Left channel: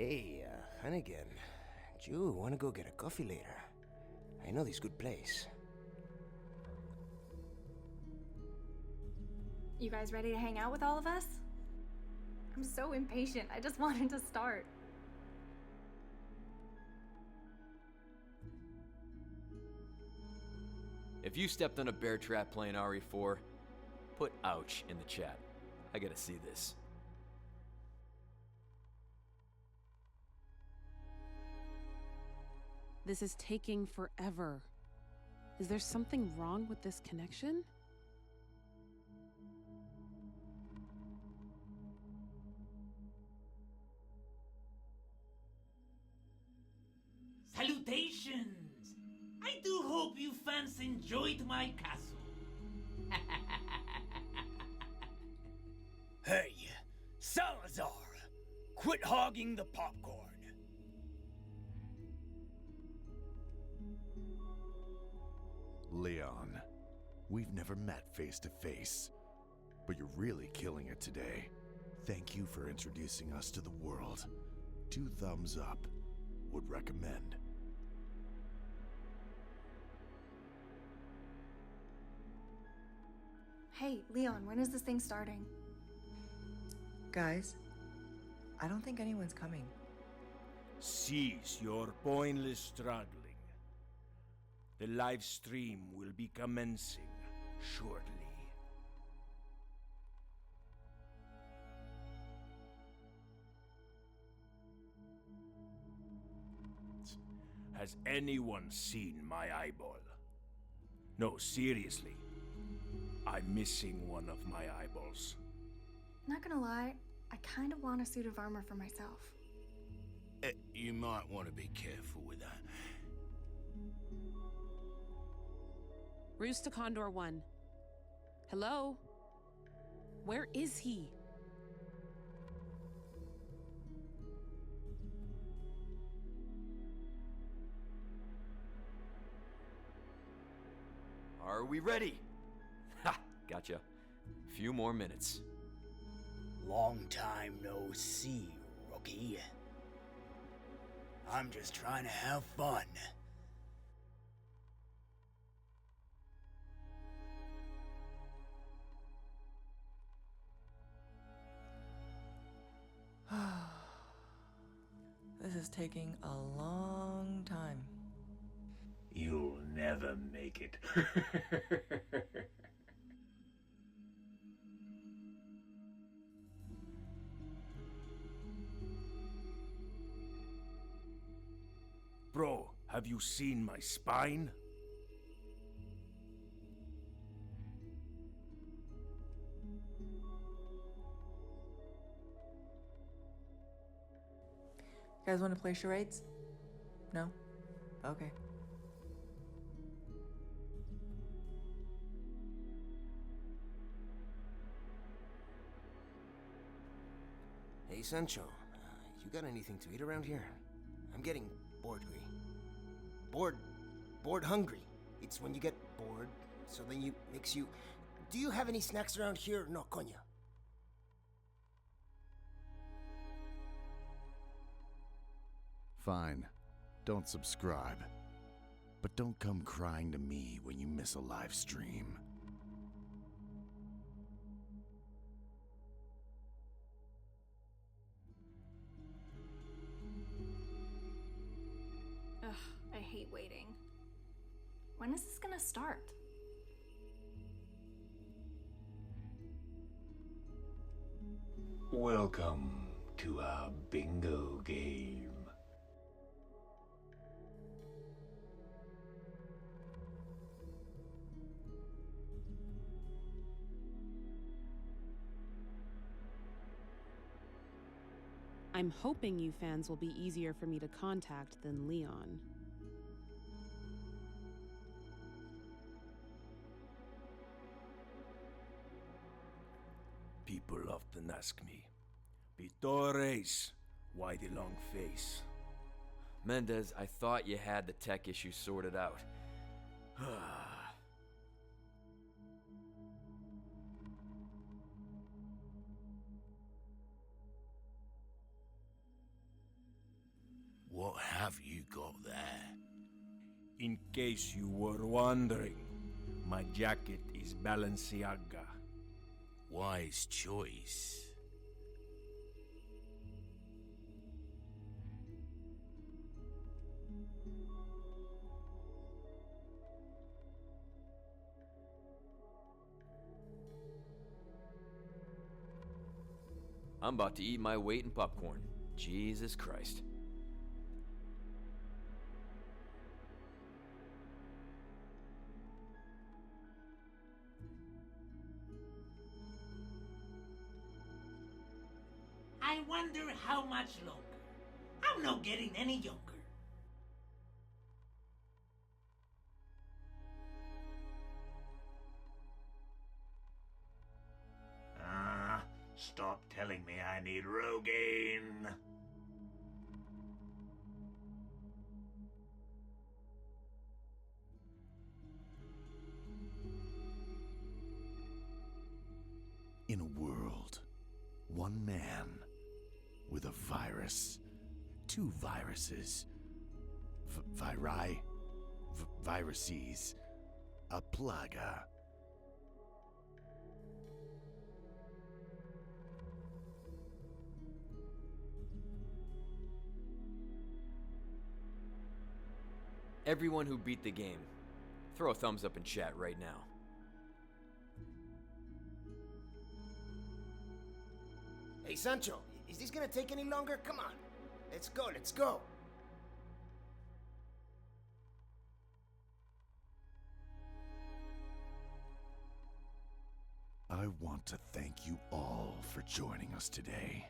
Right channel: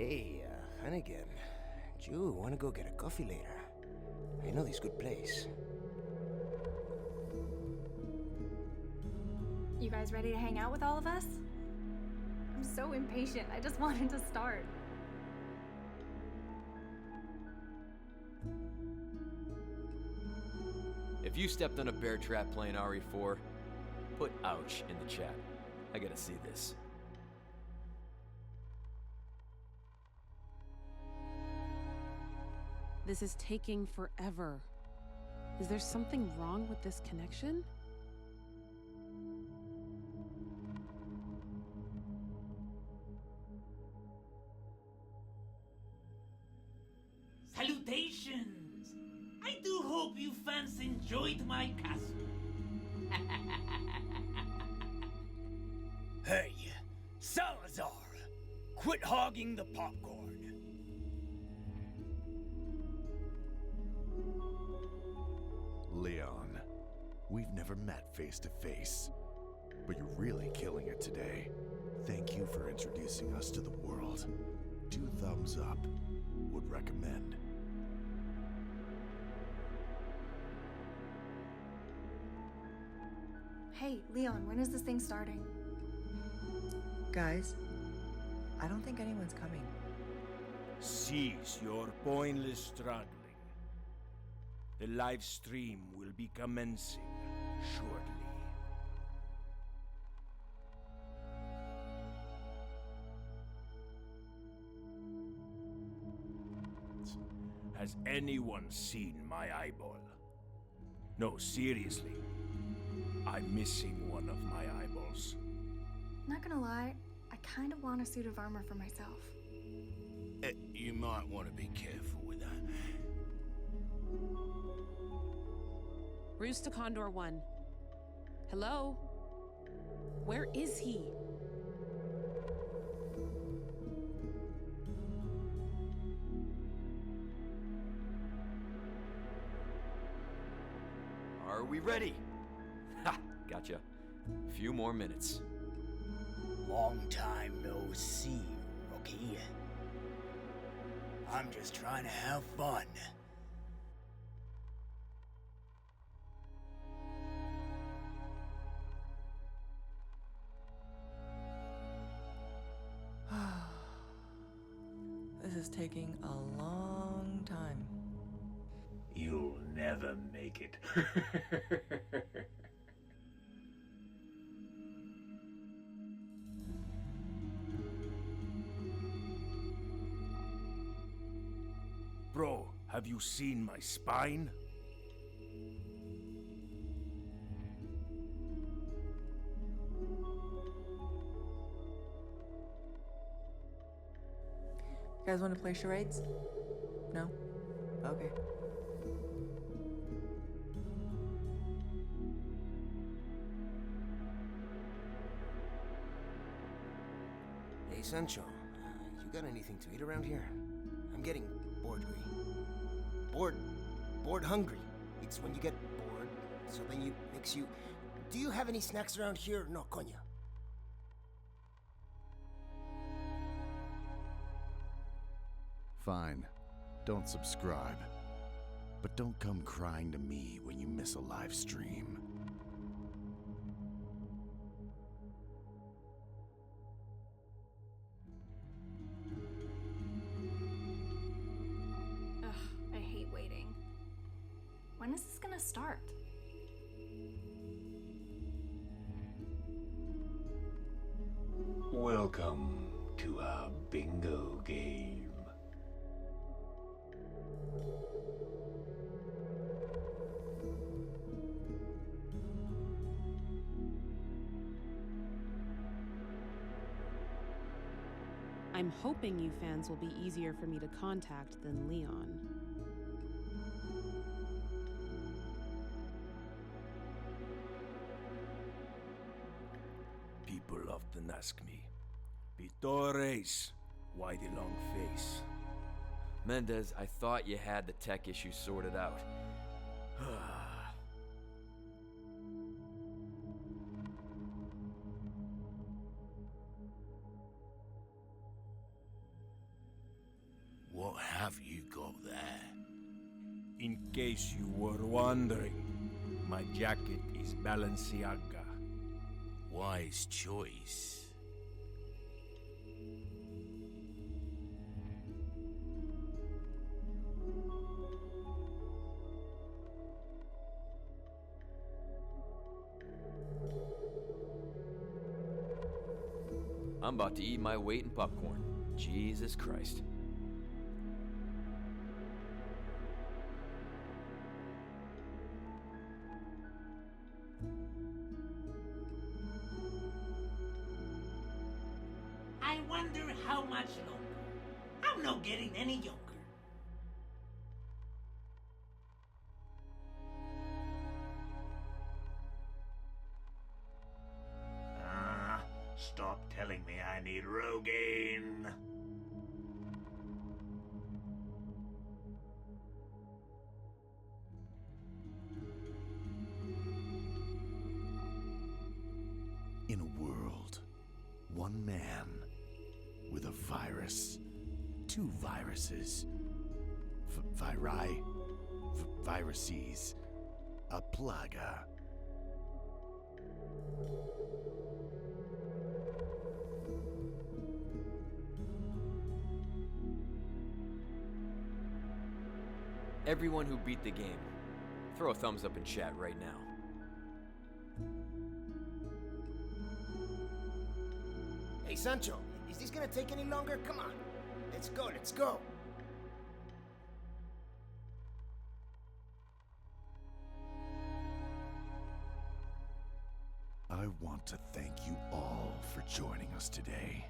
Hey, Hunnigan. Jew, wanna go get a coffee later? I know this good place. You guys ready to hang out with all of us? I'm so impatient. I just wanted to start. If you stepped on a bear trap playing RE4, put ouch in the chat. I gotta see this. This is taking forever. Is there something wrong with this connection? Salutations! I do hope you fans enjoyed my castle. Hey, Salazar! Quit hogging the popcorn. Leon, we've never met face to face, but you're really killing it today. Thank you for introducing us to the world. 2 thumbs up. Would recommend. Hey, Leon, when is this thing starting? Guys, I don't think anyone's coming. Cease your pointless struggling. The live stream will be commencing shortly. Has anyone seen my eyeball? No, seriously. I'm missing one of my eyeballs. Not gonna lie, I kinda want a suit of armor for myself. You might want to be careful with that. Roost to Condor 1. Hello? Where is he? Are we ready? Ha! Gotcha. Few more minutes. Long time no see, rookie. I'm just trying to have fun. This is taking a long time. You'll never make it. Bro, have you seen my spine? You guys want to play charades? No? Okay. Hey, Sancho. You got anything to eat around here? I'm getting bored-gry. Bored hungry. It's when you get bored, so then makes you... Do you have any snacks around here? No, coño. Fine. Don't subscribe. But don't come crying to me when you miss a live stream. Ugh, I hate waiting. When is this gonna start? Welcome to our bingo game. I'm hoping you fans will be easier for me to contact than Leon. People often ask me, Pitores, why the long face? Mendez, I thought you had the tech issue sorted out. In case you were wondering, my jacket is Balenciaga. Wise choice. I'm about to eat my weight in popcorn. Jesus Christ. I wonder how much longer. I'm not getting any younger. Stop telling me I need Rogaine. In a world, one man with a virus, two viruses, viruses, a plaga. Everyone who beat the game, throw a thumbs up in chat right now. Hey, Sancho, is this gonna take any longer? Come on. Let's go, let's go. I want to thank you all for joining us today.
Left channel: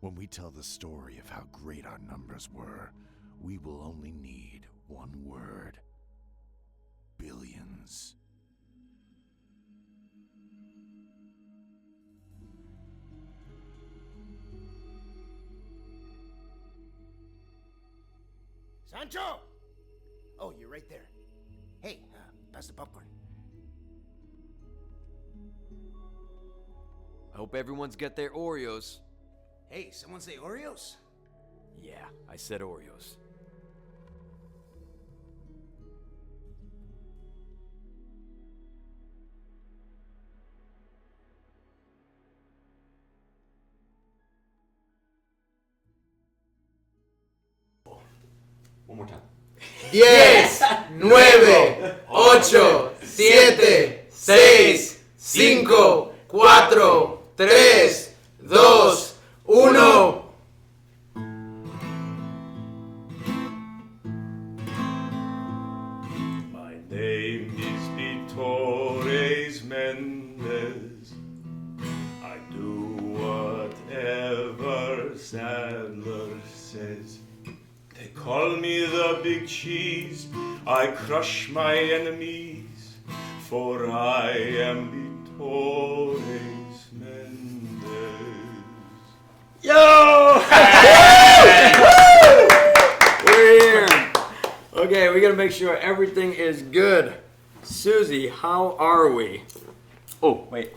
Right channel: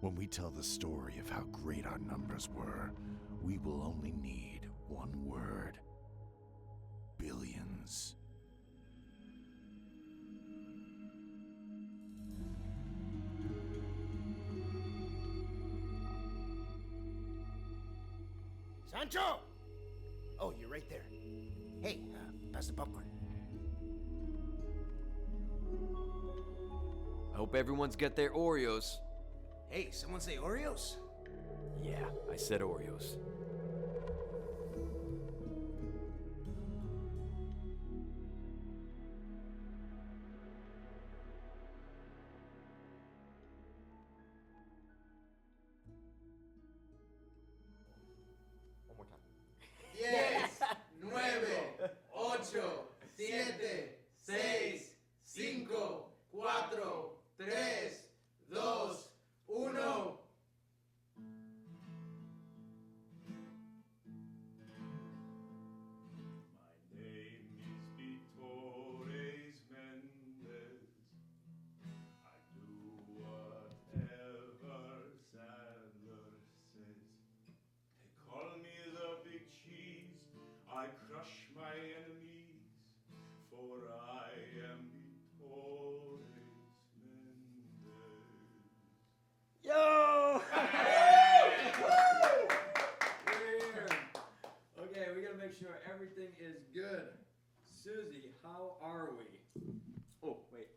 When we tell the story of how great our numbers were, we will only need one word. Billions. Sancho! Oh, you're right there. Hey, pass the popcorn. I hope everyone's got their Oreos. Hey, someone say Oreos? Yeah, I said Oreos. One more time. 10, 9, 8, 7, 6, 5, 4, 3, 2, 1. My name is Vittores Mendez. I do whatever Sadler says. They call me the Big Cheese. I crush my enemies, for I am Vittores Mendez. Yo! We're here. Okay, we gotta make sure everything is good. Susie, how are we? Oh, wait.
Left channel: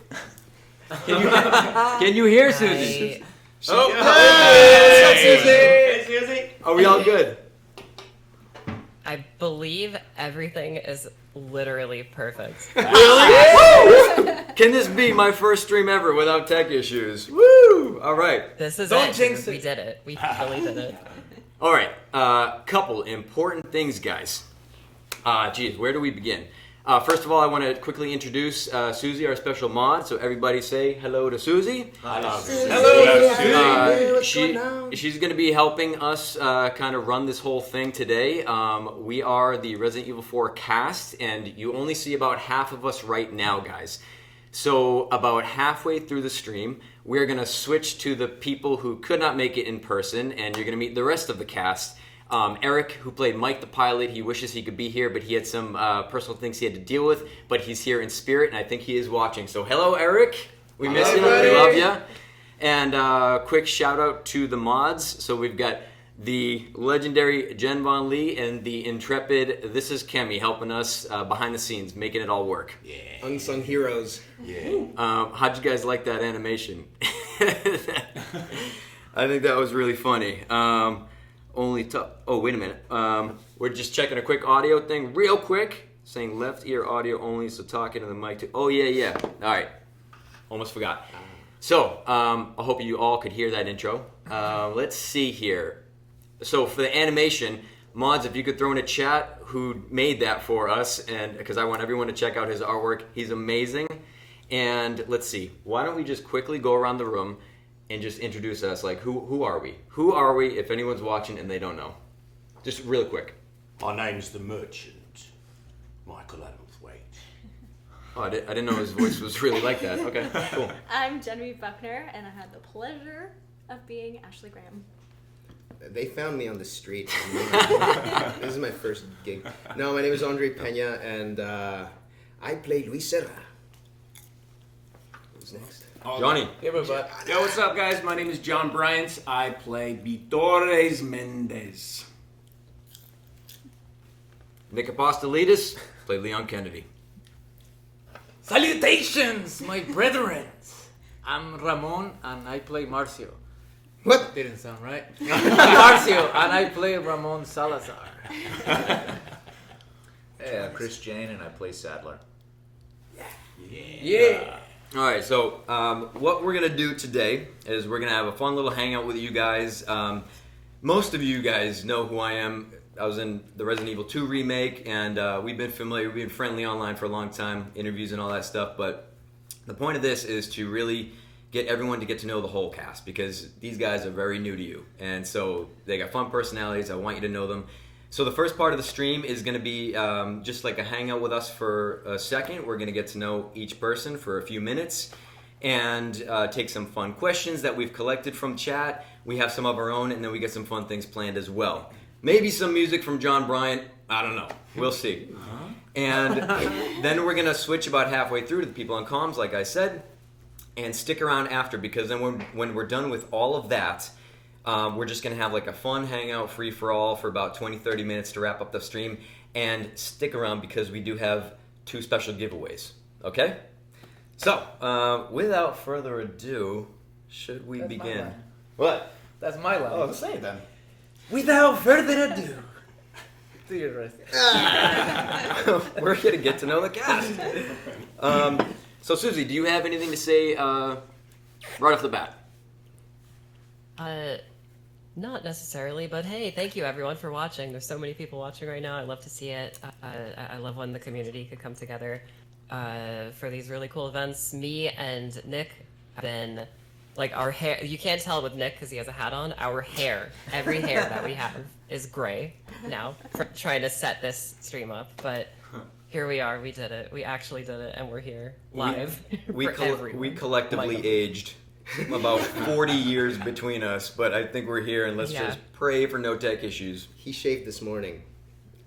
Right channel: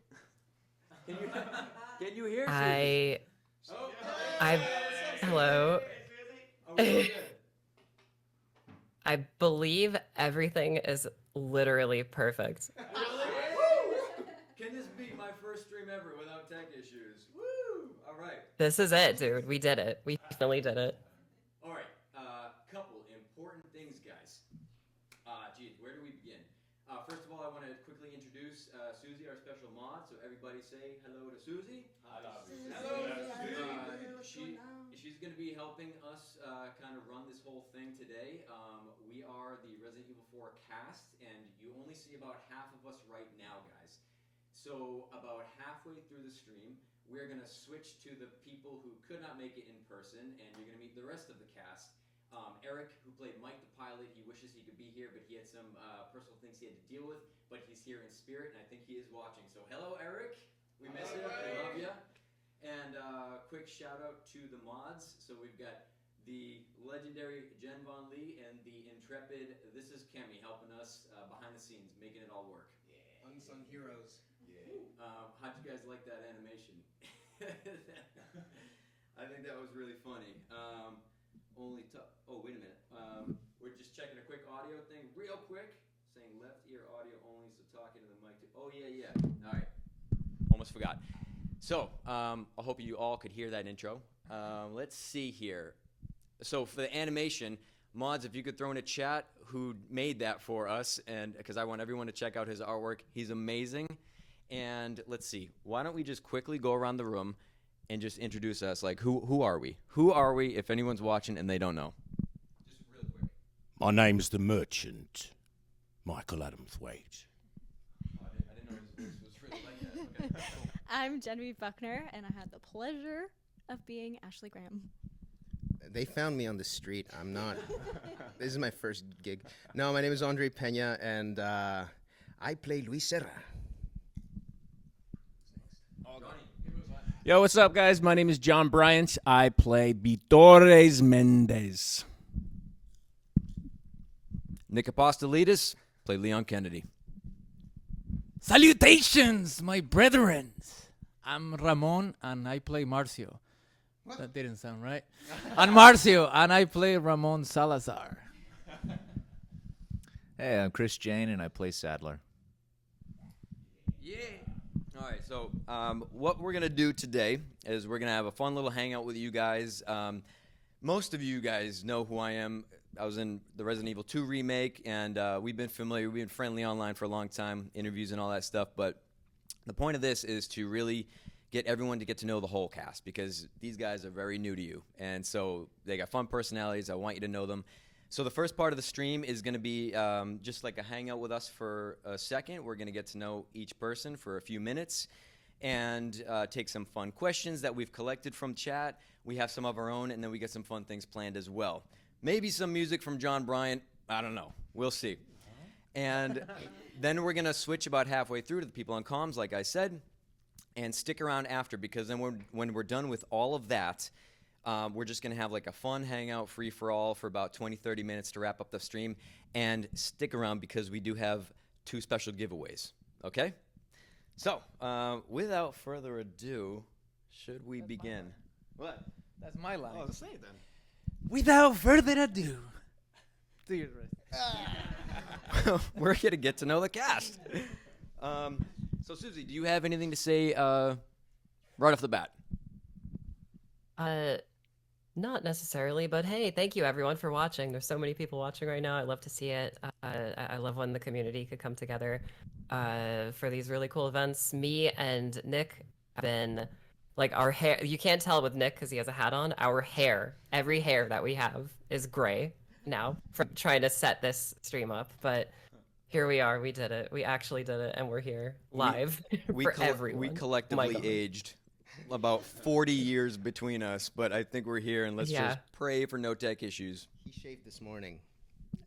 Can you hear Susie? Oh, Hey! what's up, Susie? Hey, Susie. Are we all good? I believe everything is literally perfect. Really? Can this be my first stream ever without tech issues? Woo! All right. This is Don't it, jinx dude. We did it. We really did it. All right. Couple important things, guys. Geez, where do we begin? First of all, I want to quickly introduce Susie, our special mod. So everybody say hello to Susie. Hello. Hello, Susie. She's going to be helping us kind of run this whole thing today. We are the Resident Evil 4 cast, and you only see about half of us right now, guys. So about halfway through the stream, we're going to switch to the people who could not make it in person, and you're going to meet the rest of the cast. Eric, who played Mike the pilot, he wishes he could be here, but he had some personal things he had to deal with, but he's here in spirit, and I think he is watching. So hello, Eric. We miss you. We love you. And quick shout out to the mods. So we've got the legendary Jen Von Lee and the intrepid This Is Kemi helping us behind the scenes, making it all work. Yeah. Unsung heroes. Yeah. How'd you guys like that animation? I think that was really funny. Oh, wait a minute. What We're just checking a quick audio thing real quick. Saying left ear audio only, so talking to the mic too. Oh, yeah. All right. Almost forgot. So, I hope you all could hear that intro. Let's see here. So, for the animation, Mods, if you could throw in a chat who made that for us, and because I want everyone to check out his artwork. He's amazing. And let's see. Why don't we just quickly go around the room and just introduce us? Like, who are we? Who are we if anyone's watching and they don't know? Just really quick. My name's the Merchant, Michael Adamthwaite. Oh, I didn't know his voice was really like that. Okay, cool. I'm Genevieve Buckner, and I had the pleasure of being Ashley Graham. They found me on the street. This is my first gig. No, my name is Andre Pena, and I play Luis Serra. Who's next? Johnny. Yo, what's up, guys? My name is John Bryant. I play Vitores Mendez. Nick Apostolidis, play Leon Kennedy. Salutations, my brethren. I'm Ramon, and I play Marcio. What? Didn't sound right. Marcio, and I play Ramon Salazar. Hey, I'm Chris Jane, and I play Sadler. Yeah. All right, so what we're going to do today is we're going to have a fun little hangout with you guys. Most of you guys know who I am. I was in the Resident Evil 2 remake, and we've been familiar, we've been friendly online for a long time, interviews and all that stuff, but the point of this is to really get everyone to get to know the whole cast, because these guys are very new to you, and so they got fun personalities. I want you to know them. So the first part of the stream is going to be just like a hangout with us for a second. We're going to get to know each person for a few minutes and take some fun questions that we've collected from chat. We have some of our own, and then we get some fun things planned as well. Maybe some music from John Bryant. I don't know. We'll see. And then we're going to switch about halfway through to the people on comms, like I said, and stick around after, because then when we're done with all of that, we're just going to have like a fun hangout free-for-all for about 20-30 minutes to wrap up the stream. And stick around because we do have 2 special giveaways. Okay? So, without further ado, should we begin? What? That's my line. Oh, say it then. Without further ado. Do your rest. We're going to get to know the cast. So, Susie, do you have anything to say right off the bat? Not necessarily, but hey, thank you everyone for watching. There's so many people watching right now. I love to see it. I love when the community could come together for these really cool events. Me and Nick have been, like, our hair, you can't tell with Nick because he has a hat on. Our hair, every hair that we have is gray now for trying to set this stream up, but here we are. We did it. We actually did it, and we're here live for everyone. We collectively aged about 40 years between us, but I think we're here, and let's just pray for no tech issues. He shaved this morning.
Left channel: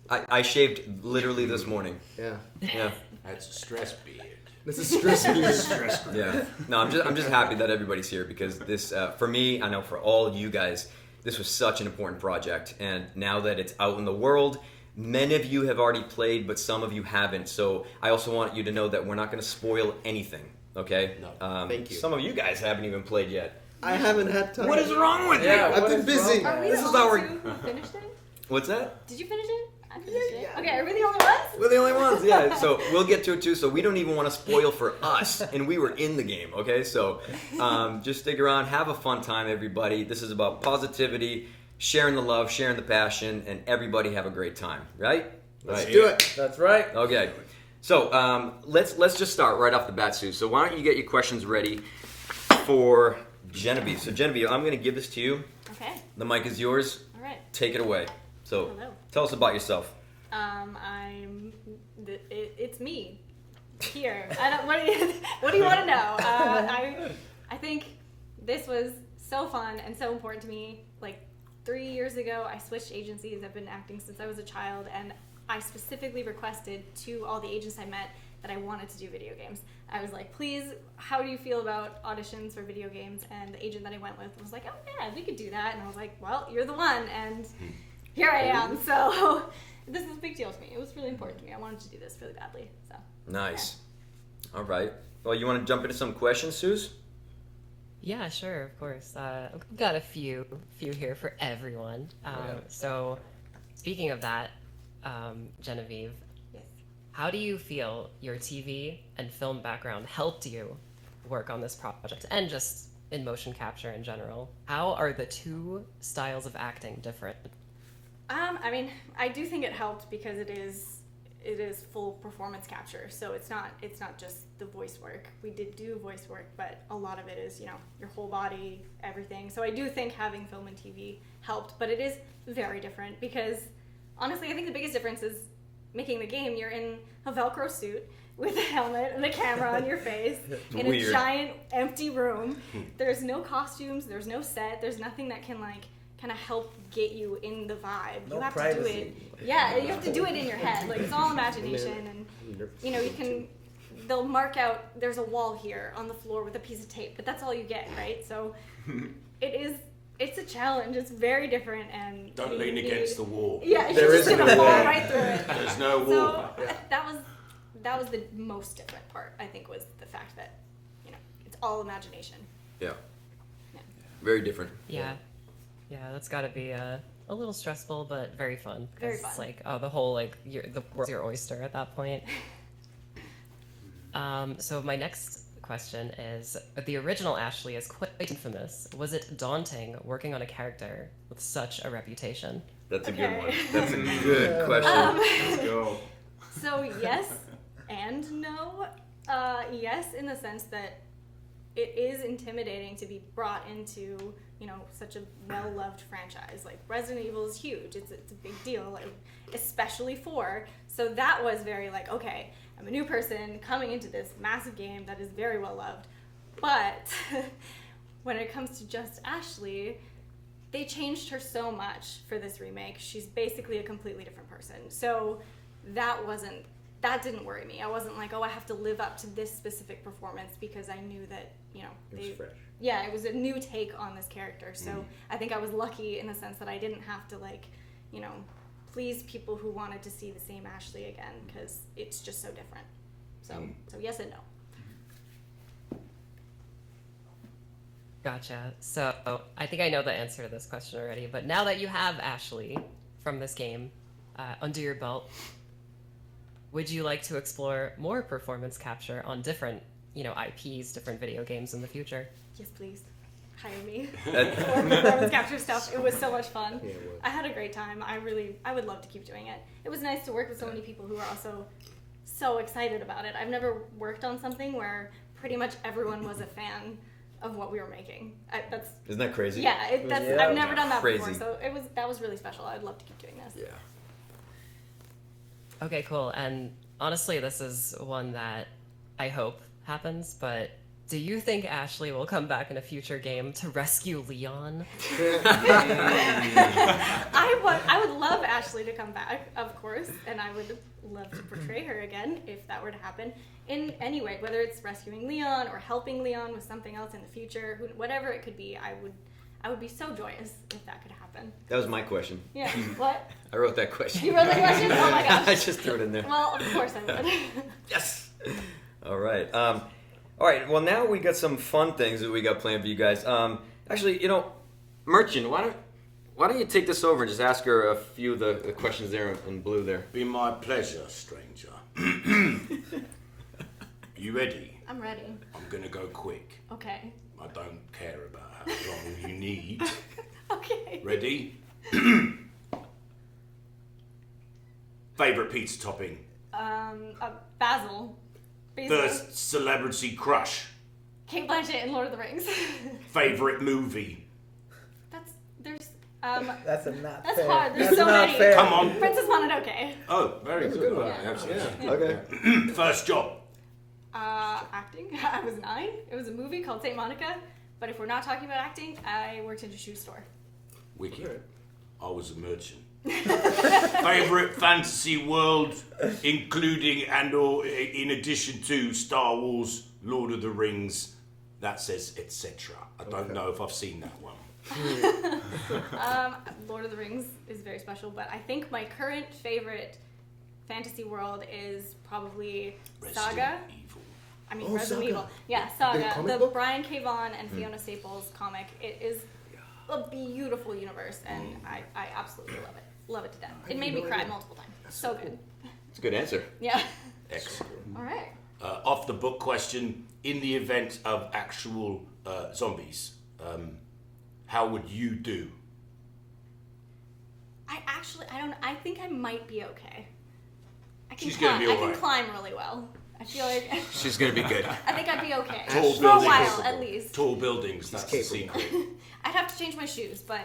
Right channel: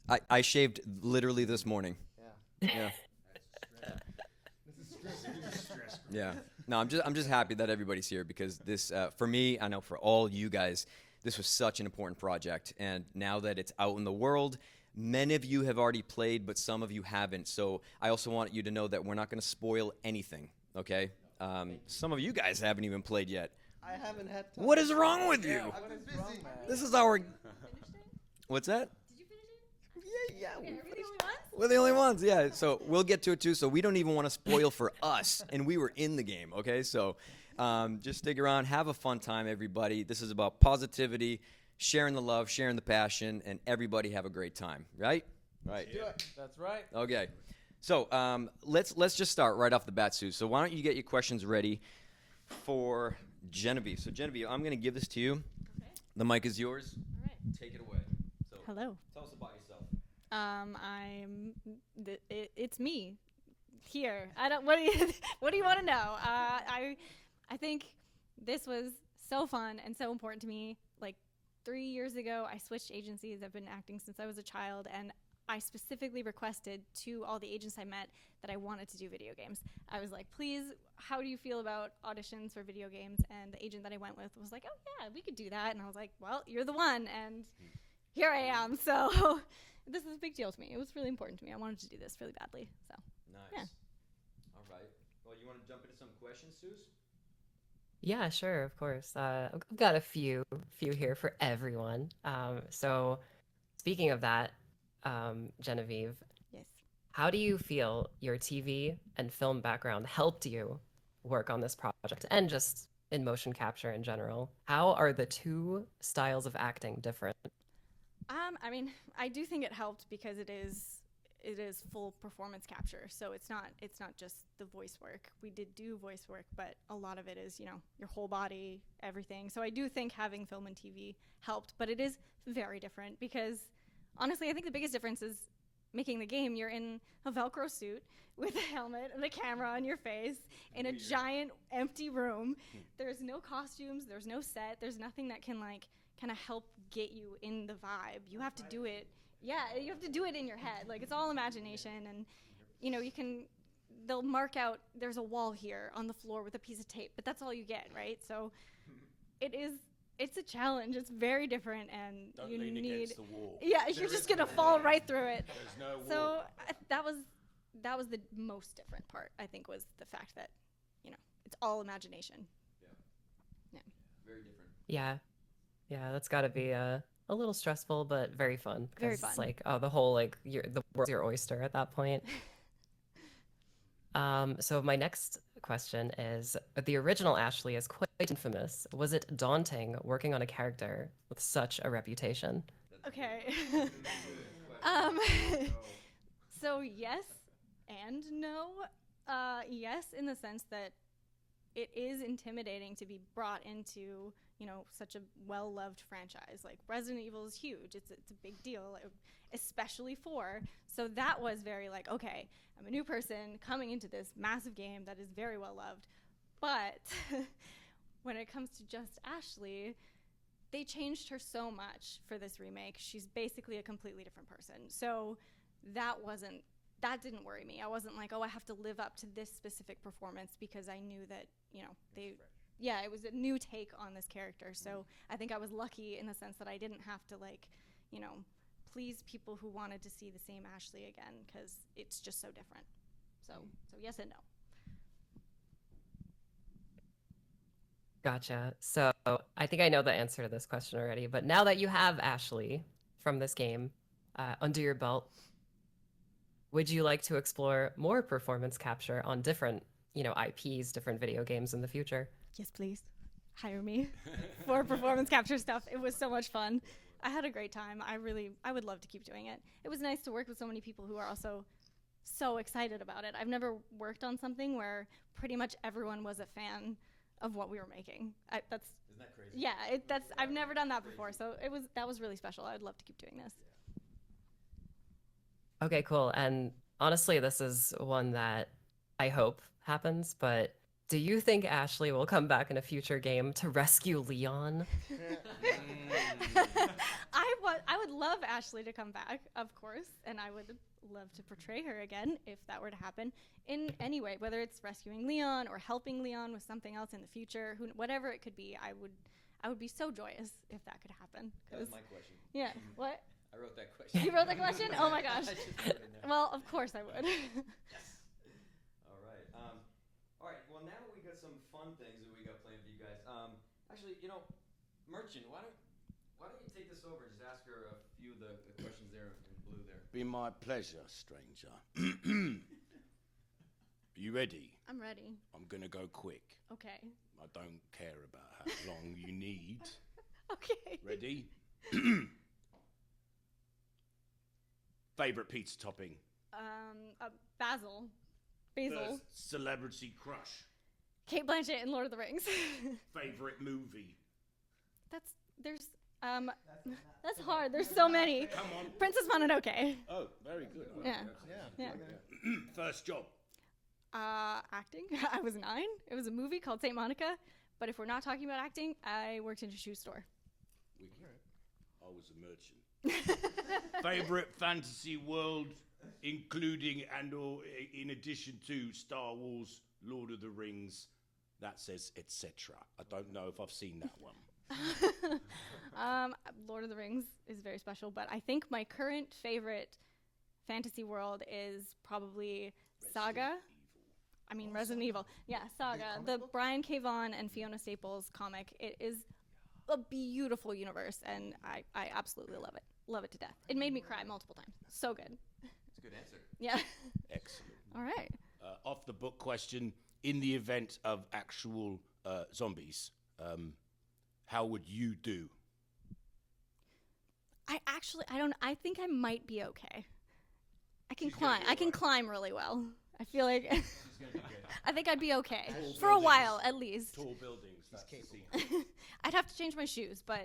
I shaved literally this morning. Yeah. That's a stress beard. This is stress beard. Yeah. No, I'm just happy that everybody's here, because this, for me, I know for all you guys, this was such an important project, and now that it's out in the world, many of you have already played, but some of you haven't. So I also want you to know that we're not going to spoil anything. Okay? No. Thank you. Some of you guys haven't even played yet. I haven't had time. What is wrong with you? I've been busy. Are we This the is only our. two who finished it? What's that? Did you finish it? I finished it. Okay, are we the only ones? We're the only ones, yeah. So we'll get to it too. So we don't even want to spoil for us, and we were in the game. Okay, so just stick around, have a fun time, everybody. This is about positivity, sharing the love, sharing the passion, and everybody have a great time. Right? Let's do it. That's right. Okay. So let's just start right off the bat, Sue. So why don't you get your questions ready for Genevieve? So Genevieve, I'm going to give this to you. Okay. The mic is yours. All right. Take it away. So Hello. tell us about yourself. It's me. Here. What do you want to know? I think this was so fun and so important to me. Like 3 years ago, I switched agencies. I've been acting since I was a child, and I specifically requested to all the agents I met that I wanted to do video games. I was like, please, how do you feel about auditions for video games? And the agent that I went with was like, oh yeah, we could do that. And I was like, well, you're the one, and here I am. So this is a big deal to me. It was really important to me. I wanted to do this really badly. So Nice. Yeah. All right. Well, you want to jump into some questions, Suze? Yeah, sure, of course. I've got a few here for everyone. So speaking of that, Genevieve. Yes. How do you feel your TV and film background helped you work on this project and just in motion capture in general? How are the two styles of acting different? I mean, I do think it helped because it is full performance capture. So it's not just the voice work. We did do voice work, but a lot of it is, your whole body, everything. So I do think having film and TV helped, but it is very different because honestly, I think the biggest difference is making the game. You're in a Velcro suit with a helmet and a camera on your face in a giant empty room. There's no costumes, there's no set, there's nothing that can kind of help get you in the vibe. No you have privacy. to do it. Yeah, you have to do it in your head. It's all imagination, and they'll mark out there's a wall here on the floor with a piece of tape, but that's all you get, right? So it's a challenge. It's very different, and don't lean against the wall. Yeah, it's just gonna fall right through it. There's no wall. So that was the most different part, I think, was the fact that it's all imagination. Yeah. Very different. Yeah, that's got to be a little stressful, but very fun. Very Because it's fun. the whole the world's your oyster at that point. So my next question is: the original Ashley is quite infamous. Was it daunting working on a character with such a reputation? That's a good one. That's a good question. Let's go. So yes and no. Yes, in the sense that it is intimidating to be brought into such a well-loved franchise. Like Resident Evil is huge. It's a big deal, especially 4. So that was very okay, I'm a new person coming into this massive game that is very well-loved. But when it comes to just Ashley, they changed her so much for this remake. She's basically a completely different person. So that didn't worry me. I wasn't like, oh, I have to live up to this specific performance, because I knew that, it was fresh. Yeah, it was a new take on this character. So I think I was lucky in the sense that I didn't have to please people who wanted to see the same Ashley again, because it's just so different. So yes and no. Gotcha. So I think I know the answer to this question already, but now that you have Ashley from this game under your belt, would you like to explore more performance capture on different, IPs, different video games in the future? Yes, please. Hire me for performance capture stuff. It was so much fun. Yeah, I had a great time. I would love to keep doing it. It was nice to work with so many people who are also so excited about it. I've never worked on something where pretty much everyone was a fan of what we were making. Isn't that crazy? Yeah, I've never done that Crazy. before, so that was really special. I'd love to keep doing this. Yeah. Okay, cool. And honestly, this is one that I hope happens, but do you think Ashley will come back in a future game to rescue Leon? I would love Ashley to come back, of course, and I would love to portray her again if that were to happen in any way, whether it's rescuing Leon or helping Leon with something else in the future, whatever it could be. I would be so joyous if that could happen. That was my question. Yeah. What? I wrote that question. You wrote the question? Oh my gosh. I just threw it in there. Well, of course I would. Yes. All right. All right. Well, now we got some fun things that we got planned for you guys. Actually, Merchant, why don't you take this over and just ask her a few of the questions there in blue there? Be my pleasure, stranger. You ready? I'm ready. I'm gonna go quick. Okay. I don't care about how long you need. Okay. Ready? Favorite pizza topping? Basil. First celebrity crush? Kate Blanchett in Lord of the Rings. Favorite movie? That's fair. hard. There's That's so not many. fair. Come on. Princess Mononoke. Oh, very good. one. Yeah, absolutely. Yeah. Okay. First job? Acting. I was 9. It was a movie called St. Monica. But if we're not talking about acting, I worked in a shoe store. Wicked. I was a merchant. Favorite fantasy world, including and/or in addition to Star Wars, Lord of the Rings. That says etc. I don't know if I've seen that one. Lord of the Rings is very special, but I think my current favorite fantasy world is probably Saga. Resident Evil. Yeah, Saga. The Brian K. Vaughan and Fiona Staples comic. It is a beautiful universe, and I absolutely love it. Love it to death. It made me cry multiple times. So good. It's a good answer. Yeah. Excellent. All right. Off the book question: in the event of actual zombies, how would you do? I think I might be okay. She's gonna be all I can right. climb really well. I feel like She's gonna be good. I think I'd be okay. Tall For a buildings. while, at least. Tall buildings. That's the secret. I'd have to change my shoes, but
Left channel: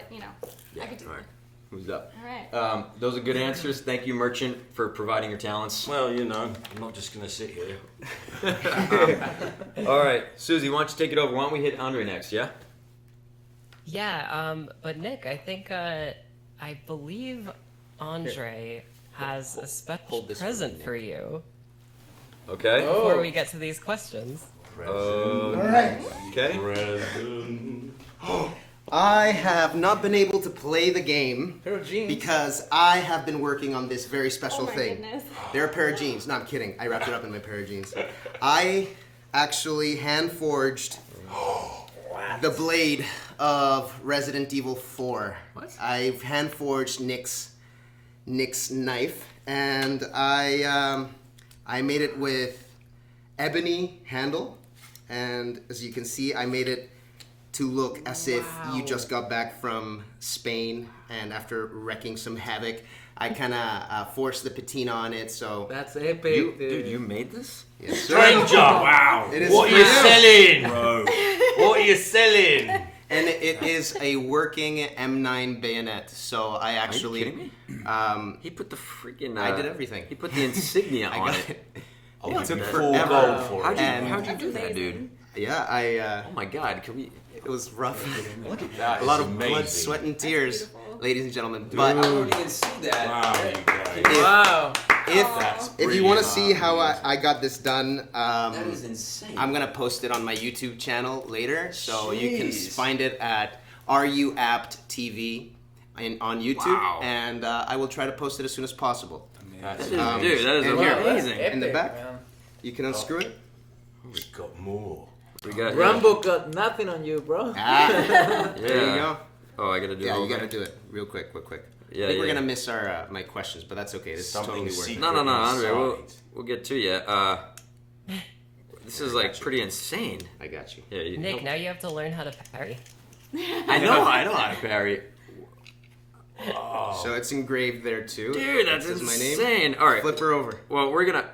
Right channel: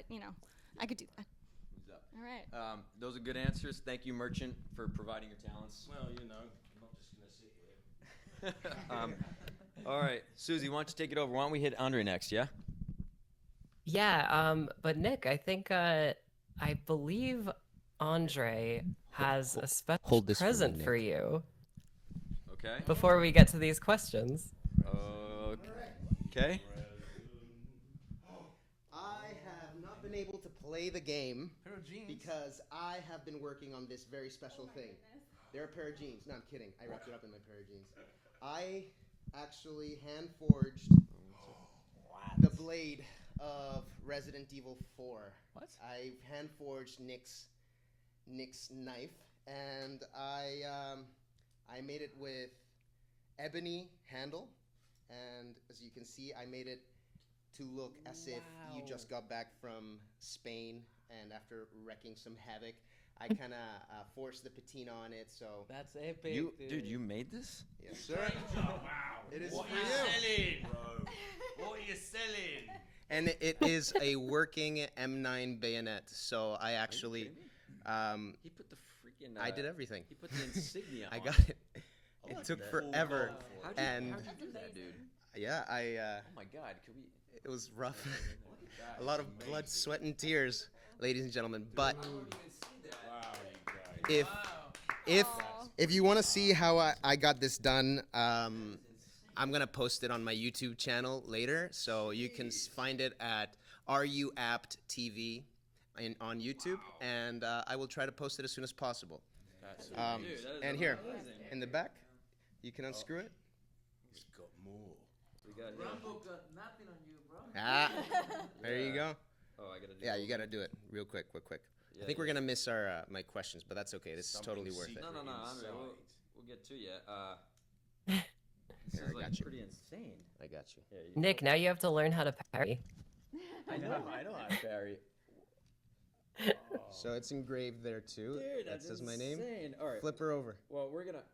I could do All right. it. Who's up? All right. Those are good answers. Thank you, Merchant, for providing your talents. Well, I'm not just gonna sit here. All right, Susie, why don't you take it over? Why don't we hit Andre next? Yeah. Yeah, but Nick, I think I believe Andre has a special present for you. Okay. Before we get to these questions. All right. Okay. I have not been able to play the game because I have been working on this very special thing. Goodness. They're a pair of jeans. No, I'm kidding. I wrapped it up in my pair of jeans. I actually hand forged the blade of Resident Evil 4. What? I've hand forged Nick's knife, and I made it with ebony handle, and as you can see, I made it to look as if you just got back from Spain, and after wrecking some havoc, I kind of forced the patina on it. So that's epic, dude. You made this? Yes, sir. Stranger, wow! It is What are you real. selling, bro? What are you selling? And it is a working M9 bayonet. So I actually. Are you kidding me? He put the freaking. I did everything. He put the insignia I on got it. It took full forever. gold for it. And- How'd you do that, dude? Yeah, I. Oh my God! Can we? It was rough. Look at that. A lot It's of blood, amazing. sweat, and tears, ladies and gentlemen. Dude. But I don't even see that. Wow, you if, guys. Wow. if you want to see how I got this done, That is insane. I'm gonna post it on my YouTube channel later, so you can Jeez. find it at RU Apt TV on YouTube, Wow. and I will try to post it as soon as possible. That is, dude, that is and here, amazing. in the back, you can unscrew it. We've got more. We got Rambo got nothing on you, bro. There you Yeah. go. Oh, I gotta do it. Yeah, you over. gotta do it real quick. Yeah, I think we're yeah. gonna miss our my questions, but that's okay. This is Something totally worth it. secret. No, Andre. Inside. We'll get to you. This is like pretty insane. I got you. Yeah, Nick, now you have to learn how to parry. I know how to parry. So it's engraved there too. Dude, that's It says my name. insane. All right. Flip her over. Well, we're gonna.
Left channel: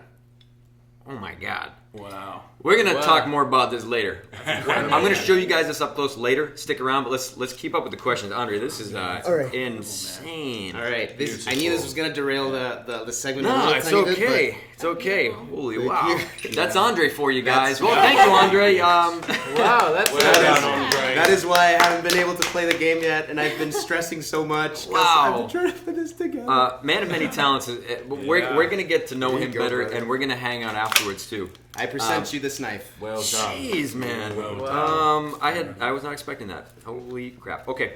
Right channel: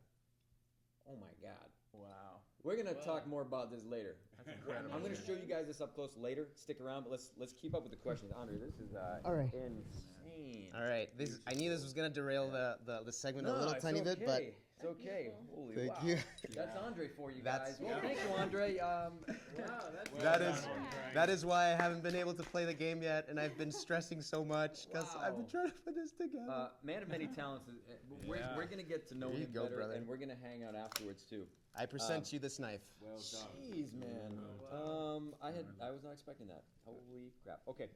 Oh my God. Wow. We're gonna Wow. talk more about this later. I'm gonna show you guys this up close later. Stick around, but let's keep up with the questions. Andre, this is right. insane. All right, I knew this was gonna derail the segment. a No, little it's tiny bit, okay. It's okay. Holy Thank wow. you. That's Andre for you guys. That's- Well, thank you, Andre. Wow, that's Well done, Andre. That is why I haven't been able to play the game yet, and I've been stressing so much. 'cause Wow. I've been trying to put this together. Man of many talents. We're gonna get to know him go, better, brother. and we're gonna hang out afterwards too. I present you this knife. Well done. Jeez, man. Well done. I was not expecting that. Holy crap. Okay.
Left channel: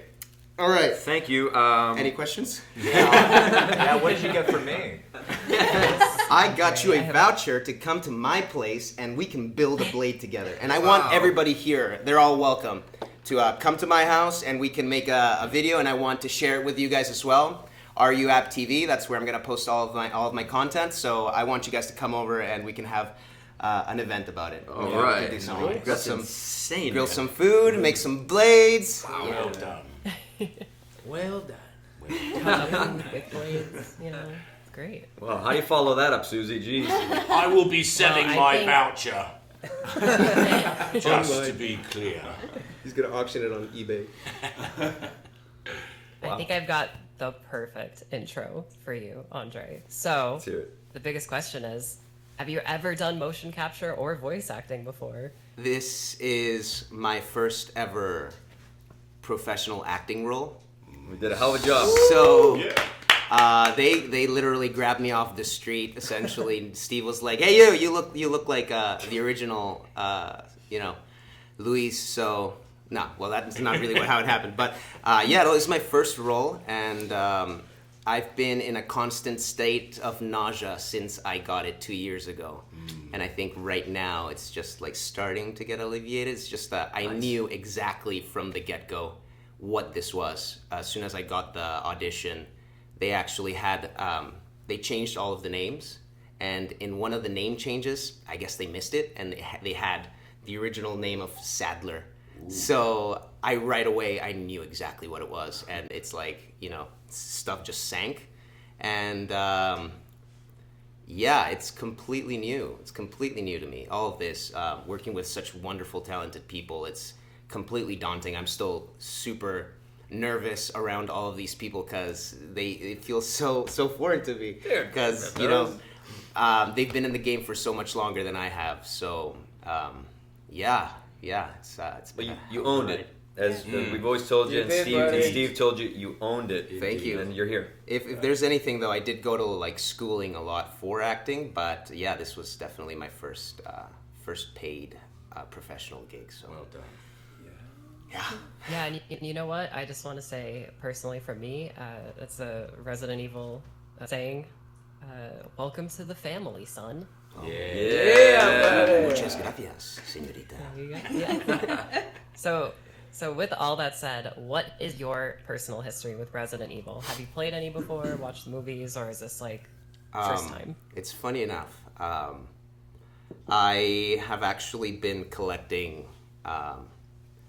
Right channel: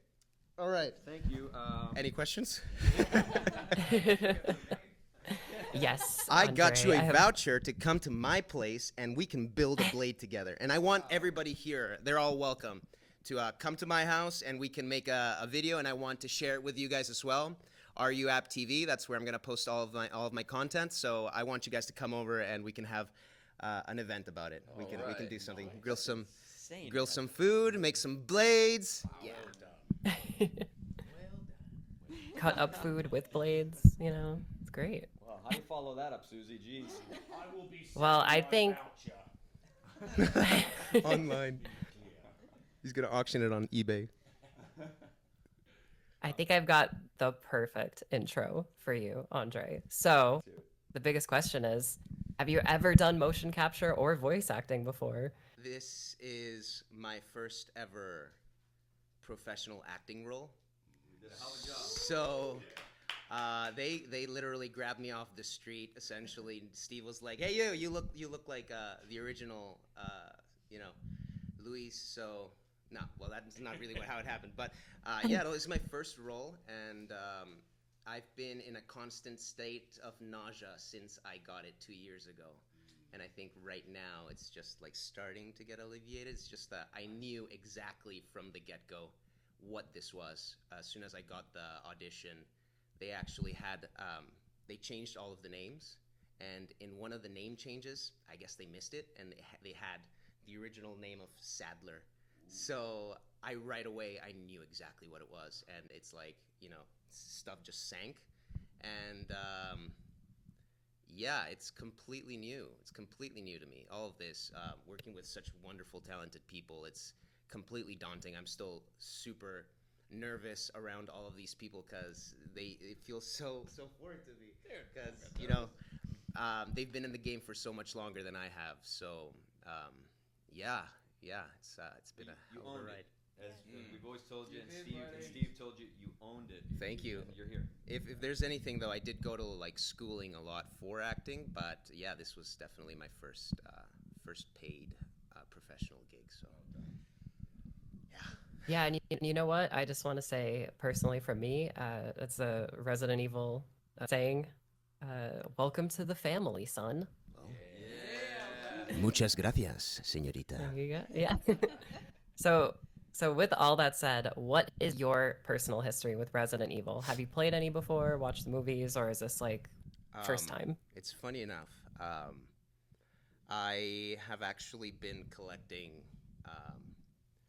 All right. Thank you. Any questions? Yeah, what did you get for me? I got you I a have- voucher to come to my place, and we can build a blade together. And I want everybody here. They're all welcome to come to my house, and we can make a video. And I want to share it with you guys as well. RU App TV. That's where I'm gonna post all of my content. So I want you guys to come over, and we can have an event about it. All We can right. do something. That's Some insane. grill man. some food, make some blades. Well done. Well done. Cut up food with blades. It's great. Well, how do you follow that up, Susie? Jeez. I will be selling I my think- voucher. Just to be clear. He's gonna auction it on eBay. I think I've got the perfect intro for you, Andre. So, Let's hear it. the biggest question is, have you ever done motion capture or voice acting before? This is my first ever professional acting role. We did a hell of a job. So they literally grabbed me off the street. Essentially, Steve was like, "Hey, you look like the original, Luis." So no, well that's not really how it happened. But yeah, this is my first role, and I've been in a constant state of nausea since I got it 2 years ago. And I think right now it's just like starting to get alleviated. It's just that I knew exactly from the get-go what this was. As soon as I got the audition, they actually had they changed all of the names, and in one of the name changes, I guess they missed it, and they had the original name of Sadler. So right away I knew exactly what it was, and it's like, stuff just sank, and it's completely new. It's completely new to me. All of this, working with such wonderful, talented people, it's completely daunting. I'm still super nervous around all of these people because it feels so foreign to me. Because they've been in the game for so much longer than I have. So it's but you owned it. As we've always told you, and Steve told you, you owned it. Thank you. And you're here. If there's anything, though, I did go to like schooling a lot for acting, but yeah, this was definitely my first paid professional gig. So well done. Yeah, and you know what? I just want to say personally, from me, it's a Resident Evil saying, "Welcome to the family, son." Yeah. Muchas gracias, señorita. There you go. Yeah. So with all that said, what is your personal history with Resident Evil? Have you played any before, watched the movies, or is this like first time? It's funny enough. I have actually been collecting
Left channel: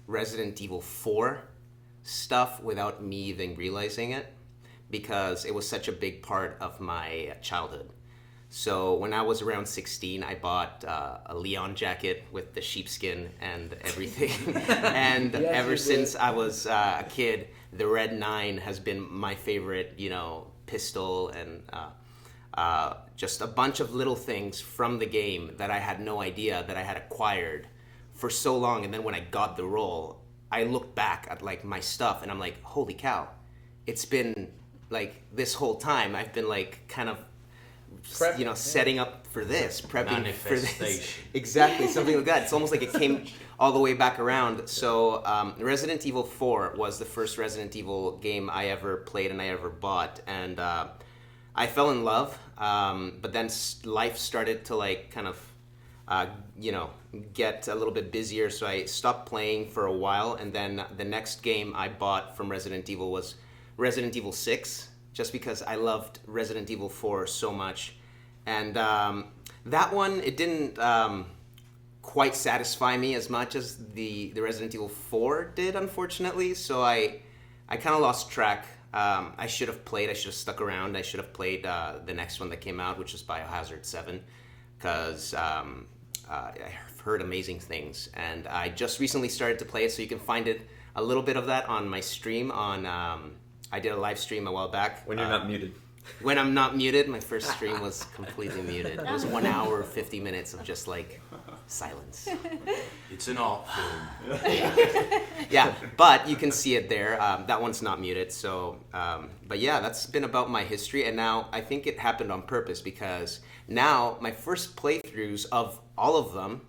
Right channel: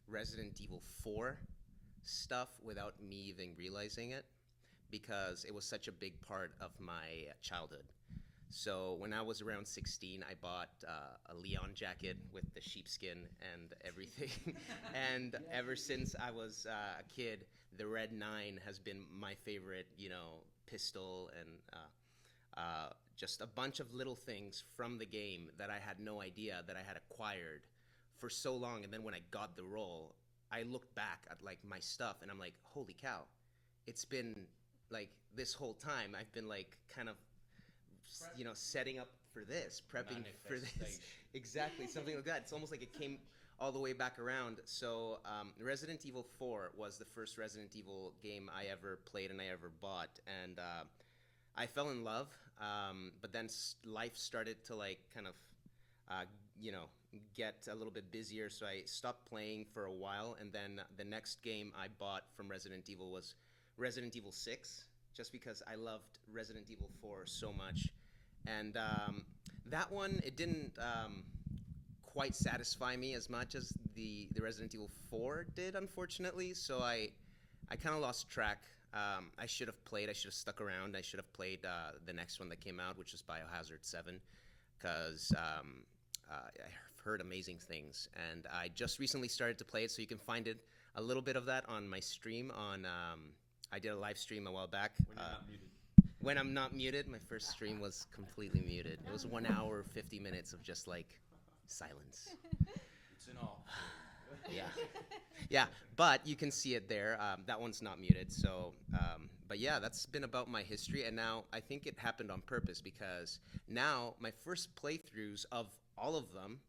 Resident Evil 4 stuff without me even realizing it, because it was such a big part of my childhood. So when I was around 16, I bought a Leon jacket with the sheepskin and everything. And Yes, ever since I was a kid, the Red 9 has been my favorite, pistol, and just a bunch of little things from the game that I had no idea that I had acquired for so long. And then when I got the role, I looked back at like my stuff and I'm like, holy cow, it's been like this whole time I've been like kind of setting up for this, prepping for this. Exactly, something like that. It's almost like it came all the way back around. So Resident Evil 4 was the first Resident Evil game I ever played and I ever bought, and I fell in love, but then life started to like kind of get a little bit busier, so I stopped playing for a while, and then the next game I bought from Resident Evil was Resident Evil 6, just because I loved Resident Evil 4 so much. And that one, it didn't quite satisfy me as much as the Resident Evil 4 did, unfortunately, so I kind of lost track. I should have stuck around. I should have played the next one that came out, which is Biohazard 7, because I've heard amazing things, and I just recently started to play it, so you can find a little bit of that on my stream on... I did a live stream a while back. When you're not muted. When I'm not muted, my first stream was completely muted. It was 1 hour, 50 minutes of just like silence. It's an art film. Yeah, but you can see it there. That one's not muted. So, but yeah, that's been about my history. And now I think it happened on purpose, because now my first playthroughs of all of them,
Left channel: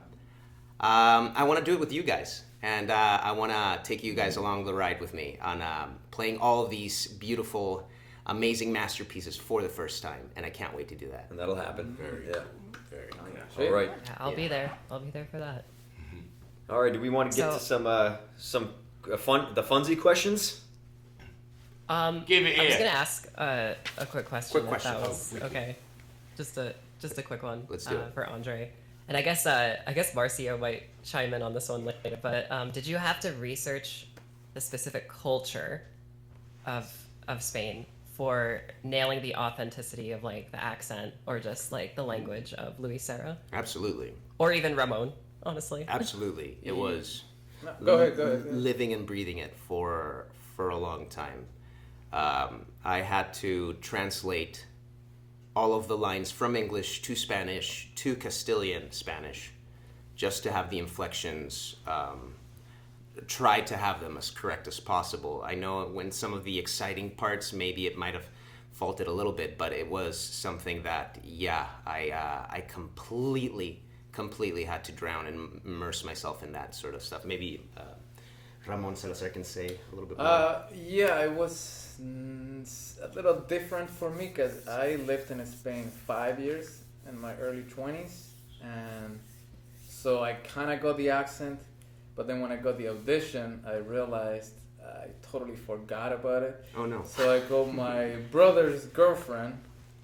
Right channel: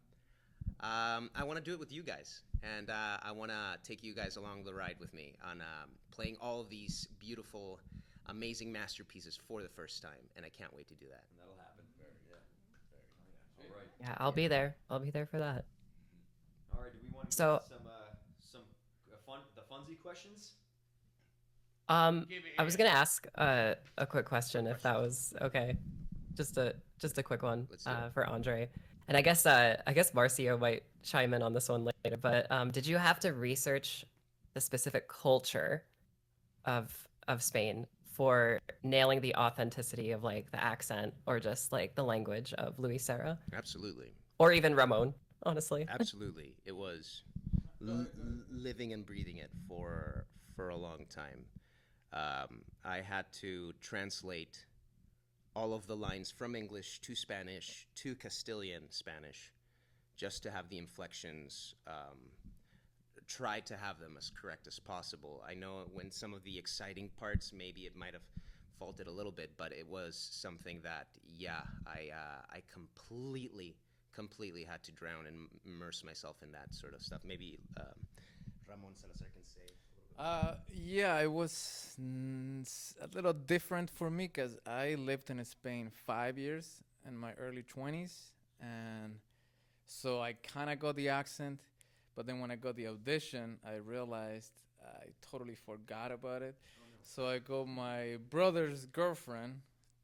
I want to do it with you guys. And I want to take you guys along the ride with me on playing all of these beautiful, amazing masterpieces for the first time. And I can't wait to do that. And that'll happen. Very All right. Yeah, I'll be there. I'll be there for that. All right. Do we want to get to some funsy questions? Give it I was here. gonna ask a quick question, if that was okay. Just a quick one for Andre. And I guess Marcio might chime in on this one later. But did you have to research the specific culture of Spain for nailing the authenticity of like the accent or just like the language of Luis Serra? Absolutely. Or even Ramon, honestly. Absolutely. It was Go ahead. living and breathing it for a long time. I had to translate all of the lines from English to Spanish to Castilian Spanish just to have the inflections, try to have them as correct as possible. I know when some of the exciting parts, maybe it might have faulted a little bit, but it was something that, I completely had to drown and immerse myself in that sort of stuff. Maybe Ramon Salazar can say a little bit more. Yeah, it was a little different for me because I lived in Spain 5 years in my early 20s, and so I kind of got the accent, but then when I got the audition, I realized I totally forgot about it. Oh no. So I got my brother's girlfriend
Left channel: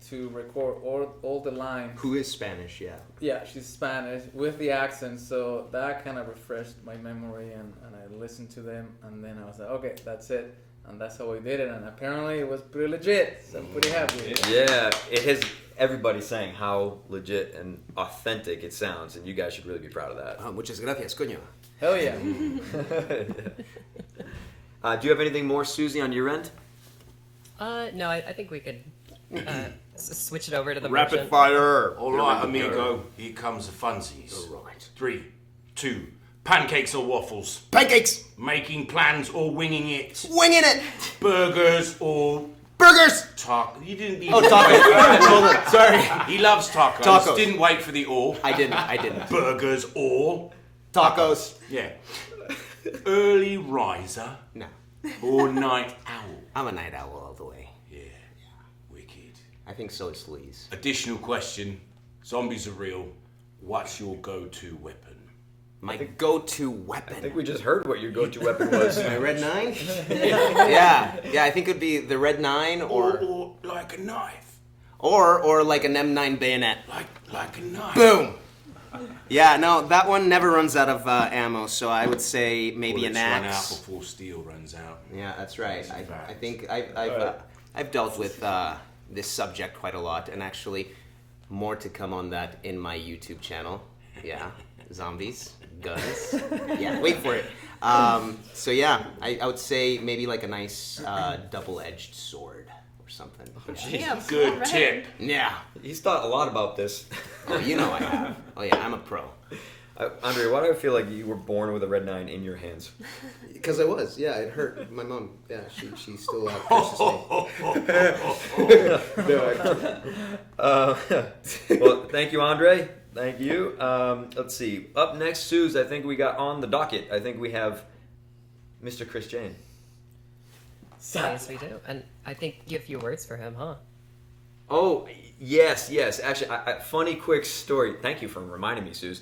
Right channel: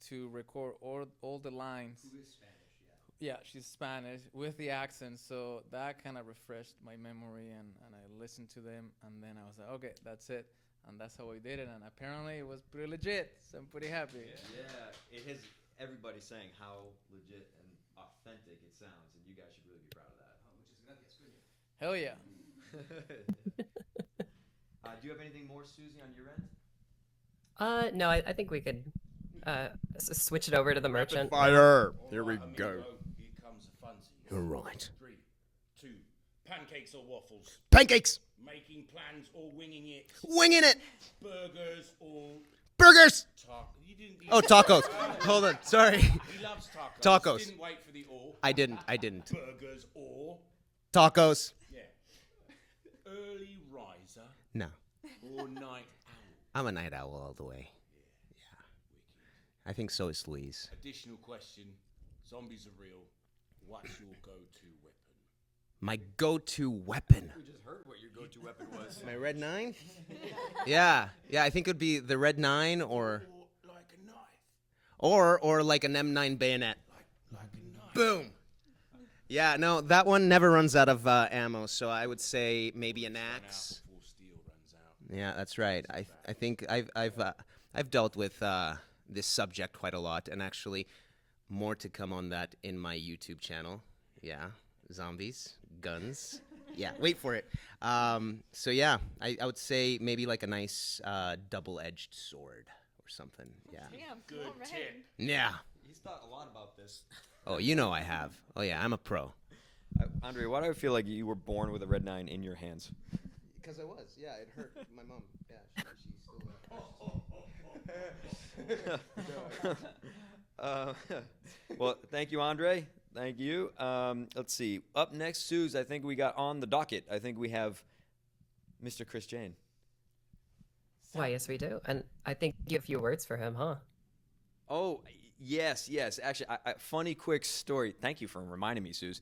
to record all the lines. Who is Spanish? Yeah. Yeah, she's Spanish with the accent, so that kind of refreshed my memory, and I listened to them, and then I was like, okay, that's it. And that's how we did it, and apparently it was pretty legit, so I'm pretty happy. Yeah, it has everybody saying how legit and authentic it sounds, and you guys should really be proud of that. Muchas gracias, coño. Hell yeah. Do you have anything more, Susie, on your end? No, I think we could switch it over to the Rapid merchant. fire. All right, amigo. Here comes the funsies. All right. 3, 2. Pancakes or waffles? Pancakes. Making plans or winging it? Winging it. Burgers or burgers? You didn't. Oh, tacos. Sorry. He loves tacos. Tacos. Didn't wait for the or. I didn't. Burgers or tacos. Yeah. Early riser. No. Or night owl. I'm a night owl all the way. Yeah. Wicked. I think so is Sleaze. Additional question. Zombies are real. What's your go-to weapon? My go-to weapon. I think we just heard what your go-to weapon was. My Red 9? yeah, I think it would be the Red 9 or like a knife. Or like an M9 bayonet. Like a knife. Boom. Yeah, no, that one never runs out of ammo, so I would say maybe an axe. Run out before steel runs out. Yeah, that's right. I think I've dealt with this subject quite a lot, and actually more to come on that in my YouTube channel. Yeah, zombies. Guns. Yeah, wait for it. So yeah, I would say maybe like a nice double-edged sword or something. Yeah, good tip. Yeah. He's thought a lot about this. Oh, you know I have. Oh yeah, I'm a pro. Andre, why do I feel like you were born with a Red 9 in your hands? Because I was. Yeah, it hurt my mom. Yeah, she still well, thank you, Andre. Thank you. Let's see. Up next, Suze, I think we got on the docket. I think we have Mr. Chris Jane. Oh, yes, we do. And I think you have a few words for him, huh? Oh, yes. Actually, funny quick story. Thank you for reminding me, Suze.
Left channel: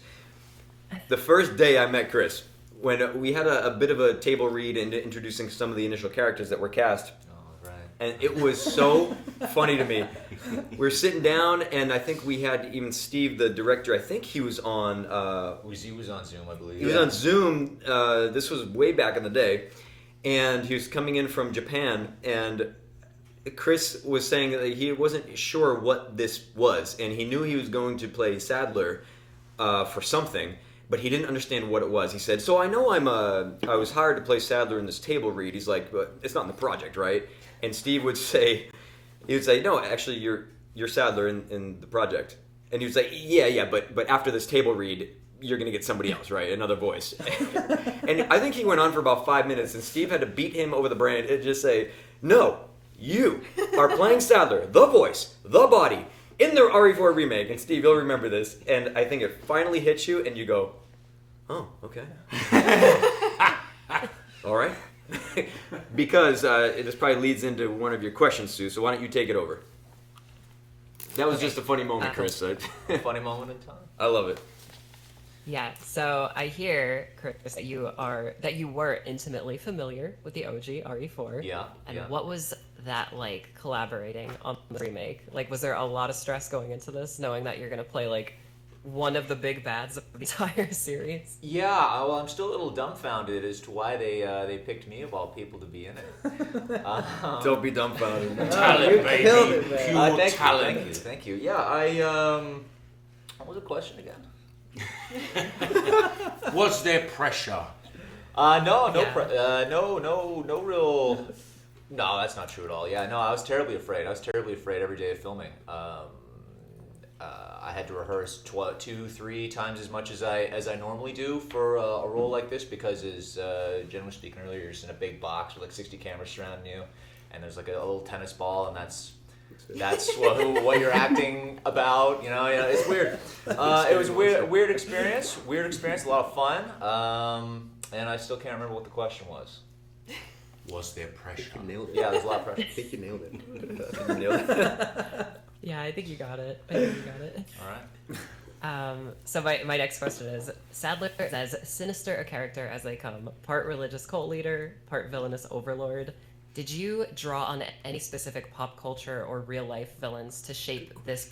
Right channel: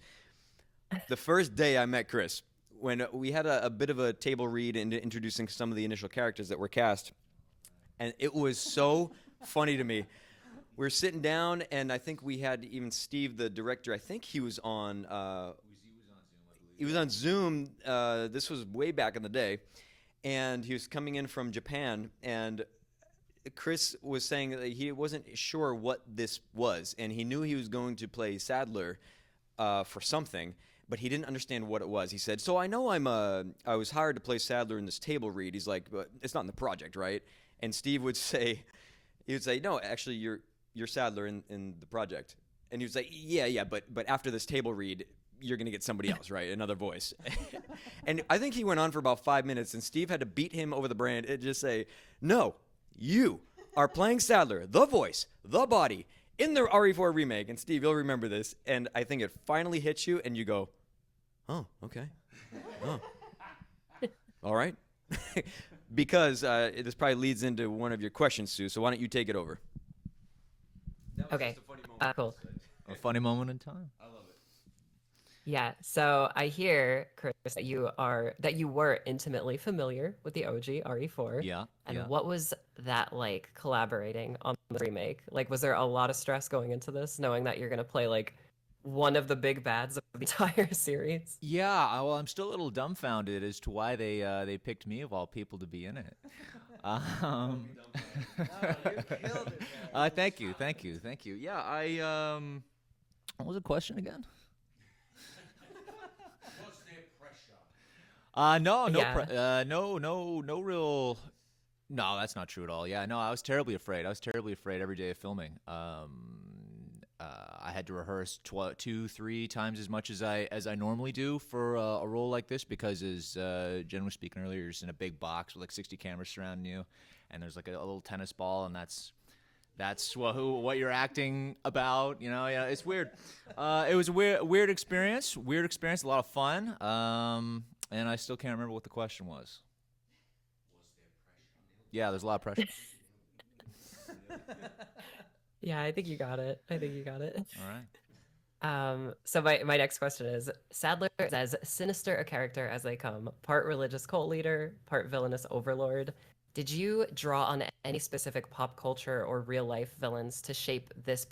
The first day I met Chris, when we had a bit of a table read and introducing some of the initial characters that were cast. Oh, right. And it was so funny to me. We were sitting down, and I think we had even Steve, the director, I think he was on... he was on Zoom, I believe. He was on Zoom. This was way back in the day. And he was coming in from Japan, and Chris was saying that he wasn't sure what this was, and he knew he was going to play Sadler for something, but he didn't understand what it was. He said, so I know I was hired to play Sadler in this table read. He's like, but it's not in the project, right? And Steve would say... He would say, no, actually, you're Sadler in the project. And he would say, yeah, but after this table read, you're going to get somebody else, right? Another voice. And I think he went on for about 5 minutes, and Steve had to beat him over the brain and just say, no, you are playing Sadler, the voice, the body, in the RE4 remake. And Steve, you'll remember this. And I think it finally hits you, and you go, oh, okay. All right. Because it just probably leads into one of your questions, Sue. So why don't you take it over? That was just a funny moment, Chris. Funny moment in time. I love it. Yeah. So I hear, Chris, that you were intimately familiar with the OG RE4. Yeah. And what was that like collaborating on the remake? Like, was there a lot of stress going into this, knowing that you're gonna play like one of the big bads of the entire series? Yeah, well, I'm still a little dumbfounded as to why they picked me of all people to be in it. Don't be dumbfounded. Talent, baby. Pure talent. Thank you. Yeah, what was the question again? Was there pressure? No real. No, that's not true at all. Yeah, no, I was terribly afraid. Every day of filming. I had to rehearse 2-3 times as much as I normally do for a role like this, because as Jen was speaking earlier, you're just in a big box with like 60 cameras surrounding you, and there's like a little tennis ball, and that's what you're acting about. You know, it's weird. It was a weird experience. A lot of fun. And I still can't remember what the question was. Was there pressure? Yeah, there's a lot of pressure. I think you nailed it. Yeah, I think you got it. All right. So my next question is, Sadler is as sinister a character as they come. Part religious cult leader, part villainous overlord. Did you draw on any specific pop culture or real life villains to shape this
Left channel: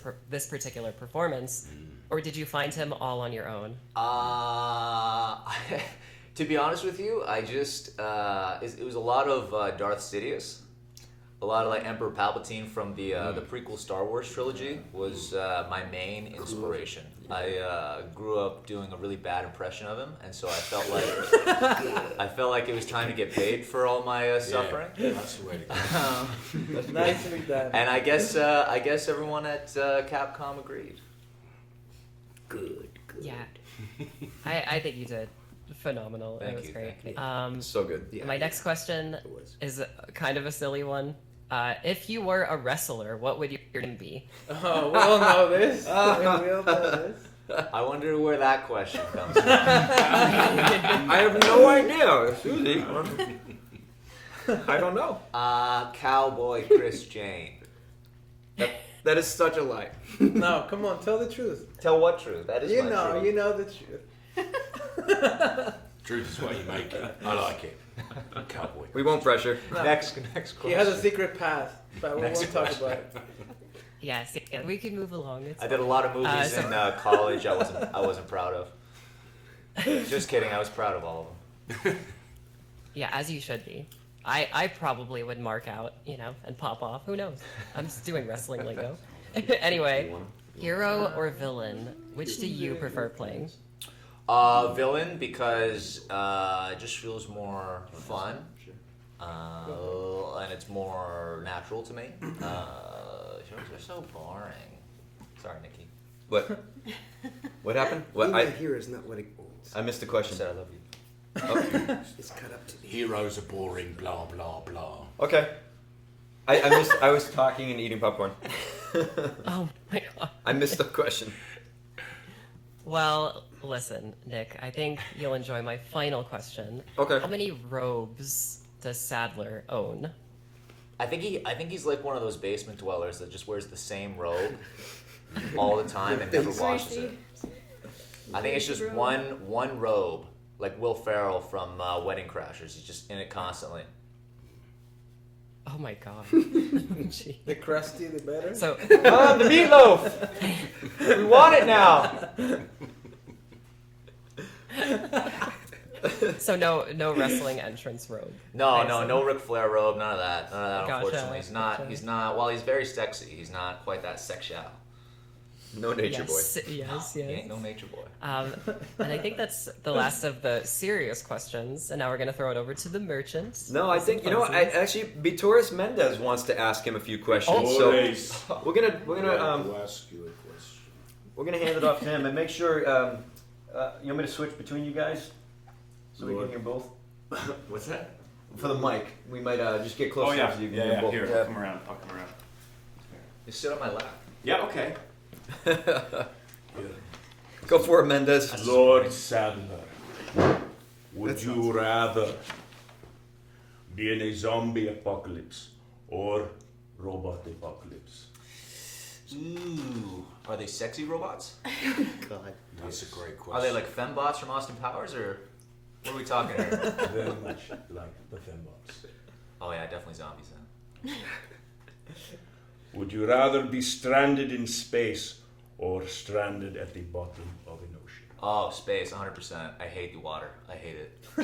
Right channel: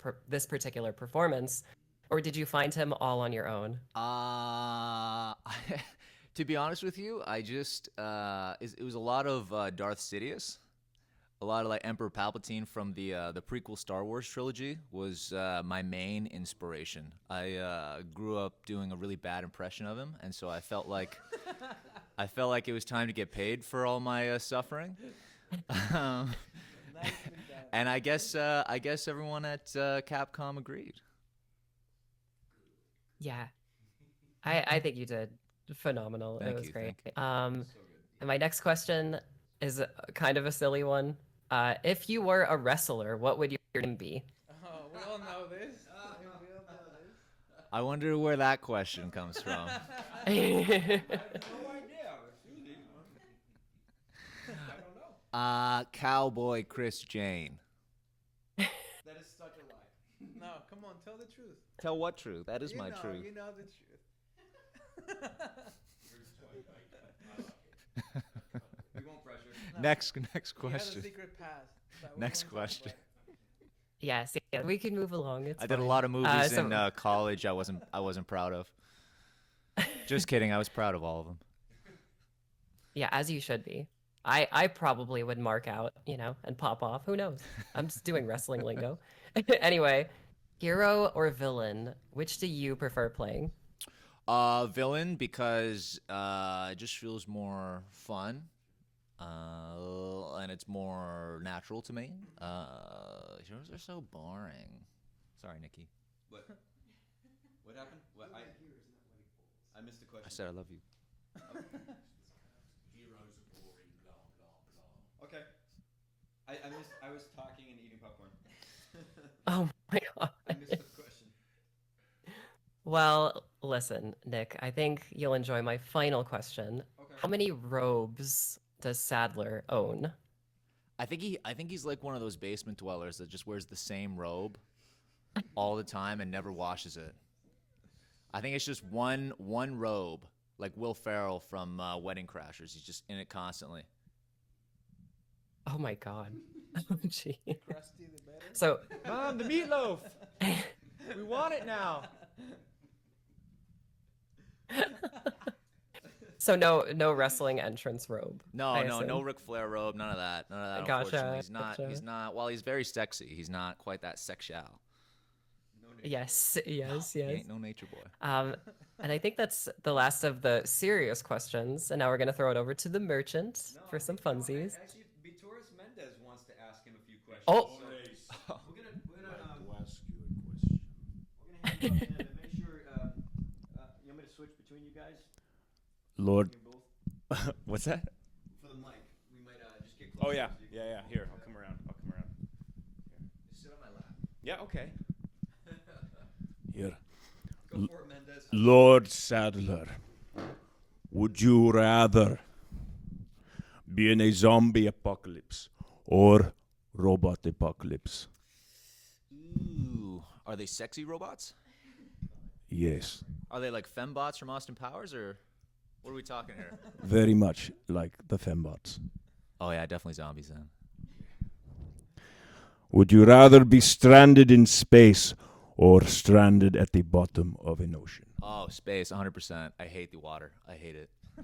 particular performance, or did you find him all on your own? To be honest with you, I just it was a lot of Darth Sidious, a lot of like Emperor Palpatine from the prequel Star Wars trilogy was my main inspiration. I grew up doing a really bad impression of him, and so I felt like it was time to get paid for all my suffering. Yeah, that's the way to go. That's nicely done. And I guess everyone at Capcom agreed. Good. Yeah, I think you did phenomenal. It was great. So good. My next question is kind of a silly one. If you were a wrestler, what would your name be? Oh, we all know this. We all know this. I wonder where that question comes from. I have no idea, Susie. I don't know. Cowboy Chris Jane. That is such a lie. No, come on, tell the truth. Tell what truth? That is you my know, truth. You know the truth. Truth is what you make it. I like it. Cowboy. We won't pressure. No. Next question. He has a secret past, but we won't talk about it. Yes, yeah, we can move along. It's I did a fine. lot of movies in college. I wasn't proud of. Just kidding. I was proud of all of them. Yeah, as you should be. I probably would mark out, and pop off. Who knows? I'm just doing wrestling lingo. Anyway, hero or villain? Which do you prefer playing? Villain, because it just feels more fun, and it's more natural to me. Heroes are so boring. Sorry, Nikki. What? What happened? What? Here is not what it means. I missed the question. I said I love you. It's cut up to the Heroes are boring, blah, blah, blah. Okay. I was talking and eating popcorn. Oh my god. I missed the question. Well, listen, Nick, I think you'll enjoy my final question. Okay. How many robes does Sadler own? I think he's like one of those basement dwellers that just wears the same robe all the time and never washes it. I think it's just one robe, like Will Ferrell from Wedding Crashers. He's just in it constantly. Oh my god. Gee. The crusty, the better. So, the meatloaf. We want it now. So no wrestling entrance robe. No Ric Flair robe, none of that. Gotcha, Unfortunately, he's not. While he's very sexy, he's not quite that sexual. No nature boy. Yes. He ain't no nature boy. And I think that's the last of the serious questions. And now we're gonna throw it over to the merchant. No, I think actually Vittoris Mendez wants to ask him a few questions. Oh. So we're gonna hand it off to him and make sure. You want me to switch between you guys? So we can hear both. What's that? For the mic, we might just get closer. Oh yeah, so you can hear both. Here, I'll come around. Just sit on my lap. Yeah, okay. Go for it, Mendez. Lord Sadler, would you rather be in a zombie apocalypse or robot apocalypse? Ooh, are they sexy robots? God. Yes. That's a great question. Are they like fembots from Austin Powers, or what are we talking here? Very much like the fembots. Oh yeah, definitely zombies then. Would you rather be stranded in space or stranded at the bottom of an ocean? Oh, space, 100%. I hate the water. I hate it. I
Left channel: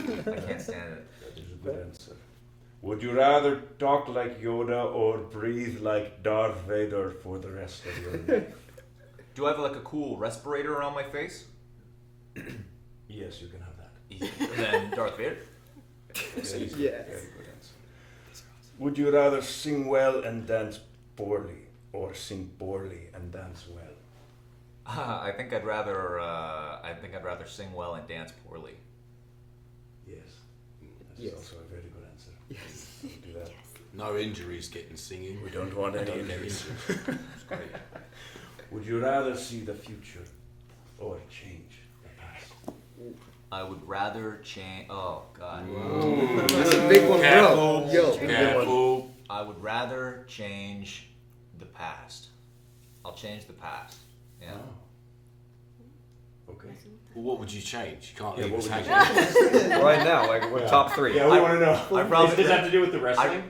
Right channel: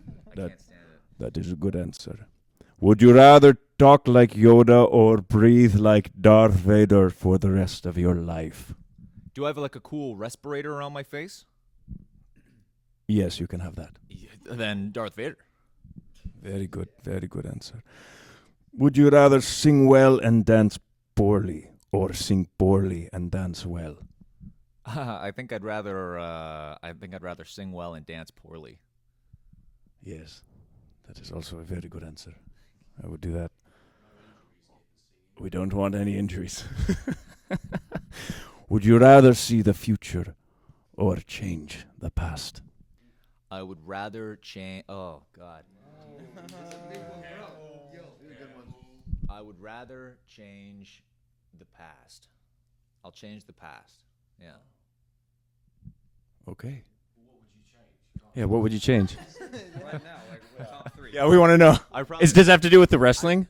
can't stand it. That is a good answer. Would you rather talk like Yoda or breathe like Darth Vader for the rest of your life? Do I have like a cool respirator around my face? Yes, you can have that. Then Darth Vader. Very good. Yes. Very good answer. Would you rather sing well and dance poorly, or sing poorly and dance well? I think I'd rather sing well and dance poorly. Yes, that is also a very good answer. Yes, I would do that. No injuries getting singing. We don't want any Don't get injuries. It's great. Would you rather see the future or change the past? I would rather change. Oh God. That's a big one, Careful. bro. Yo, Careful. I would rather change the past. I'll change the past. Yeah. Okay. What would you change? You can't Yeah, even what would you change. change? Right now, like what top 3? Yeah, we want to know. promise- Does it have to do with the wrestling?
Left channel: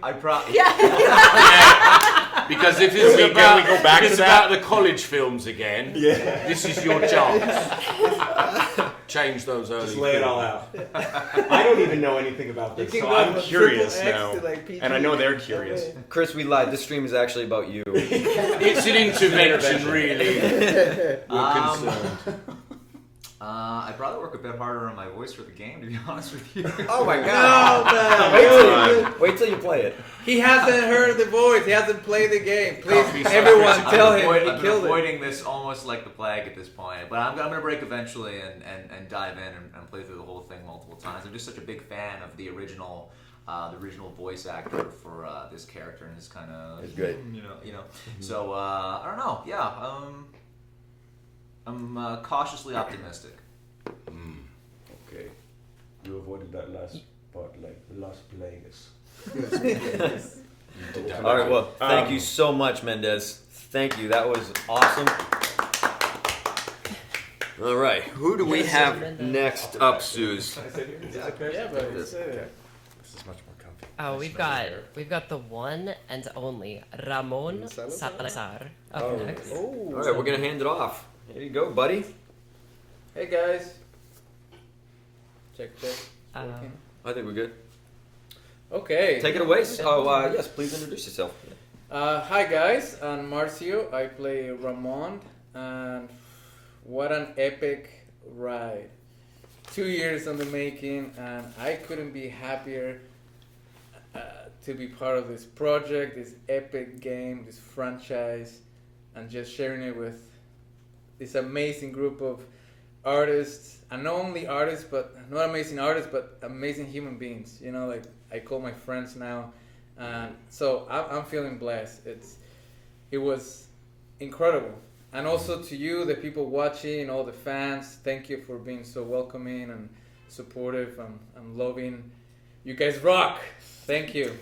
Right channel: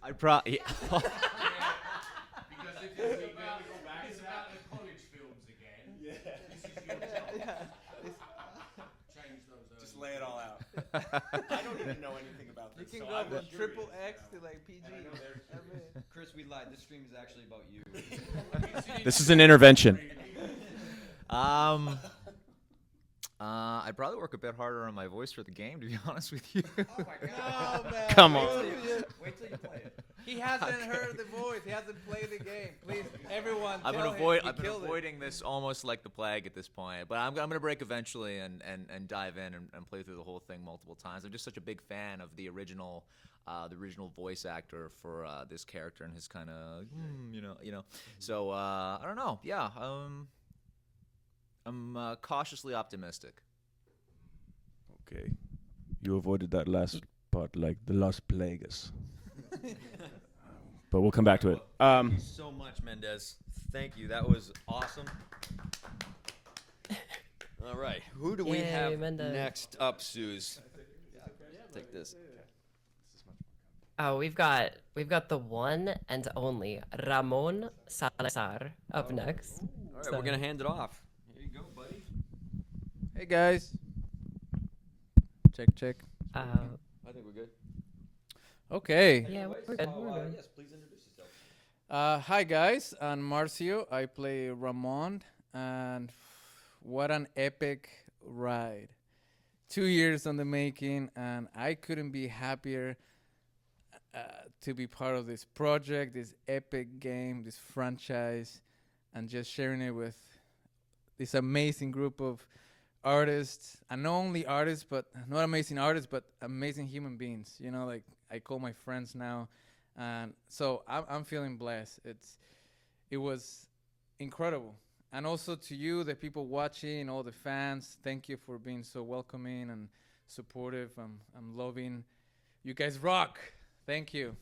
Because if it's about, if it's about the college films again, this is your chance. Change those early. Just lay it all films. out. I don't even know anything about this, so I'm curious now. And I know they're curious. Chris, we lied. This stream is actually about you. It's an intervention. Really. We're concerned. I'd probably work a bit harder on my voice for the game, to be honest with you. Oh my god! Wait till you play it. He hasn't heard the voice. He hasn't played the game. Please, everyone, tell him I've he been killed it. avoiding this almost like the plague at this point. But I'm going to break eventually and dive in and play through the whole thing multiple times. I'm just such a big fan of the original voice actor for this character, and his kind of It's great. You know. So I don't know. Yeah, I'm cautiously optimistic. Okay. You avoided that last part, like the Las Plagues. But we'll come back to well, it. thank you so much, Mendez. Thank you. That was awesome. All right. Who do we have next up, Suze? Yeah, but it's, This is much more comfy. Oh, we've got the one and only Ramon Salazar up next. All right, we're gonna hand it off. Here you go, buddy. Hey guys. Check. I think we're good. Okay. Take it away. Oh, yes, please introduce yourself. Hi guys, I'm Marcio. I play Ramon, and what an epic ride. 2 years on the making, and I couldn't be happier to be part of this project, this epic game, this franchise, and just sharing it with this amazing group of artists, and not only artists, but not amazing artists, but amazing human beings. You know, like I call my friends now, and so I'm feeling blessed. It was incredible, and also to you, the people watching, all the fans. Thank you for being so welcoming and supportive and loving. You guys rock. Thank you.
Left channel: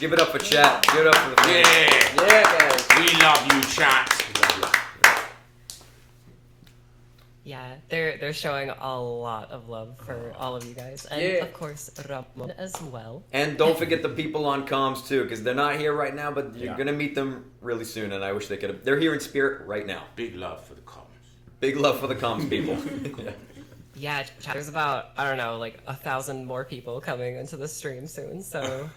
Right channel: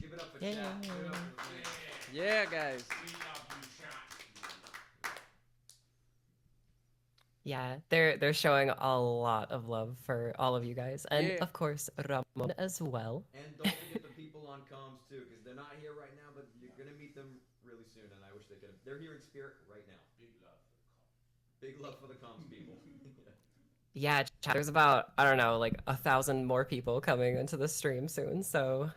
Give it up for chat. Give it up for the fans. Yeah, guys. We love you, chat. Yeah, they're showing a lot of love for all of you guys, and of course Ramon as well. And don't forget the people on comms too, because they're not here right now, but you're gonna meet them really soon. And I wish they could have. They're here in spirit right now. Big love for the comms. Big love for the comms people. Yeah, there's about, I don't know, like 1,000 more people coming into the stream soon, so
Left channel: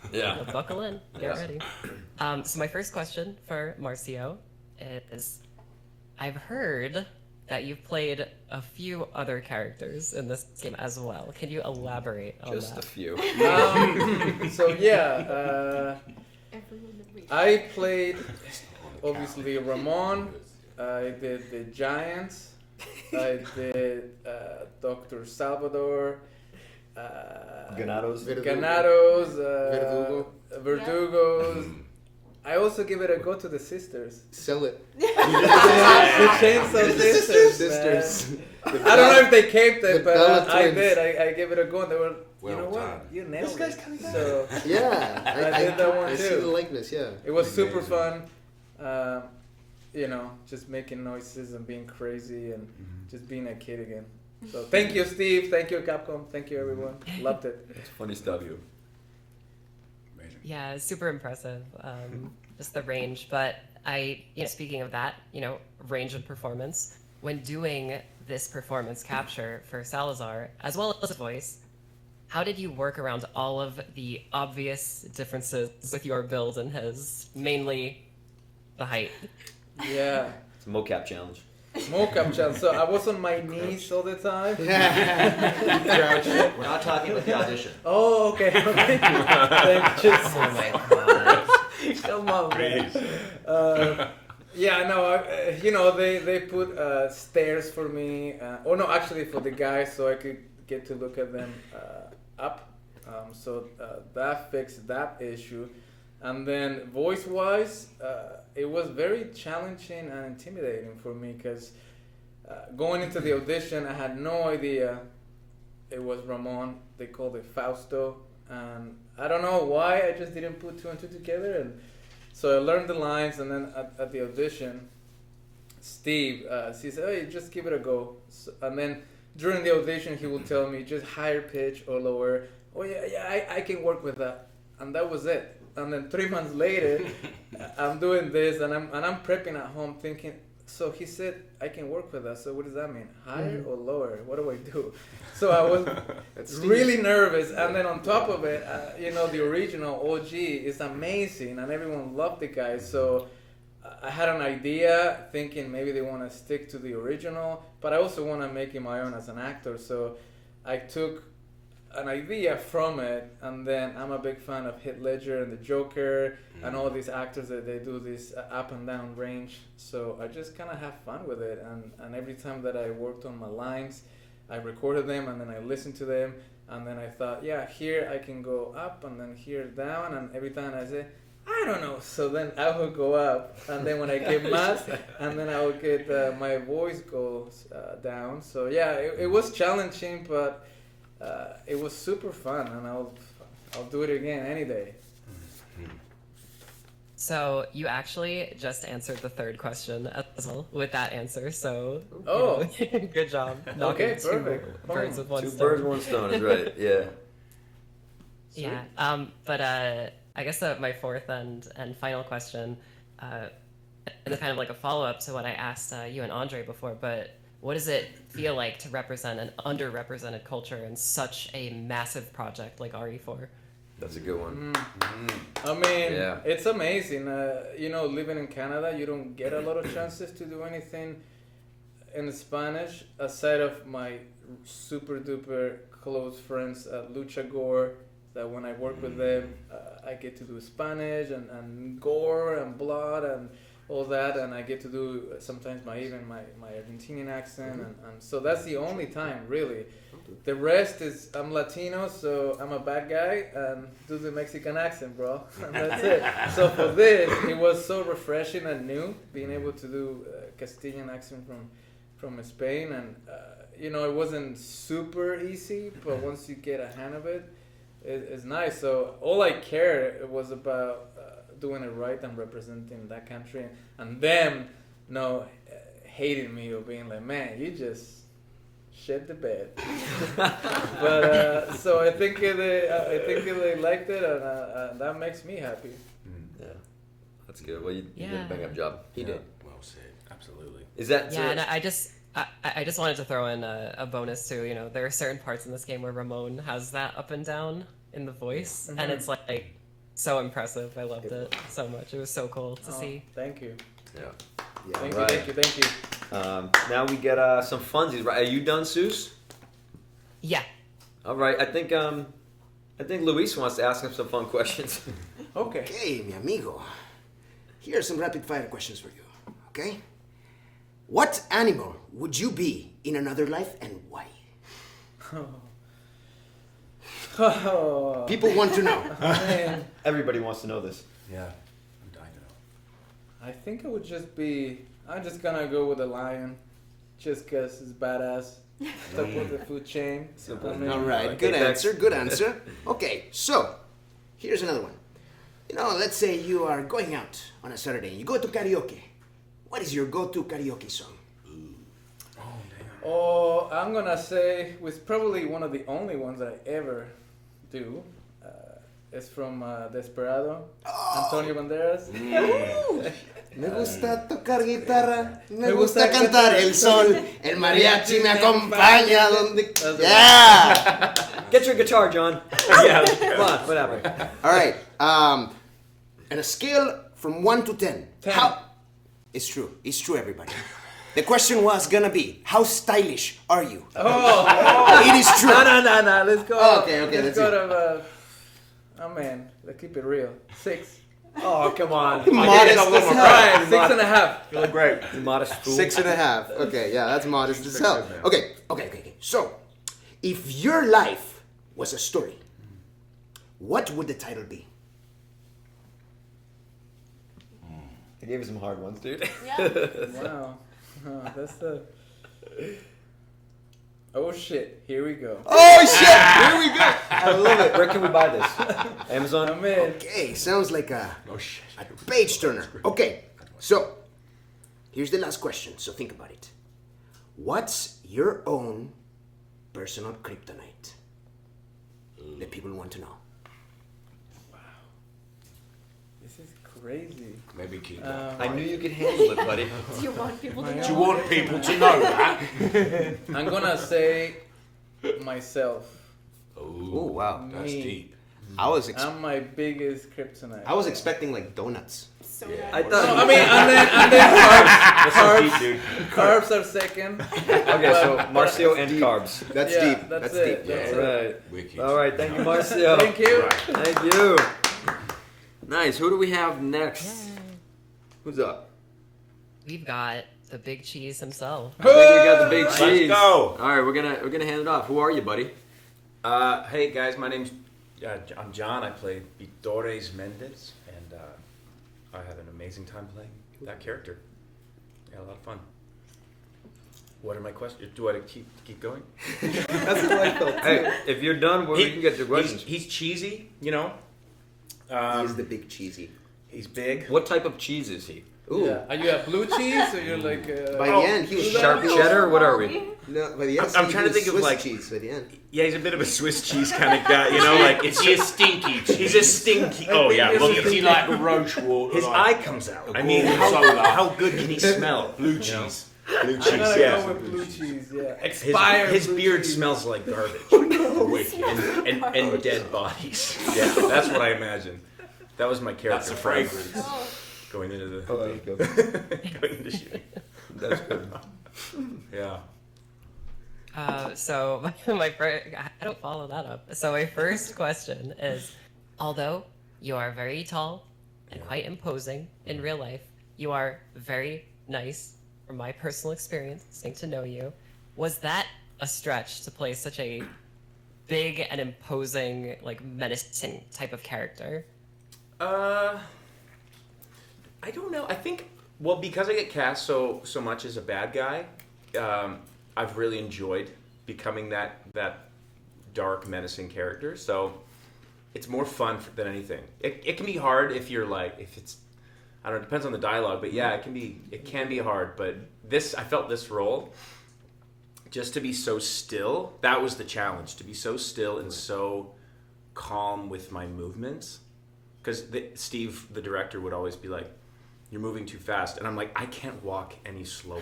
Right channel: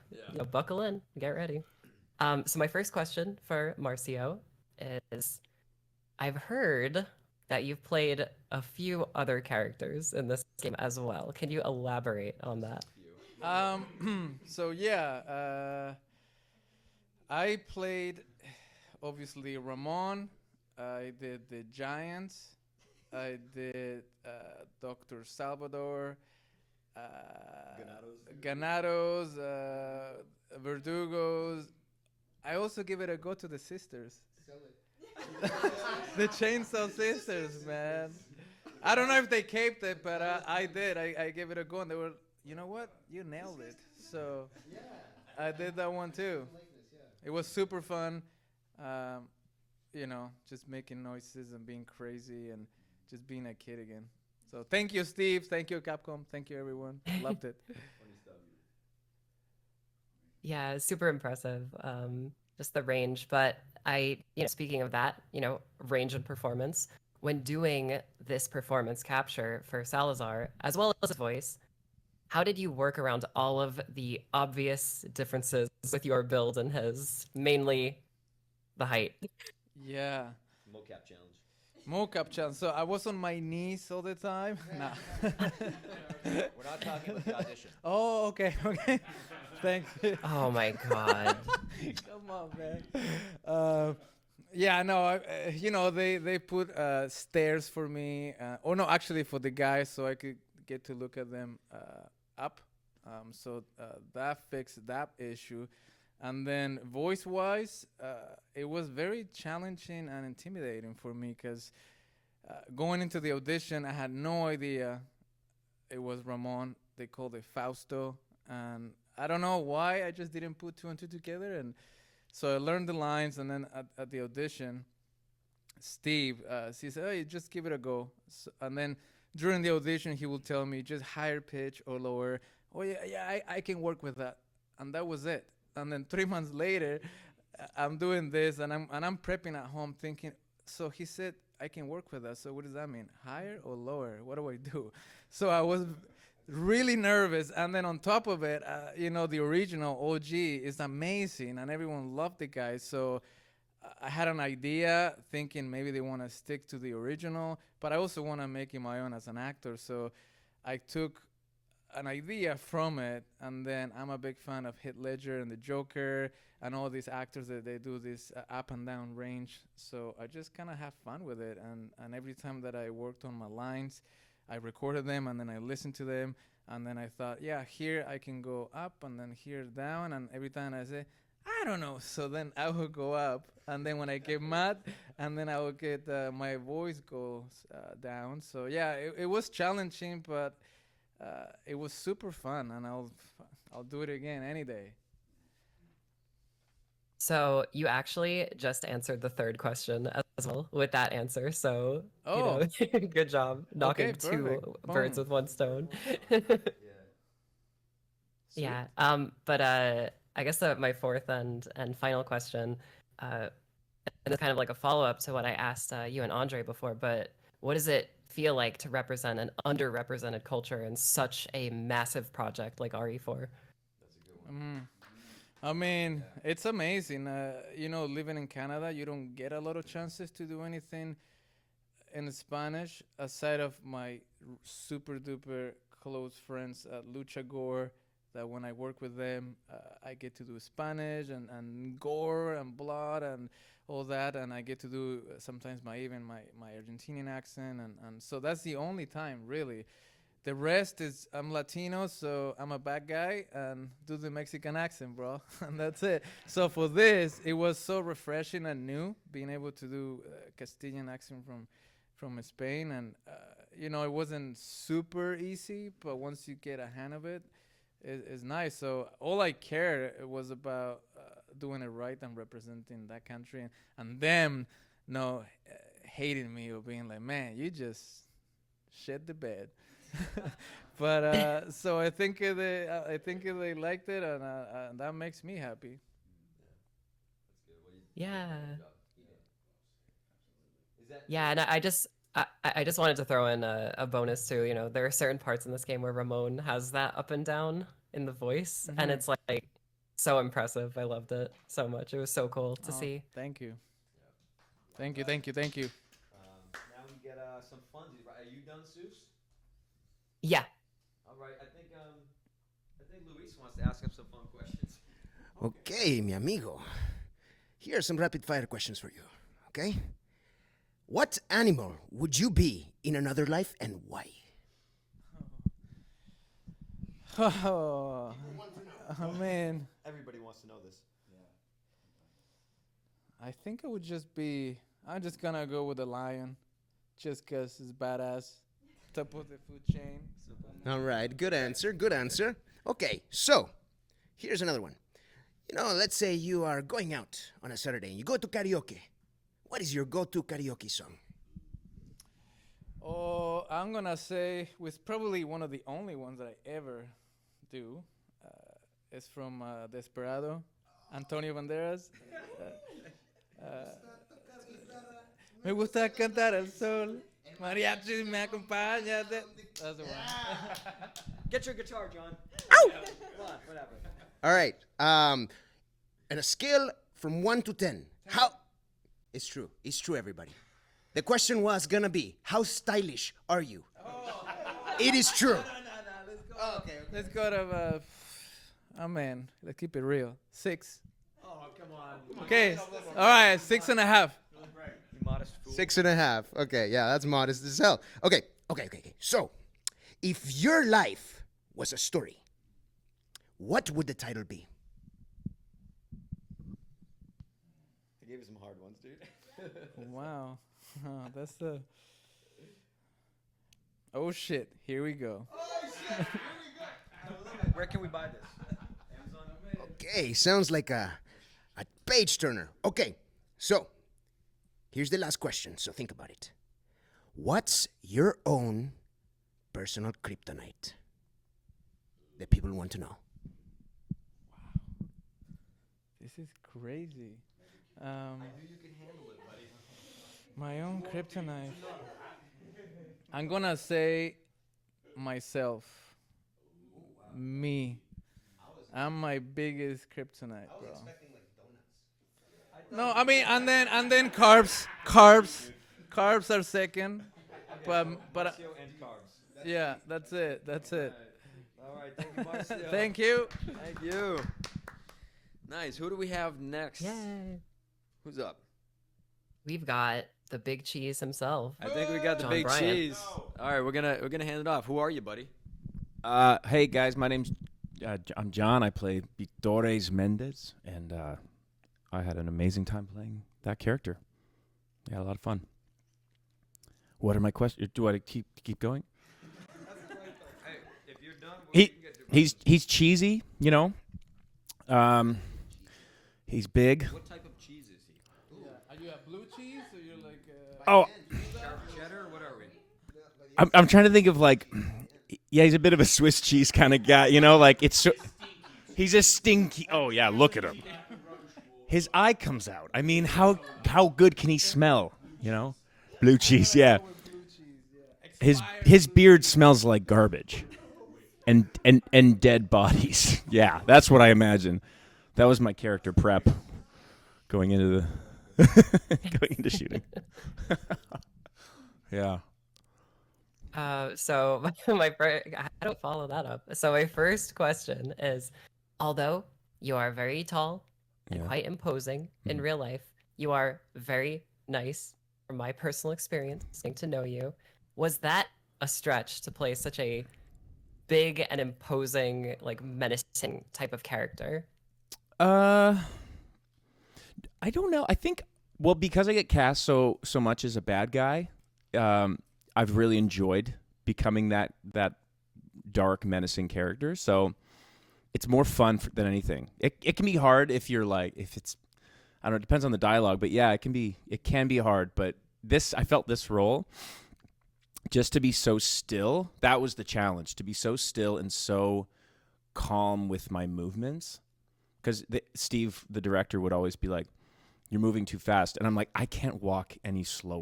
buckle in, get ready. So my first question for Marcio is, I've heard that you've played a few other characters in this game as well. Can you elaborate on that? Just a few. I played obviously Ramon. I did the Giants. I did Dr. Salvador. Ganados. Verdugos. I also give it a go to the sisters. Sell it. The Chainsaw Sisters. I don't know if they kept it, but I did. I gave it a go, and they were, you know what? You nailed it. So yeah, I did that one too. I see the likeness. Yeah, it was super fun. You know, just making noises and being crazy and just being a kid again. So thank you, Steve. Thank you, Capcom. Thank you, everyone. Loved it. It's funny stuff, you. Yeah, super impressive. Just the range. But speaking of that, range and performance, when doing this performance capture for Salazar, as well as his voice, how did you work around all of the obvious differences with your build and his, mainly the height? Yeah. It's a mocap challenge. Mocap challenge. So I was on my knees all the time. We're not talking about the audition. Oh, okay. Oh my god. Come on, man. Yeah, no, they put stairs for me. Or no, actually for the guys, so I could get to look at them up. So that fixed that issue. And then voice-wise, it was very challenging and intimidating for me because going into the audition, I had no idea it was Ramon. They called it Fausto. And I don't know why, I just didn't put two and two together. And so I learned the lines, and then at the audition, Steve, he said, hey, just give it a go. So, and then during the audition, he will tell me just higher pitch or lower. Oh yeah, I can work with that, and that was it. And then 3 months later, I'm doing this, and I'm prepping at home, thinking. So he said I can work with that. So what does that mean? Higher or lower? What do I do? So I was really nervous, and then on top of it, the original OG is amazing, and everyone loved the guy. So I had an idea, thinking maybe they want to stick to the original, but I also want to make it my own as an actor. So I took an idea from it, and then I'm a big fan of Heath Ledger and the Joker and all these actors that they do this up and down range. So I just kind of have fun with it, and every time that I worked on my lines, I recorded them and then I listened to them, and then I thought, yeah, here I can go up and then here down, and every time I say, I don't know, so then I would go up, and then when I get mad, and then I would get my voice goes down. So yeah, it was challenging, but it was super fun, and I'll do it again any day. So you actually just answered the third question as well with that answer. So good job knocking two birds with one stone. 2 birds, 1 stone is right. Yeah. Yeah. But I guess my fourth and final question, and it's kind of like a follow up to what I asked you and Andre before. But what does it feel like to represent an underrepresented culture in such a massive project like RE4? That's a good one. I mean, it's amazing. Living in Canada, you don't get a lot of chances to do anything in Spanish aside of my super duper close friends at Lucha Gore. That when I work with them, I get to do Spanish and gore and blood and all that, and I get to do sometimes my Argentinian accent, and so that's the only time really. The rest is I'm Latino, so I'm a bad guy and do the Mexican accent, bro, and that's it. So for this, it was so refreshing and new, being able to do Castilian accent from Spain, and it wasn't super easy, but once you get a hand of it, it's nice. So all I cared was about doing it right and representing that country, and them hating me or being like, man, you just shit the bed. But so I think they liked it, and that makes me happy. Yeah, that's good. Well, you did a bang up job. He did. Well said. Absolutely. Is that and I just wanted to throw in a bonus too. There are certain parts in this game where Ramon has that up and down in the voice, and it's like so impressive. I loved it so much. It was so cool to see. Thank you. Yeah. Thank you. Now we get some funsies. Right? Are you done, Seuss? Yeah. All right. I think Luis wants to ask him some fun questions. Okay, mi amigo. Here are some rapid fire questions for you. Okay. What animal would you be in another life, and why? People want to know. Man. Everybody wants to know this. Yeah, I'm dying to know. I think it would just be. I'm just gonna go with a lion, just 'cause it's badass. Top of the food chain. All right, good answer. Good answer. Okay, so here's another one. Let's say you are going out on a Saturday and you go to karaoke. What is your go-to karaoke song? Oh, I'm gonna say it's probably one of the only ones that I ever do. It's from Desperado, Antonio Banderas. Me gusta tocar guitarra, me gusta cantar el sol, el mariachi me acompaña donde... Yeah! Get your guitar, John. Yeah, come on, whatever. All right, on a scale from 1 to 10, how... It's true, everybody. The question was gonna be, how stylish are you? Oh. It is true. No, let's go. Okay, let's go to... man, let's keep it real. 6. Oh, come on. Modest. Right, 6.5. You look great. Modest fool. 6.5. Okay, yeah, that's modest as hell. Okay. So, if your life was a story, what would the title be? I gave you some hard ones, dude. Yeah. Wow. That's the... Oh shit, here we go. Oh shit, here we go. I love it. Where can we buy this? Amazon? I'm in. Okay, sounds like a page turner. Okay, so here's the last question, so think about it. What's your own personal kryptonite. The people want to know. This is crazy. Maybe keep I knew you could handle it, buddy. Do you want people to know? Do you want people to know that? I'm gonna say myself. Oh wow, that's Me. deep. I'm my biggest kryptonite. I was expecting like donuts. So I No, thought. I mean, and then carbs are second. Okay, so Marcio and deep. carbs. That's Yeah, deep. that's That's it. deep. That's All it. right. All right. Thank you, Marcio. Thank you. Thank you. Nice. Who do we have next? Who's up? We've got the big cheese himself. I think we got the big Right. cheese. Let's go. All right, we're gonna hand it off. Who are you, buddy? Hey guys, my name's I'm John. I play Vitores Mendez, and I had an amazing time playing that character. I had a lot of fun. What are my questions? Do I keep going? That's what I felt too. Hey, if you're done, we can get your questions. He's cheesy, you know. He's the big cheesy. He's big. What type of cheese is he? Ooh. Yeah. Are you at blue cheese or you're like? By the end, he was Sharp cheddar? What are we? No, by the end, I'm trying to he was think of Swiss like. cheese by the end. Yeah, he's a bit of a Swiss cheese kind of guy, you know. Like it's He's stinky. He's a stinky. Oh yeah, look at Is he him. like a roach water? His eye comes out. I mean, how good can he smell? Blue cheese. Blue cheese, yeah. Go with blue cheese, yeah. His Expired blue beard cheese. smells like garbage and dead bodies. Yeah, that's what I imagine. That was my character That's a prep fragrance. going into the going into shooting. That's good. Yeah. So I don't follow that up. So my first question is, although you are very tall and quite imposing in real life, you are very nice. From my personal experience, getting to know you, was that a stretch to play such a big and imposing, like menacing type of character? I don't know. I think because I get cast so much as a bad guy, I've really enjoyed becoming that dark, menacing character. So it's more fun than anything. It can be hard if it's I don't know, it depends on the dialogue, but yeah, it can be hard. But I felt this role just to be so still. That was the challenge, to be so still and so calm with my movements. Because Steve, the director, would always be like, "You're moving too fast," and I'm like, "I can't walk any slower.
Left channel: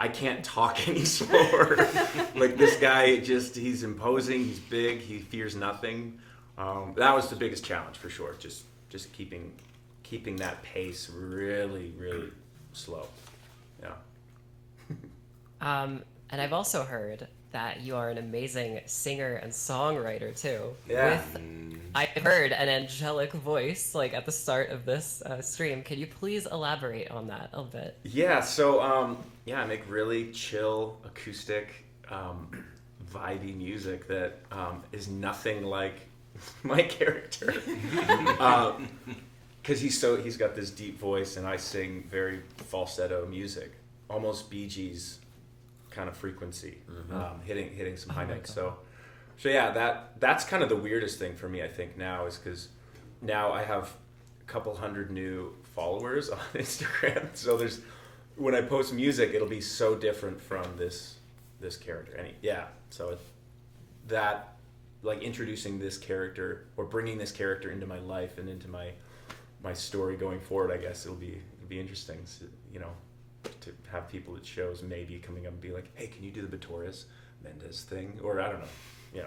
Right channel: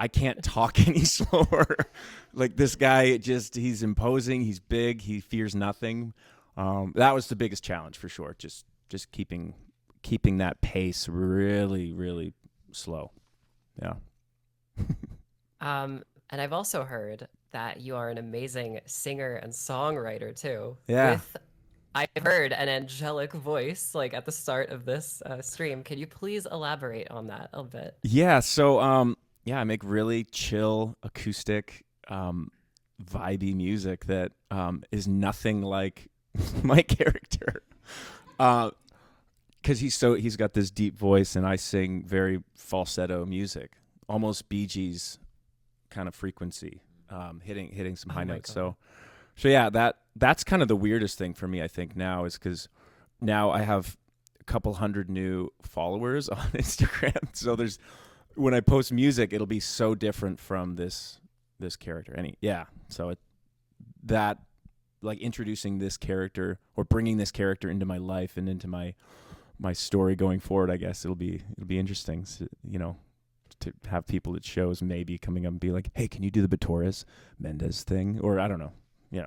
I can't talk any slower." Like this guy, he's imposing, he's big, he fears nothing. That was the biggest challenge for sure. Just keeping that pace really, really slow. Yeah. And I've also heard that you are an amazing singer and songwriter too. Yeah. I've heard an angelic voice like at the start of this stream. Can you please elaborate on that a bit? Yeah. So I make really chill acoustic, vibey music that is nothing like my character. Because he's got this deep voice, and I sing very falsetto music, almost Bee Gees kind of frequency, hitting some high notes. So yeah, that's kind of the weirdest thing for me, I think, now, is because now I have a couple hundred new followers on Instagram. So when I post music, it'll be so different from this character. That like introducing this character or bringing this character into my life and into my story going forward, I guess it'll be interesting, to have people at shows maybe coming up and be like, "Hey, can you do the Vitores Mendez thing?" Or I don't know. Yeah.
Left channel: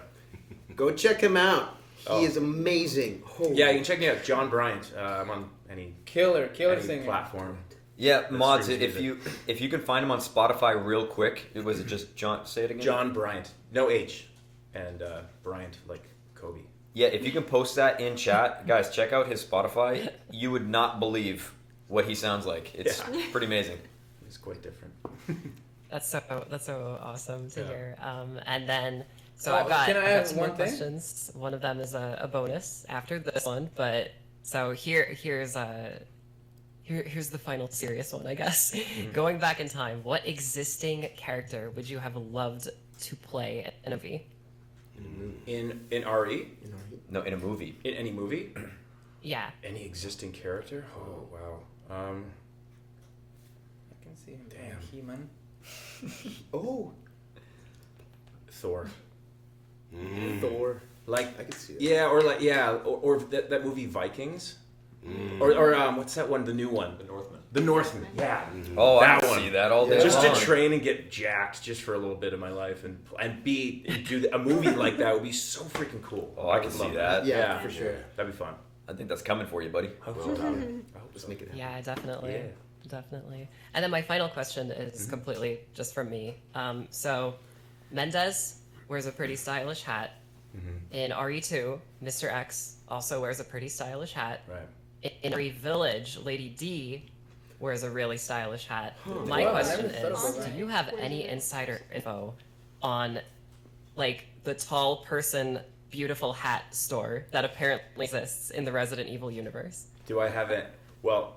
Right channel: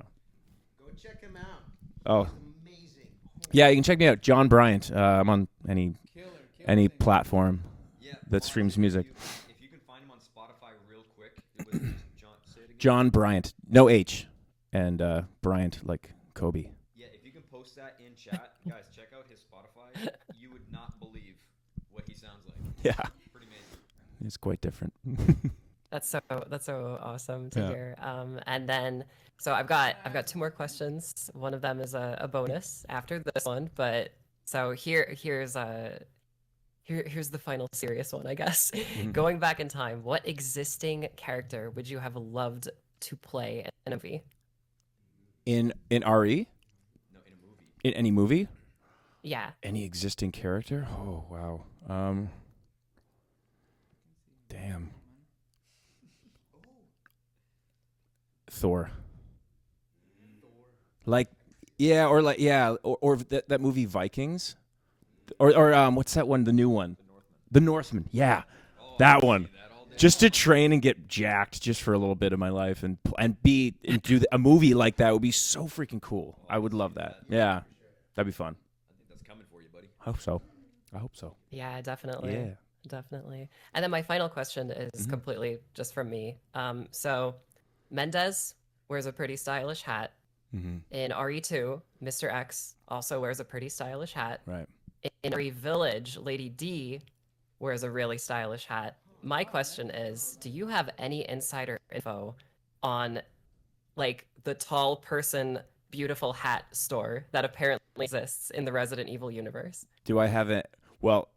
Go check him out. He is amazing. Oh. Yeah, you can check me out, John Bryant. I'm on any Killer any singer. platform. Yeah, that mods. streams If music. you can find him on Spotify real quick, was it just John? Say it again. John Bryant, no H, and Bryant like Kobe. Yeah, if you can post that in chat, guys, check out his Spotify. You would not believe what he sounds like. It's pretty amazing. It's quite different. That's so awesome to Yeah. hear. And then I've Can got I add two more one thing? questions. One of them is a bonus after this one, but so here's the final serious one, I guess. Going back in time, what existing character would you have loved to play in a movie? In RE? No, in a movie. In any movie? Yeah. Any existing character? Oh wow. I can see him. Damn. He-Man. Oh. Thor. Thor. Like, I could see that. yeah, or like, yeah, or that movie Vikings, or what's that one? The new one, The Northman. Yeah, Oh, that I can one. see that all day Just to long. train and get jacked just for a little bit of my life, and do a movie like that would be so freaking cool. Oh, I I would can love see that. that. Yeah, for sure. That'd be fun. I think that's coming for you, buddy. Hope so. I hope Let's so. make it happen. Yeah, definitely. Yeah. Definitely. And then my final question is completely just from me. So Mendez wears a pretty stylish hat. In RE2, Mr. X also wears a pretty stylish hat. Right. In RE Village, Lady D wears a really stylish hat. My question is, do you have any insider info on like the tall person beautiful hat store that apparently exists in the Resident Evil universe? Do I have it? Well,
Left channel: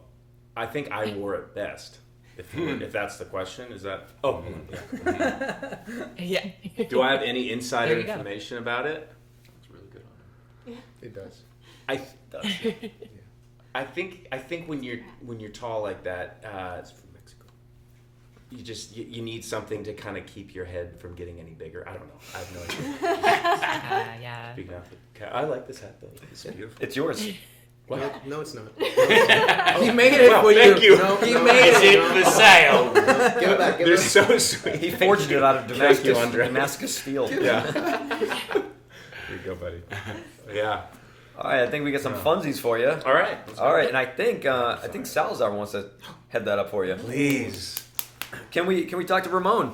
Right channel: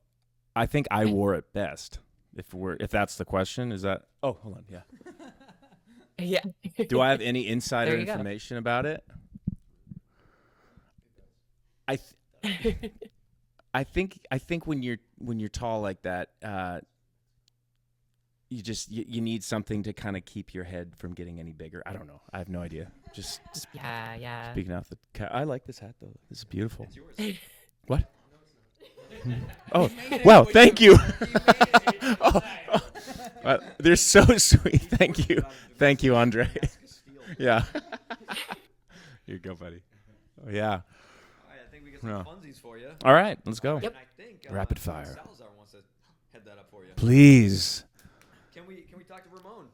I think I wore it best. If that's the question, is that? Oh, hold on. Yeah. Do I have any insider There you go. information about it? It does. I think when you're tall like that, you need something to kind of keep your head from getting any bigger. I don't know. I have no idea. Yeah. Speaking of, I like this hat though. It's beautiful. It's yours. What? No, it's not. He made it Wow, for thank you. you. No, he made It's it. in for sale. Give it back. Give They're it back. so sweet. He Thank forged you. it out of Thank you, Andre. Damascus steel. Yeah. Here you go, buddy. Yeah. All right, I think we got some funsies for you. All right, let's go. All right, and I think Salazar wants to head that up for you. Please. Can we talk to Ramon?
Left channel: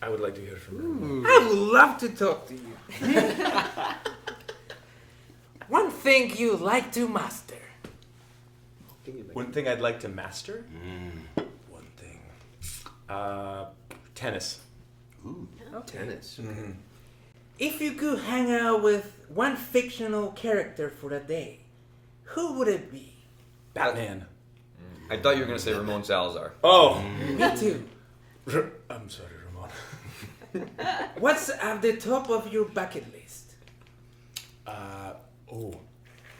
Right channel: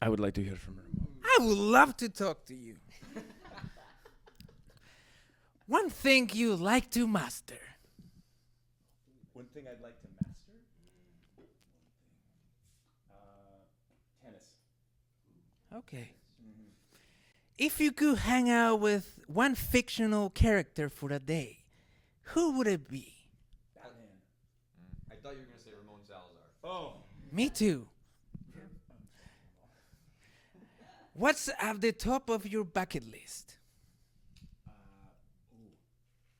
I would like to hear from you. I would love to talk to you. One thing you like to master. One thing I'd like to master? One thing. Tennis. Ooh, tennis. Mm-hmm. If you could hang out with one fictional character for a day, who would it be? Batman. I thought you were going to say Ramon Salazar. Oh. Me too. I'm sorry, Ramon. What's at the top of your bucket list?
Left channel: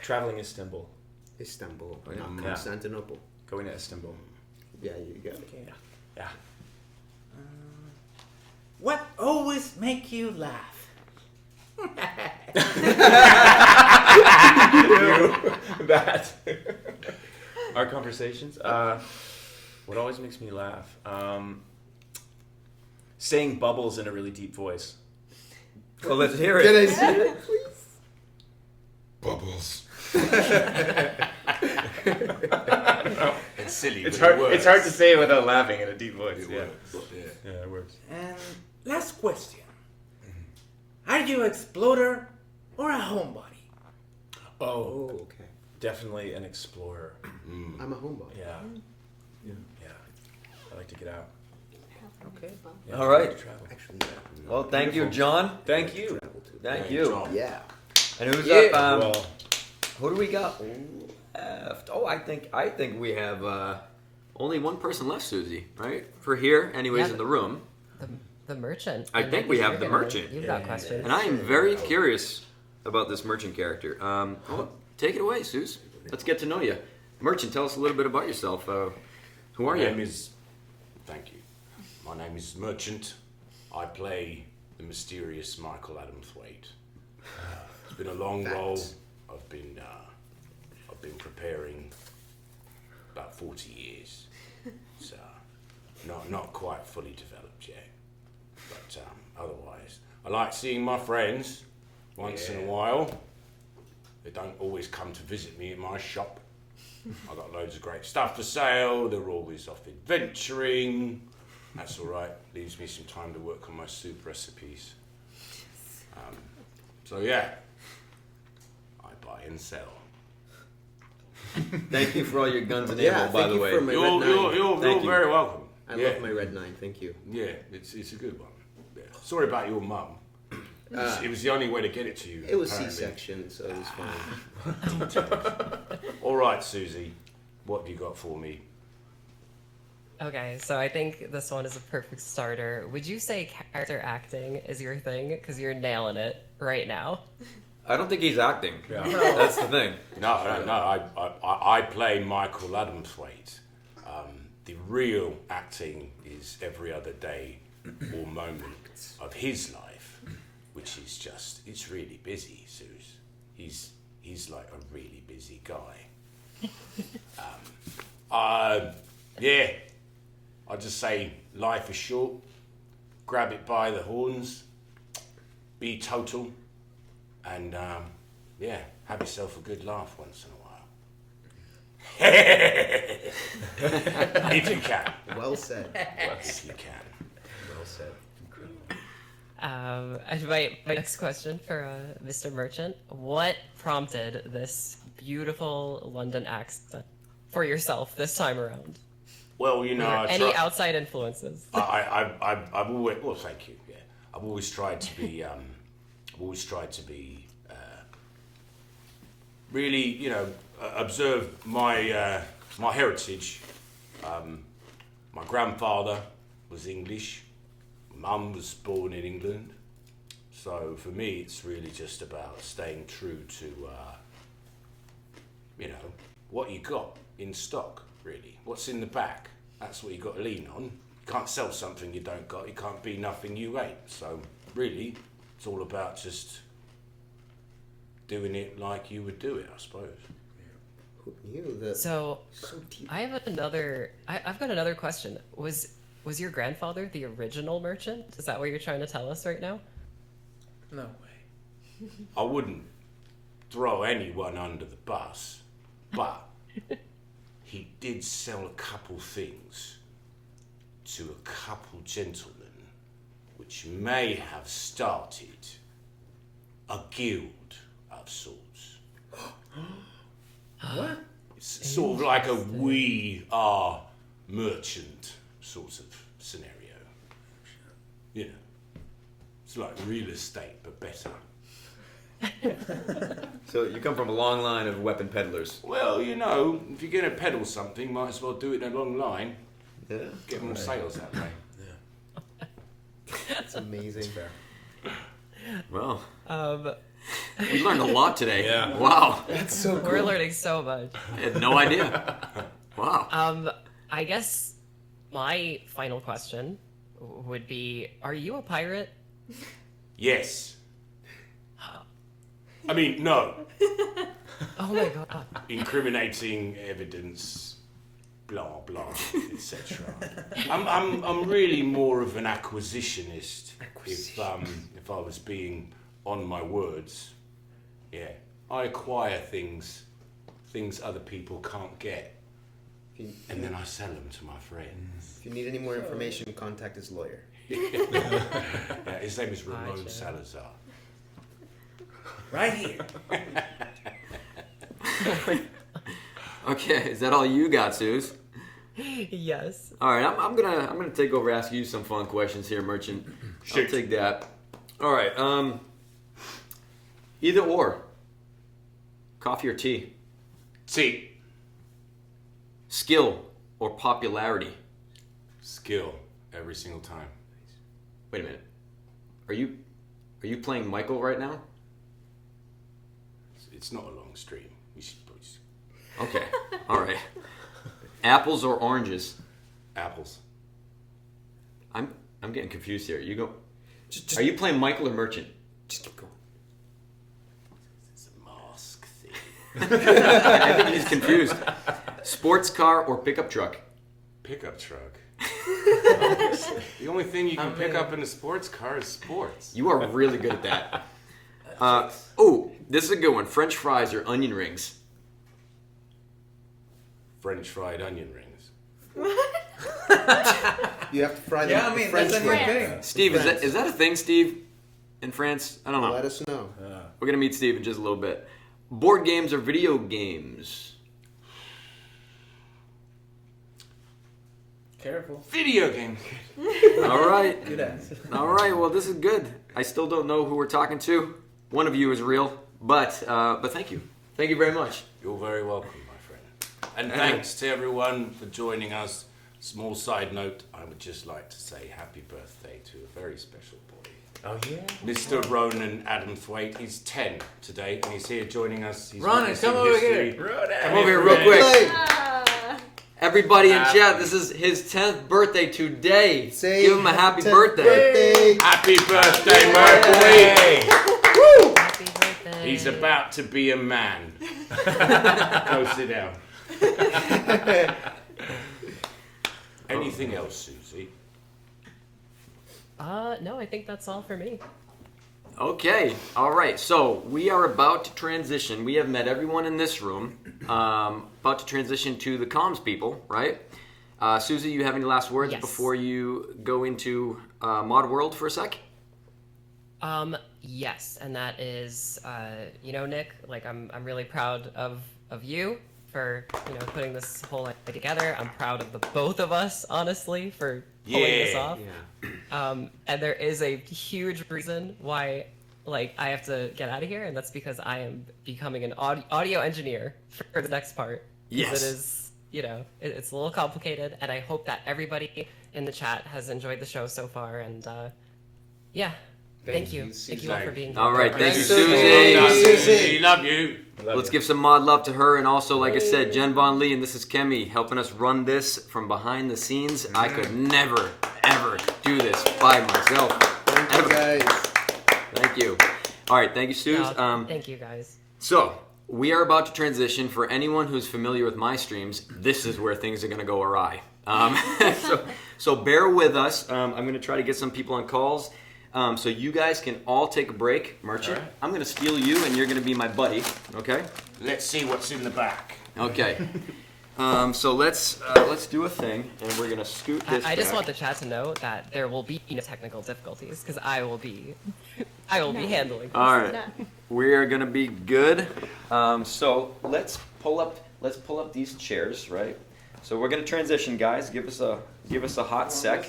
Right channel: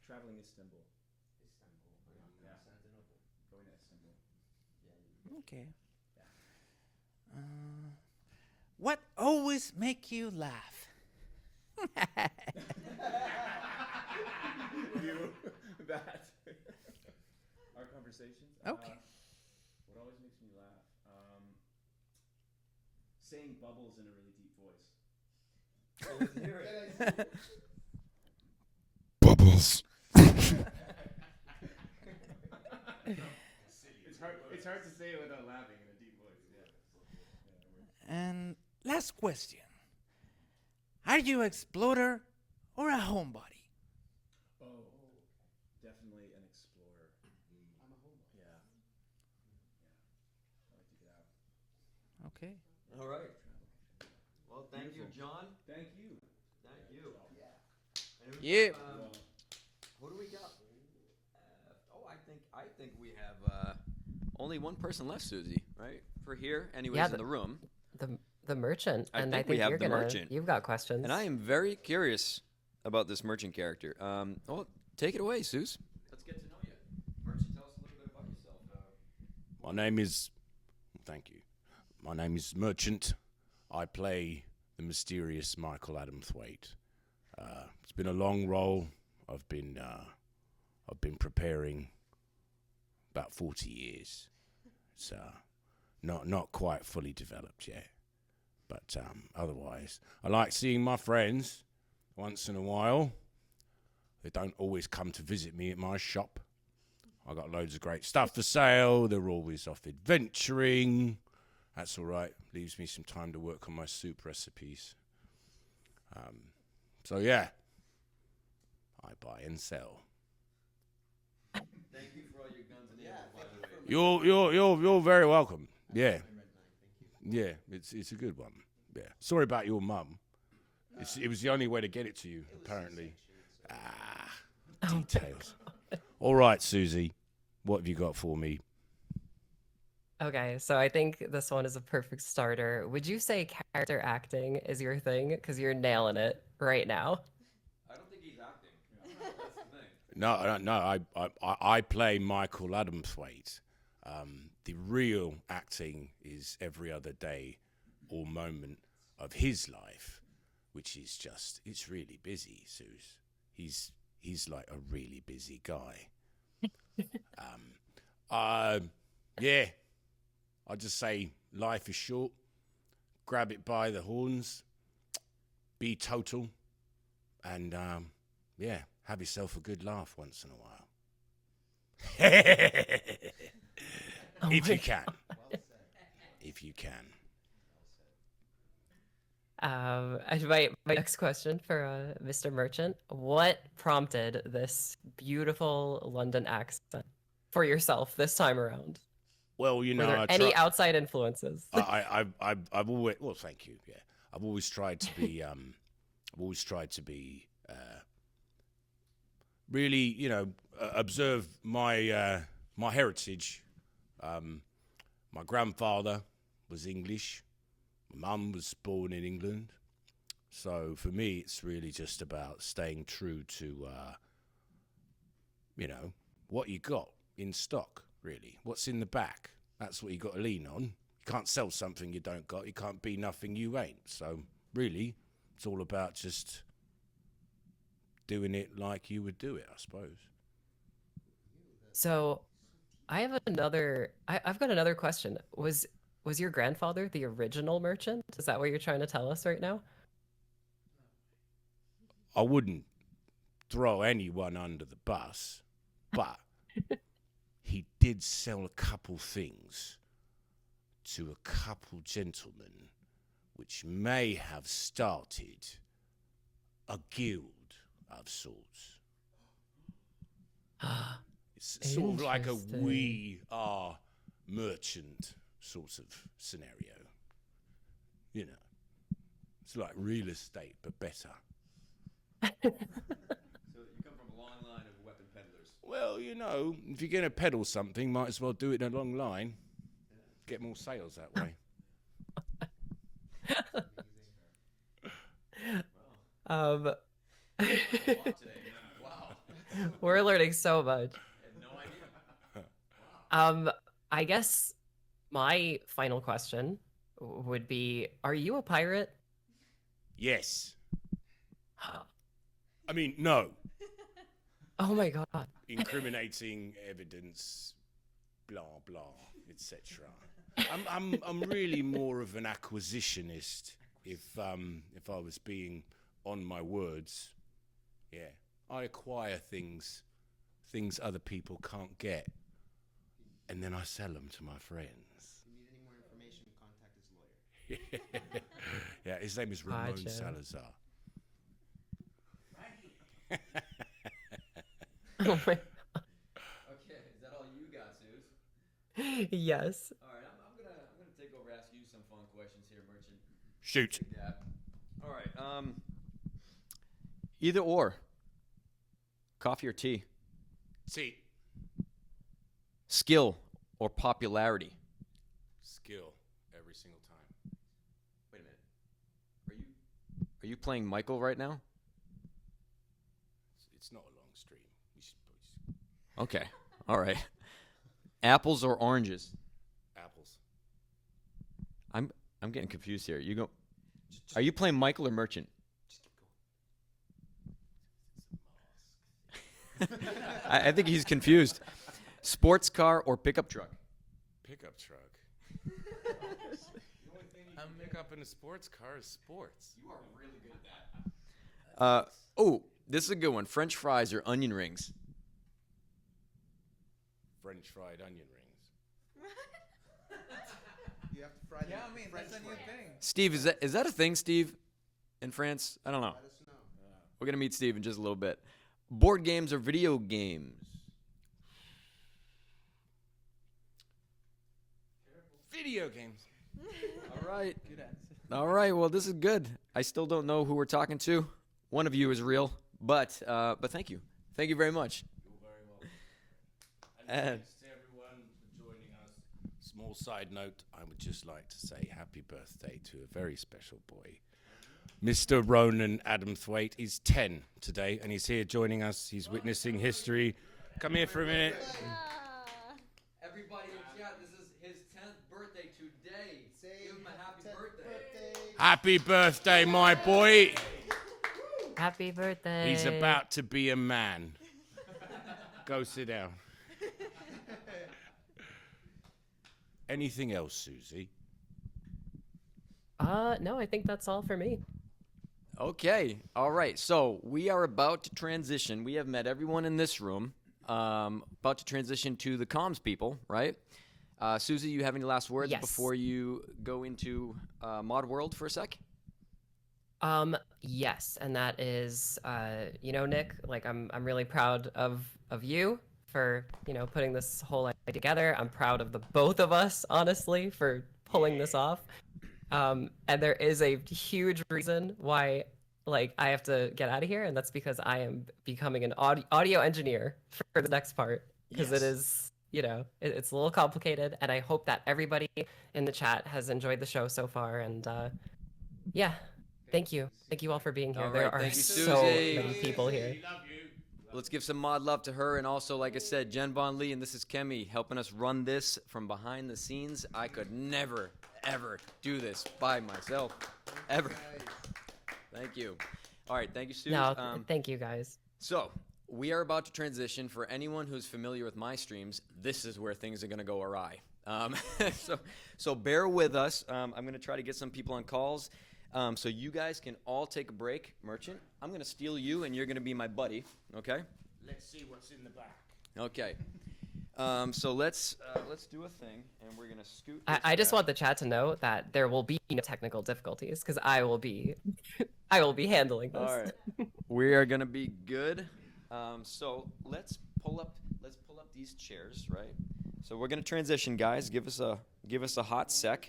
Traveling Istanbul. Istanbul, not Yeah. Constantinople. Going to Istanbul. Yeah, you got it. Okay. Yeah. What always make you laugh? That. Our conversations. What always makes me laugh? Saying bubbles in a really deep voice. Well, let's hear Can I it. see it, please? Bubbles. It's silly. It's but hard. It works. It's hard to say it without laughing in a deep voice. It Yeah. works. Yeah, it works. And last question. Are you an explorer or a homebody? Oh, okay. definitely an explorer. I'm a homebody. Yeah. Yeah. I like to get out. Okay. Yeah, All right. I like to travel. Actually, Well, thank you, John. Thank you. Thank you. yeah. And who's Yeah. up? Well, Who do we got left? Oh, I think we have only one person left, Susie. Right? For here, anyways, Yeah, in the room. The merchant. I And think we have you're the gonna- merchant. You've got questions. And I am very curious about this merchant character. Take it away, Suze. Let's get to know you. Merchant, tell us a little bit about yourself. Who are My you? name is. Thank you. My name is Merchant. I play the mysterious Michael Adam Thwaite. It's been a long role. I've been preparing about 40 years. It's not quite fully developed yet. But otherwise, I like seeing my friends once in a while. They don't always come to visit me at my shop. I got loads of great stuff for sale. They're always off adventuring. That's all right. Leaves me some time to work on my soup recipes. So yeah, I buy and sell. Thank you for all your guns and Yeah, ammo, by thank the you way. for my Red 9. You're Thank you. very welcome. I yeah. love my Red 9, thank you. Yeah, it's a good one. Yeah. Sorry about your mum. It was the only way to get it to you. It was apparently. C-section, so it was fine. All right, Susie, what have you got for me? Okay, so I think this one is a perfect starter. Would you say character acting is your thing? Because you're nailing it right now. I don't think he's acting. Yeah. That's the thing. No. I play Michael Adam Thwaite. The real acting is every other day or moment of his life. which is just, it's really busy, Suze. He's like a really busy guy. Yeah, I'll just say life is short. Grab it by the horns. Be total. And, yeah, have yourself a good laugh once in a while. If you can. Well said. If you can. Well said. And my next question for Mr. Merchant: what prompted this beautiful London accent for yourself this time around? Well, you know, were there any outside influences? I've always, well, thank you. Yeah, I've always tried to be, really, you know, observe my my heritage. My grandfather was English. Mum was born in England. So for me, it's really just about staying true to, you know, what you got in stock, really. What's in the back, that's what you got to lean on. You can't sell something you don't got. You can't be nothing you ain't. So really, it's all about just doing it like you would do it, I suppose. So I have another. I've got another question. Was your grandfather the original merchant? Is that what you're trying to tell us right now? No way. I wouldn't throw anyone under the bus, but he did sell a couple things to a couple gentlemen, which may have started a guild of sorts. It's sort of like a we are merchant sort of scenario. You know, it's like real estate, but better. So you come from a long line of weapon peddlers. Well, you know, if you're going to peddle something, might as well do it in a long line. Yeah. Get more sales that way. That's amazing. Well, we learned a lot today. Yeah. Wow. That's so cool. We're learning so much. I had no idea. Wow. I guess my final question would be: are you a pirate? Yes. I mean, no. Oh my god. Incriminating evidence, blah blah, etc. I'm really more of an acquisitionist. If I was being on my words, yeah, I acquire things other people can't get, and then I sell them to my friends. If you need any more information, contact his lawyer. Yeah, his name is Ramon Gotcha. Salazar. Right here. Okay, is that all you got, Suze? Yes. All right, I'm gonna take over, ask you some fun questions here, Merchant. I'll take that. All right. Either or. Coffee or tea? Tea. Skill or popularity? Skill every single time. Wait a minute. Are you playing Michael right now? It's not a long stream. We should probably... Okay. All right. Apples or oranges? Apples. I'm getting confused here. You go. Are you playing Michael or Merchant? Just keep going. It's a mask thing. I think he's confused. Sports car or pickup truck? Pickup truck. The only thing you can pick up in a sports car is sports. You are really good at that. Oh, this is a good one. French fries or onion rings? French fried onion rings. You have to fry them. Yeah, I mean, French that's a way. new thing. Steve, is that a thing, Steve? In France? I don't know. Let us know. We're going to meet Steve in just a little bit. Board games or video games? Careful. Video games. All right. Good answer. All right. Well, this is good. I still don't know who we're talking to. One of you is real, but thank you. Thank you very much. You're very welcome, my friend. And thanks to everyone for joining us. Small side note, I would just like to say happy birthday to a very special boy. Oh, yeah? Mr. Ronan Adam Thwaite. He's 10 today, and he's here joining us. He's Ronan, witnessing come over history. here. Ronan. Come over here real quick. Everybody in chat, this is his 10th birthday today. Give him a happy birthday. Happy birthday, my boy. Happy birthday. He's about to be a man. Go sit down. Anything else, Susie? No, I think that's all for me. Okay, all right. So we are about to transition. We have met everyone in this room. About to transition to the comms people, right? Susie, you have any last words before you go into Mod World for a sec? Yes, and that is, Nick, like I'm really proud of you for, putting this whole idea together. I'm proud of the both of us, honestly, for pulling this off. Yeah. And there is a huge reason why, I have to get out of here, and that's because I am becoming an audio engineer for the next part. Because it is, it's a little complicated, and I hope that everybody in the chat has enjoyed the show so far, and thank you. Thank you all for being here. All right, thank you, Susie. Love you. Let's give some mod love to her, and also, like I said, Jen Von Lee, and this is Kemi, helping us run this from behind the scenes. I could never, ever do this by myself. Thank you, guys. Thank you. All right, thank you, Suze. Thank you, guys. So, we are about to transition. For anyone who's familiar with my streams, this is where things are going to go awry. So bear with us. I'm going to try to get some people on calls. So you guys can all take a break. Merchant, right. I'm going to steal you, and you're going to be my buddy. Okay? Let's see what's in the back. Okay. So let's do a thing, and we're going to scoot this I just back. want the chat to know that there will be no technical difficulties, because I will be handling this. All right. We are going to be good. So let's pull up these chairs, right? So we're going to transition, guys. Give us a hot sec.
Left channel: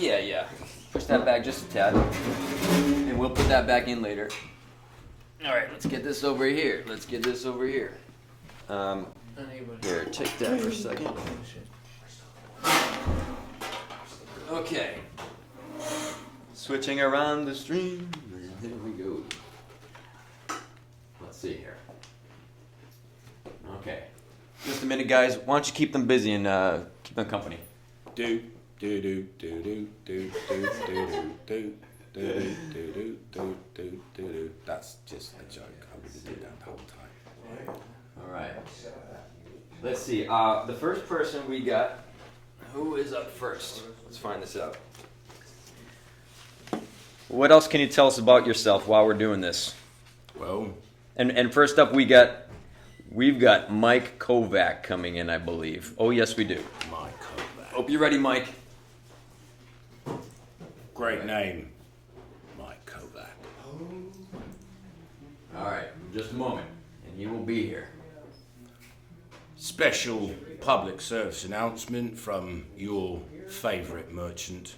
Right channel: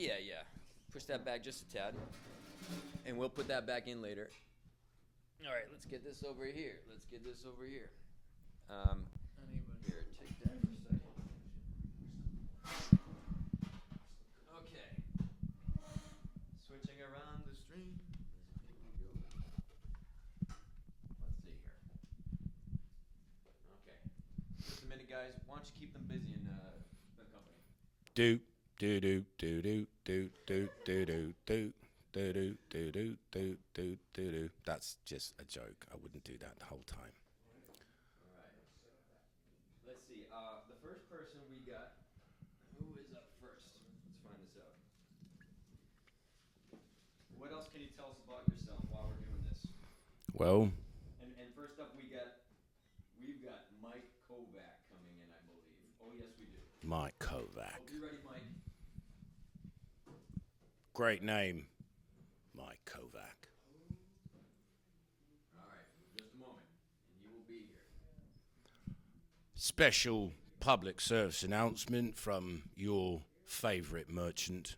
Yeah. Push that back just a tad. And we'll put that back in later. All right, let's get this over here. Here, take that for a second. Okay. Switching around the stream. Here we go. Let's see here. Okay. Just a minute, guys. Why don't you keep them busy and keep them company? Do. That's just a joke. I wouldn't do that the whole time. All right. Let's see. The first person we got. Who is up first? Let's find this out. What else can you tell us about yourself while we're doing this? Well. And first up, we've got Mike Kovac coming in, I believe. Oh yes, we do. Mike Kovac. Hope you're ready, Mike. Great name, Mike Kovac. All right, just a moment, and he will be here. Special public service announcement from your favorite merchant.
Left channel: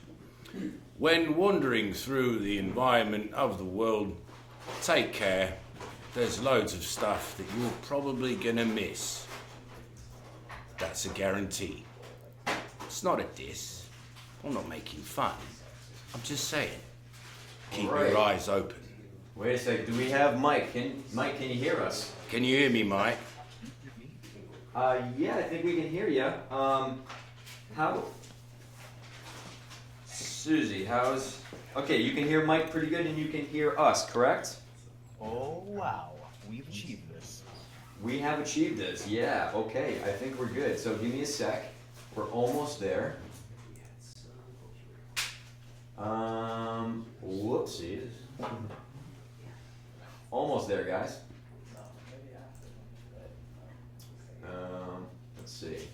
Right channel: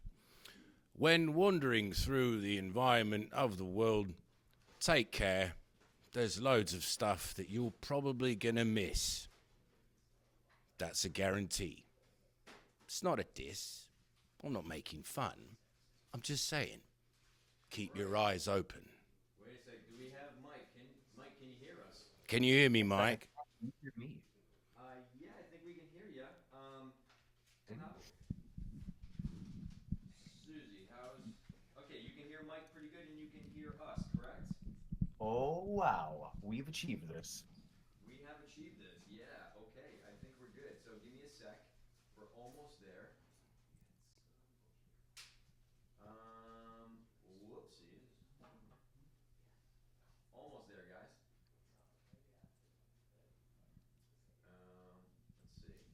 When wandering through the environment of the world, take care. There's loads of stuff that you're probably gonna miss. That's a guarantee. It's not a diss. I'm not making fun. I'm just saying. Keep your eyes open. Wait a sec. Do we have Mike? Mike, can you hear us? Can you hear me, Mike? Yeah, I think we can hear you. How? Susie, how's... Okay, you can hear Mike pretty good, and you can hear us, correct? Oh, wow. We've achieved this. We have achieved this, yeah. Okay, I think we're good. So give me a sec. We're almost there. Whoopsies. Almost there, guys. Let's see.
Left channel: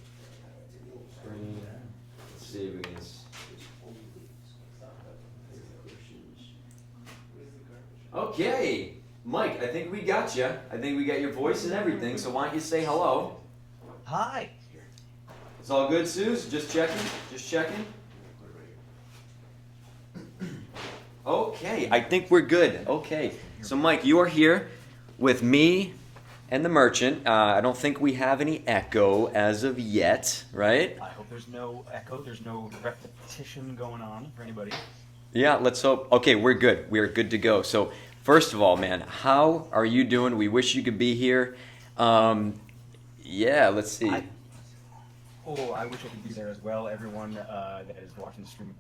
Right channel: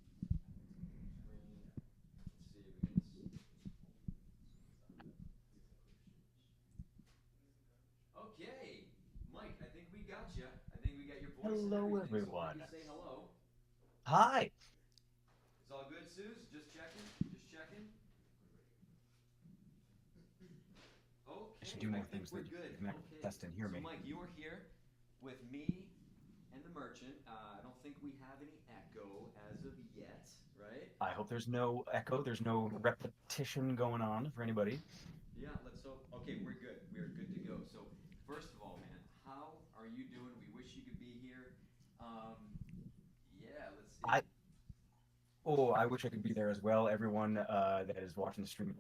Let's see if we can... Okay, Mike, I think we got you. I think we got your voice and everything, so why don't you say hello? Hi. It's all good, Suze? Just checking? Okay, I think we're good. Okay, so Mike, you are here with me and the merchant. I don't think we have any echo as of yet, right? I hope there's no echo, there's no repetition going on for anybody. Yeah, let's hope. Okay, we're good. We're good to go. So, first of all, man, how are you doing? We wish you could be here. Yeah, let's see. Oh, I wish I could be there as well. Everyone that is watching the stream,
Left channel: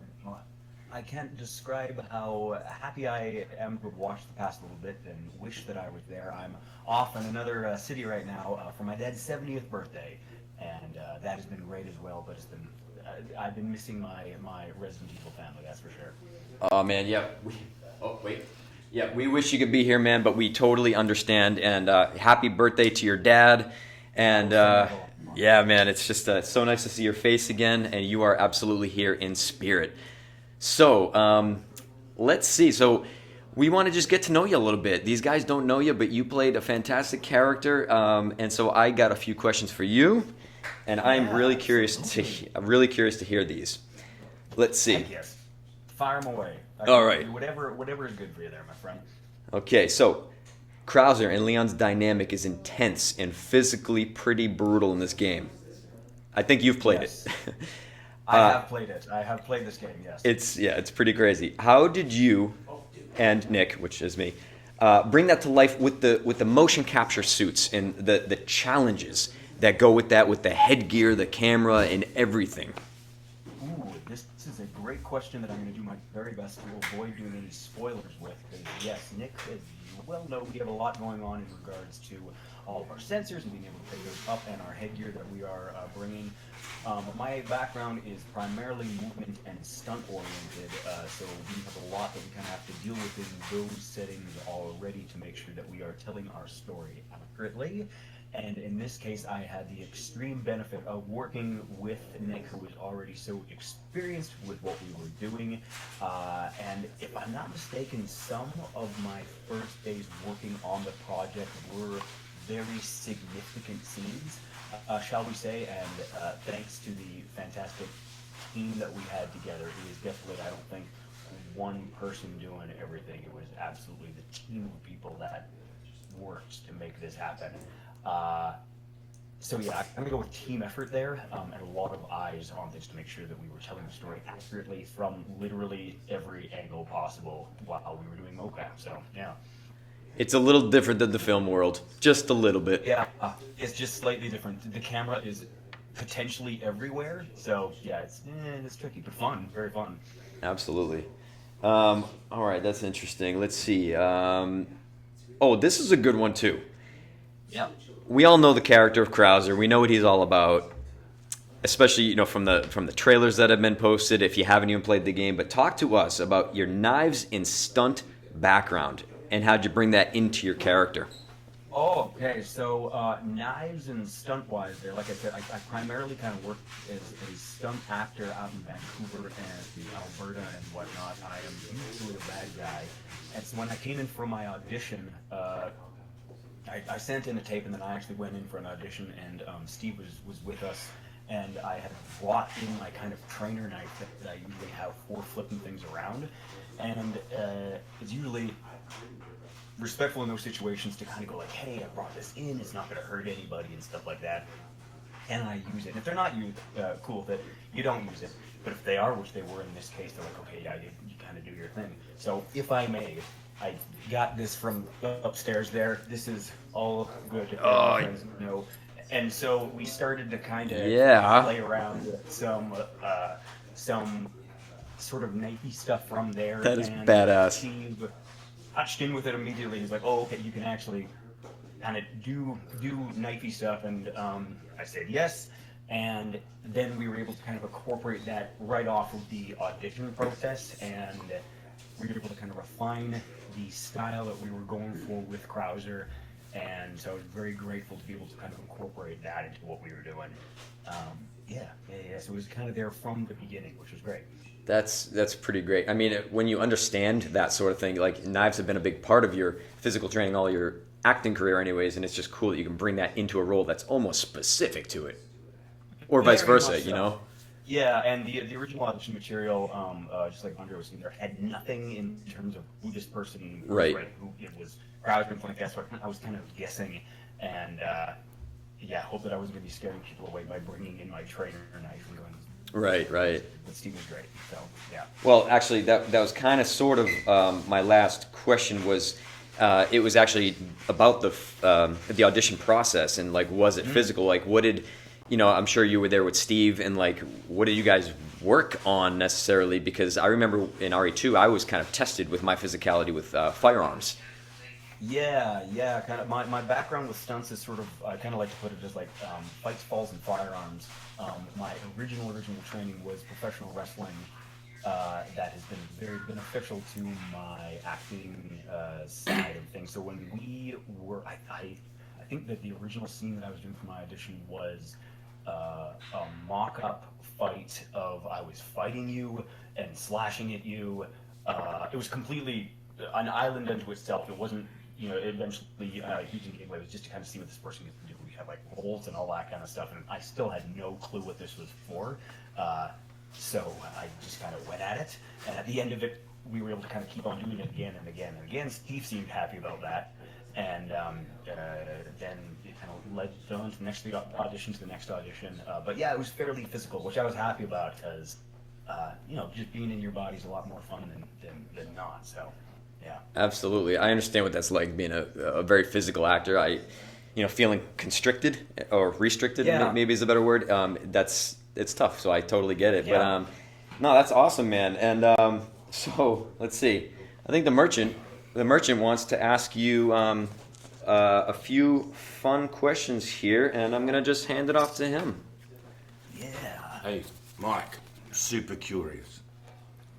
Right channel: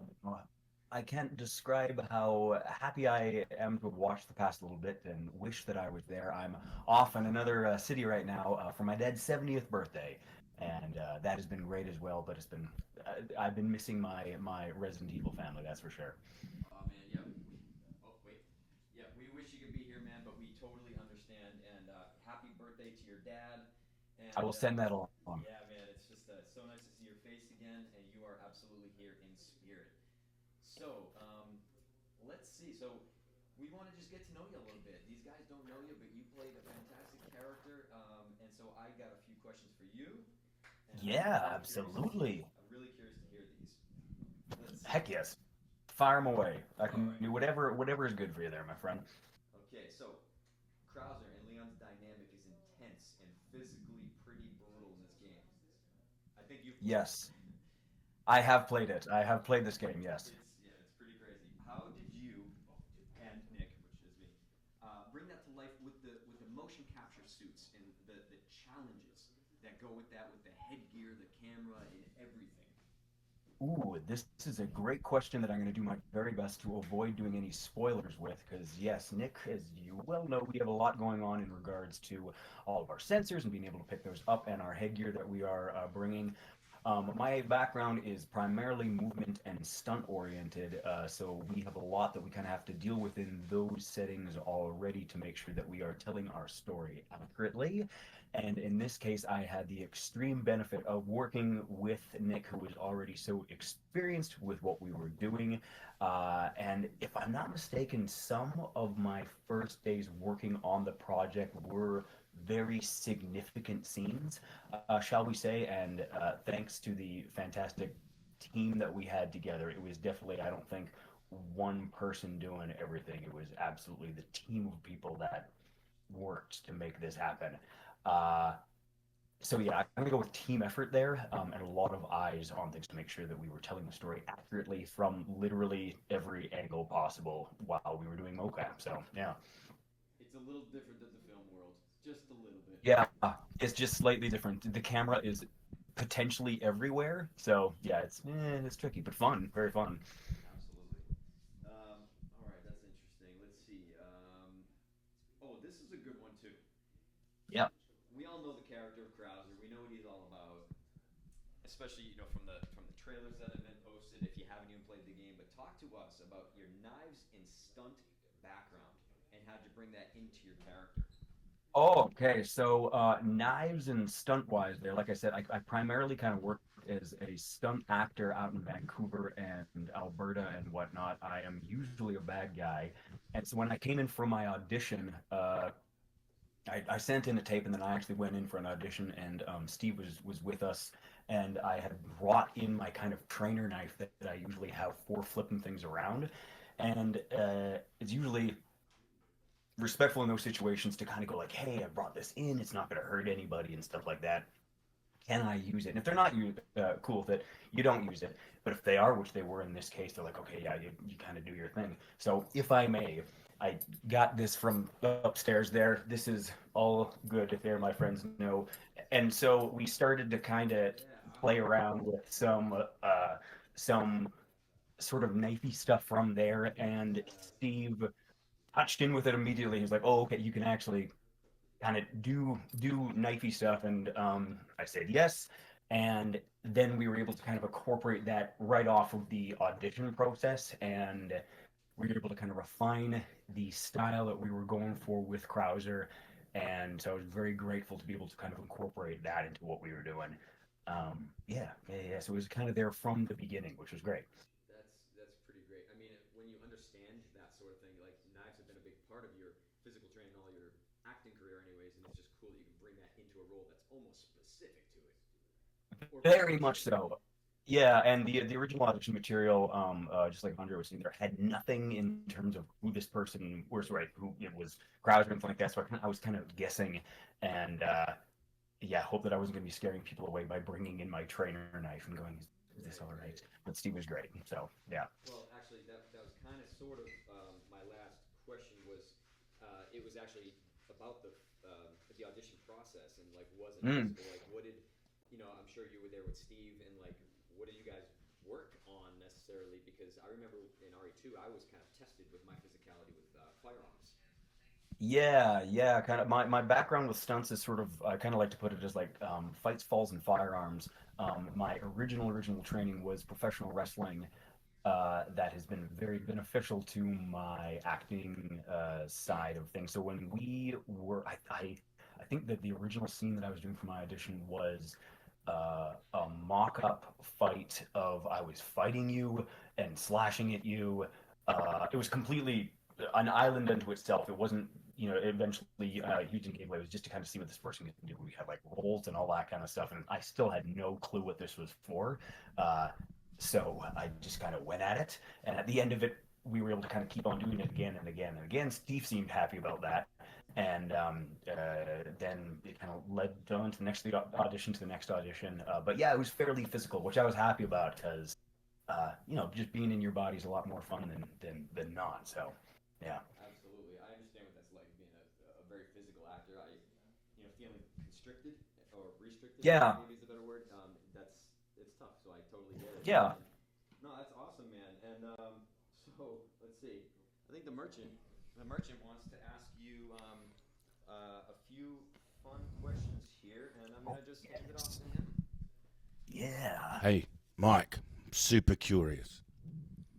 I can't describe how happy I am to have watched the past a little bit and wish that I was there. I'm off in another city right now for my dad's 70th birthday, and that has been great as well. But it's been I've been missing my Resident Evil family, that's for sure. Oh man, yeah. Yeah, we wish you could be here, man, but we totally understand. And happy birthday to your dad. And yeah, man, it's just so nice to see your face again, and you are absolutely here in spirit. So let's see. So we want to just get to know you a little bit. These guys don't know you, but you played a fantastic character, and so I got a few questions for you, and I'm really curious to hear these. Let's see. Heck yes. Fire them away. All right. Do whatever is good for you there, my friend. Okay, so Krauser and Leon's dynamic is intense and physically pretty brutal in this game. I think you've played it. I have played it. I have played this game, yes. It's pretty crazy. How did you and Nick, which is me, bring that to life with the motion capture suits and the challenges that go with that, with the headgear, the camera, and everything? Ooh, this is a great question that I'm going to do my very best to avoid doing any spoilers with, because yes, Nick, as you well know, we have a lot going on in regards to all of our sensors and being able to pick those up, and our headgear that we are bringing. My background is primarily movement and stunt oriented, so we have a lot that we kind of have to deal with in those settings already to make sure that we are telling our story accurately. And in this case, I had the extreme benefit of working with Nick, who was already so experienced with what we were doing. And if I'm not mistaken, some of my first days working on the project were very significant scenes, shall we say. And thanks to the fantastic team that we had together, it was definitely, I don't think, one person doing everything. It was absolutely the team of people that worked to make this happen. So yeah, I'm gonna go with team effort there, and a lot of eyes on things to make sure that we were telling the story accurately from literally every angle possible while we were doing mocap. So yeah, it's a little different than the film world, just a little bit. Yeah, it's just slightly different. The camera is potentially everywhere, so yeah, it's tricky but fun, very fun. Absolutely. All right, that's interesting. Let's see. Oh, this is a good one too. Yeah. We all know the character of Krauser. We know what he's all about, especially from the trailers that have been posted. If you haven't even played the game, but talk to us about your knives and stunt background and how'd you bring that into your character. Oh, okay. So knives and stunt wise, there, like I said, I primarily kind of work as a stunt actor out in Vancouver and Alberta and whatnot. I am usually a bad guy, and so when I came in for my audition. I sent in a tape, and then I actually went in for an audition, and Steve was with us, and I had brought in my kind of trainer knife that I usually have for flipping things around, and it's usually respectful in those situations to kind of go like, hey, I brought this in, it's not going to hurt anybody and stuff like that. Can I use it? And if they're not cool with it, you don't use it. But if they are, which they were in this case, they're like, okay, yeah, you kind of do your thing. So if I may, I got this from upstairs there. This is all good, my friends know. And so we started to kind of play around with some sort of knifey stuff from there. That is and badass. Steve touched in with it immediately. He's like, oh, okay, you can actually kind of do knifey stuff. And I said yes. And then we were able to kind of incorporate that right off of the audition process. And we were able to kind of refine the style that we were going for with Krauser, and so I was very grateful to be able to kind of incorporate that into what we were doing. So it was kind of there from the beginning, which was great. That's pretty great. I mean, when you understand that sort of thing, like knives have been a big part of your physical training, all your acting career anyways, and it's just cool that you can bring that into a role that's almost specific to it. Or vice versa, you know? Yeah, and the original audition material, just like Andre was saying, there had nothing in terms of who this person was, right? Who it was Krauser and something like that. So I was kind of guessing, and hope that I wasn't going to be scaring people away by bringing in my trainer knife and going. Right. But Steve was great, so yeah. Well, actually, that was kind of sort of my last question was. It was actually about the audition process and like, was it physical? Like, what did I'm sure you were there with Steve, and like, what did you guys work on necessarily? Because I remember in RE2, I was kind of tested with my physicality with firearms. Yeah, kind of. My background with stunts is sort of, I kind of like to put it as like fights, falls, and firearms. My original training was professional wrestling. That has been very beneficial to my acting side of things. So when we were, I think that the original scene that I was doing for my audition was a mock-up fight of I was fighting you and slashing at you. It was completely an island unto itself. It wasn't, eventually using gameplay was just to kind of see what this person could do. We had like rolls and all that kind of stuff, and I still had no clue what this was for. So I just kind of went at it, and at the end of it, we were able to kind of keep on doing it again and again and again. Steve seemed happy about that, and then it kind of led on to the next audition to the next audition. But yeah, it was fairly physical, which I was happy about because, just being in your body is a lot more fun than not. So, yeah. Absolutely, I understand what that's like being a very physical actor. Feeling constricted or restricted, maybe is a better word. It's tough, so I totally get it. Yeah. But no, that's awesome, man. And so let's see. I think the merchant wants to ask you a few fun questions here, and I'm gonna just hand it off to him. Yeah. Hey, Mike, super curious.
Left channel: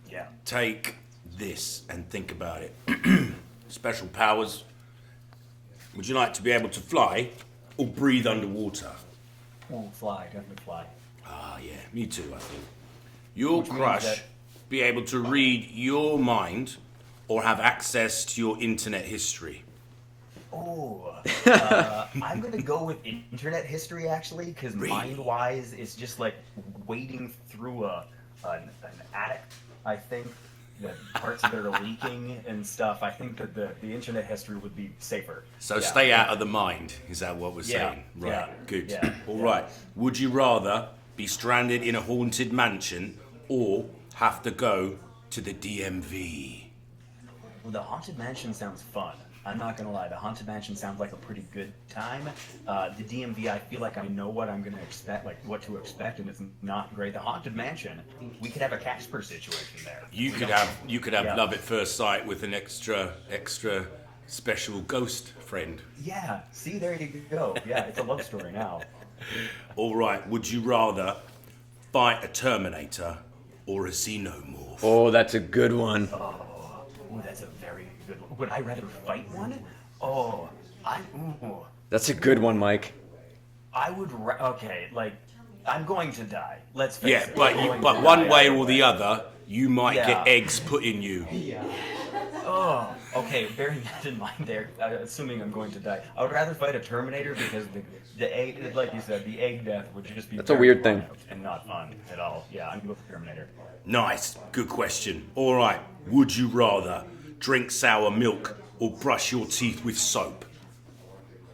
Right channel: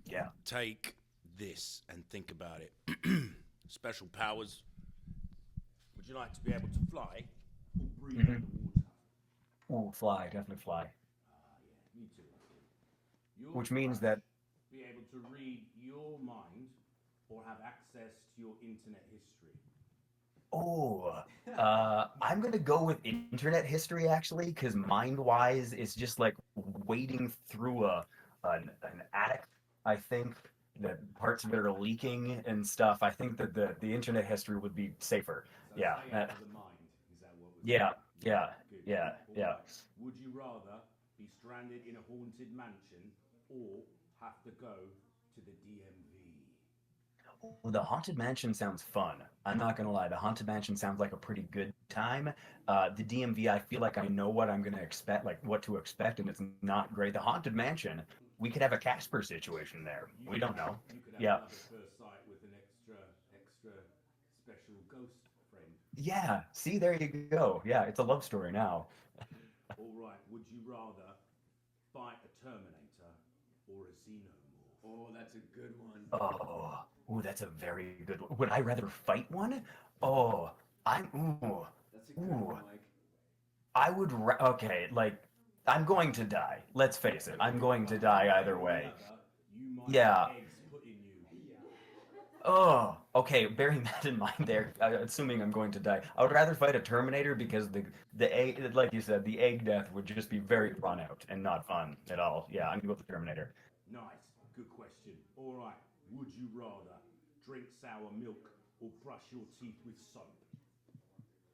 Yeah. Take this and think about it. Special powers. Would you like to be able to fly or breathe underwater? Oh, fly, definitely fly. Yeah, me too, I think. Your Which means crush that- be able to read your mind or have access to your internet history? Oh, I'm gonna go with internet history actually, because mind-wise, it's just like wading through an attic. I think that parts of it are leaking and stuff. I think that the internet history would be safer. So Yeah, stay yeah. out of the mind, is that what we're Yeah, saying? Right, yeah, good. yeah, All yeah. right. Would you rather be stranded in a haunted mansion or have to go to the DMV? Well, the Haunted Mansion sounds fun. I'm not gonna lie, the Haunted Mansion sounds like a pretty good time. The DMV, I feel like I know what I'm gonna expect, like what to expect, and it's not great. The Haunted Mansion, we could have a Casper situation there. You We could don't- have Yeah. love at first sight with an extra special ghost friend. Yeah, see, there you go. Yeah, it's a love story now. All right. Would you rather fight a Terminator or a Xenomorph? Oh, that's a good one. Oh, that's a very good one. Would I rather fight one? Oh, That's a good one, Mike. I would. Okay, like I'm going to die. Let's face Yeah, it. but I'm going to one die way either or the other, you might Yeah. get eggs put in you. Oh, okay. Bearing that in mind, there, assuming I'm going to die, I would rather fight a Terminator because the egg, like you said, the egg death would just be That's a very weird thing. fun out and not fun at all. Yeah, I'm going to go with the Terminator. Nice, good question. All right. Would you rather drink sour milk or brush your teeth with soap?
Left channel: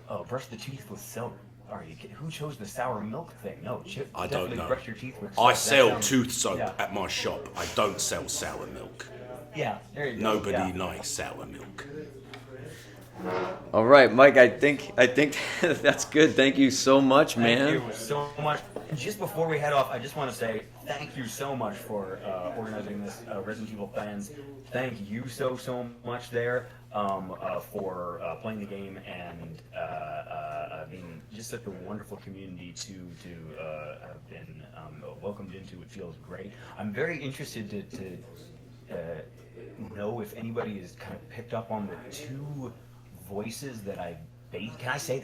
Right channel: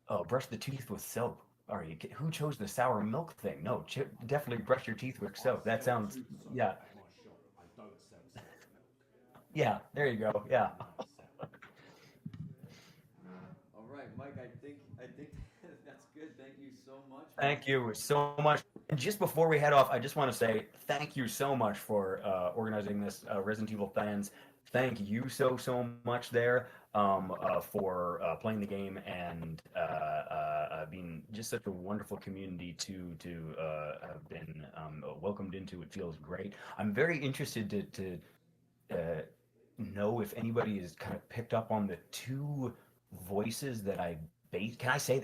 Oh, brush the teeth with soap. Are you? Who chose the sour milk thing? No, I don't definitely know. brush your teeth with soap. I That sell sounds- tooth soap Yeah. at my shop. I don't sell sour milk. Yeah, there you go. Nobody yeah. likes sour milk. All right, Mike. I think that's good. Thank you so much, man. Thank you so much. And just before we head off, I just want to say thank you so much for organizing this, Resident Evil fans. Thank you so much there for playing the game and being just such a wonderful community to have been welcomed into. It feels great. I'm very interested to know if anybody has kind of picked up on the two voices that I based. Can I say